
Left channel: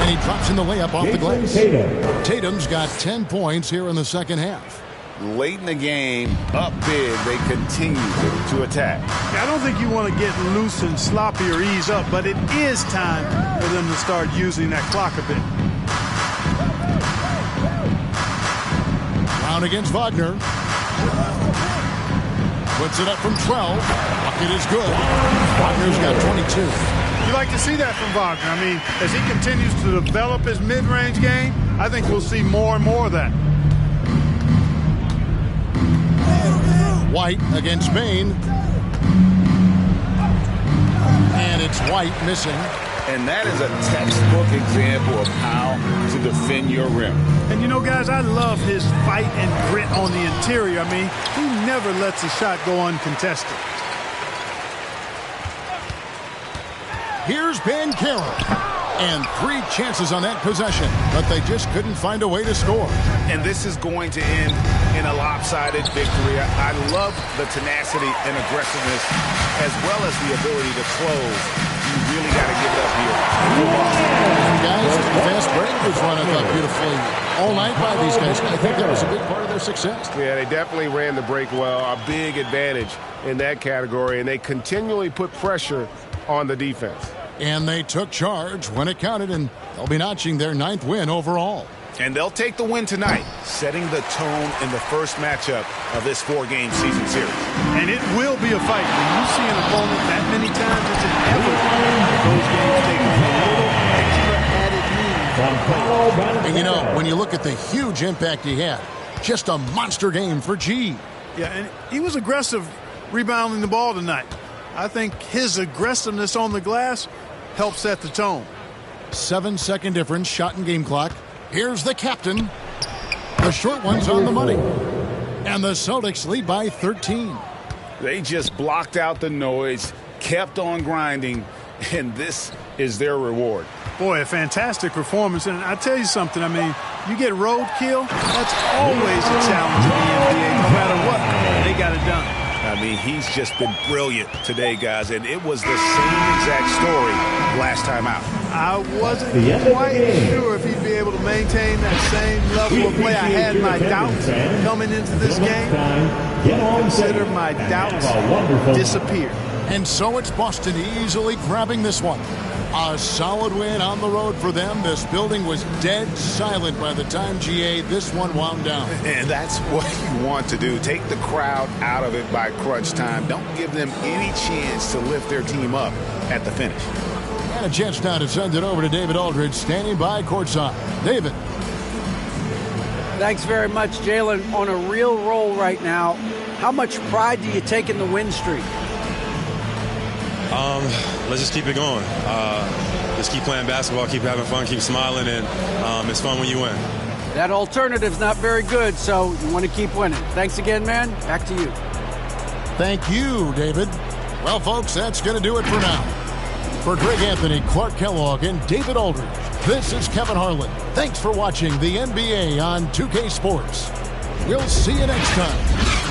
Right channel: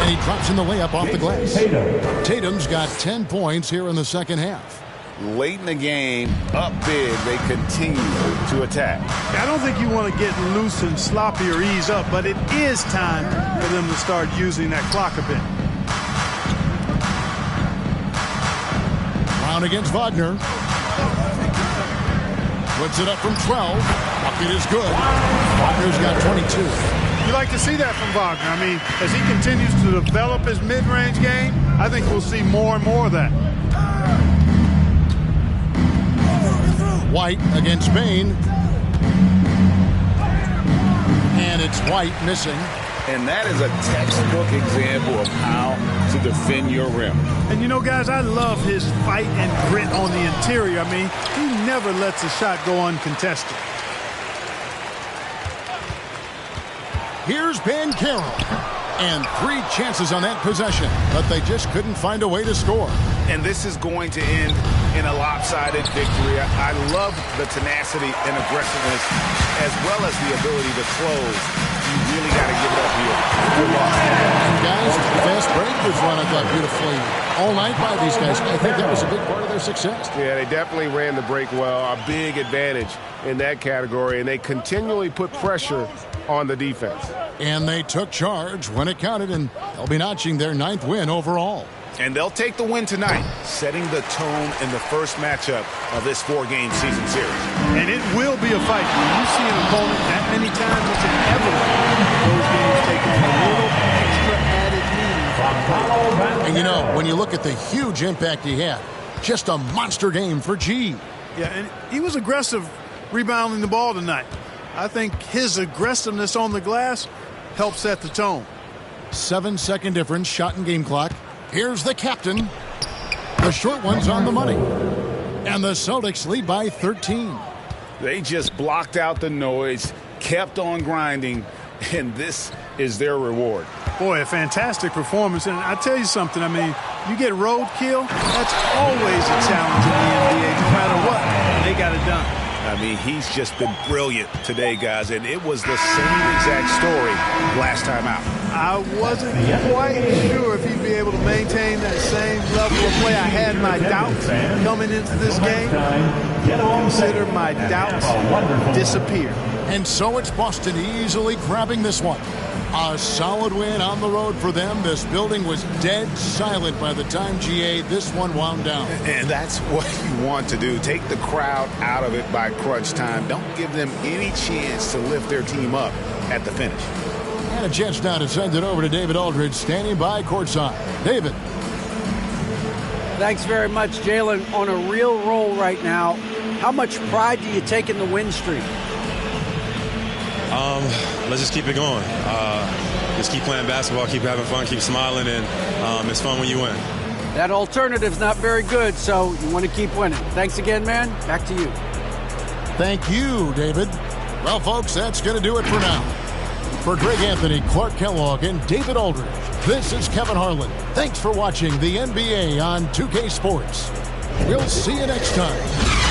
And he drops in the layup off the glass. Tatum. Tatum's got 10 points here in the second half. Late in the game, up big, they continue to attack. I don't think you want to get loose and sloppy or ease up, but it is time for them to start using that clock a bit. Brown against Wagner. Puts it up from 12. Bucket is good. Wagner's got 22. You like to see that from Wagner. I mean, as he continues to develop his mid-range game, I think we'll see more and more of that. White against Bain. And it's White missing. And that is a textbook example of how to defend your rim. And you know, guys, I love his fight and grit on the interior. I mean, he never lets a shot go uncontested. Here's Banchero. And 3 chances on that possession, but they just couldn't find a way to score. And this is going to end in a lopsided victory. I love the tenacity and aggressiveness as well as the ability to close. You really got to give it up here for Boston. And guys, the fast break was run, I thought, beautifully all night by these guys. I think that was a big part of their success. Yeah, they definitely ran the break well. A big advantage in that category, and they continually put pressure on the defense. And they took charge when it counted, and they'll be notching their 9th win overall. And they'll take the win tonight, setting the tone in the first matchup of this 4-game season series. And it will be a fight. When you see an opponent that many times, it's inevitable that those games take on a little extra added meaning. And you know, when you look at the huge impact he had, just a monster game for G. Yeah, and he was aggressive rebounding the ball tonight. I think his aggressiveness on the glass helped set the tone. 7-second difference, shot and game clock. Here's the captain. The short one's on the money. And the Celtics lead by 13. They just blocked out the noise, kept on grinding, and this is their reward. Boy, a fantastic performance. And I tell you something, I mean, you get roadkill, that's always a challenge in the NBA. No matter what, they got it done. I mean, he's just been brilliant today, guys, and it was the same exact story last time out. I wasn't quite sure if he'd be able to maintain that same level of play. I had my doubts coming into this game. Consider my doubts disappeared. And so it's Boston easily grabbing this one. A solid win on the road for them. This building was dead silent by the time GA this one wound down. And that's what you want to do. Take the crowd out of it by crunch time. Don't give them any chance to lift their team up at the finish. And a chance now to send it over to David Aldridge, standing by courtside. David. Thanks very much, Jalen. On a real roll right now. How much pride do you take in the win streak? Let's just keep it going. Just keep playing basketball, keep having fun, keep smiling, and it's fun when you win. That alternative's not very good, so you want to keep winning. Thanks again, man. Back to you. Thank you, David. Well, folks, that's going to do it for now. For Greg Anthony, Clark Kellogg, and David Aldridge, this is Kevin Harlan. Thanks for watching the NBA on 2K Sports. We'll see you next time.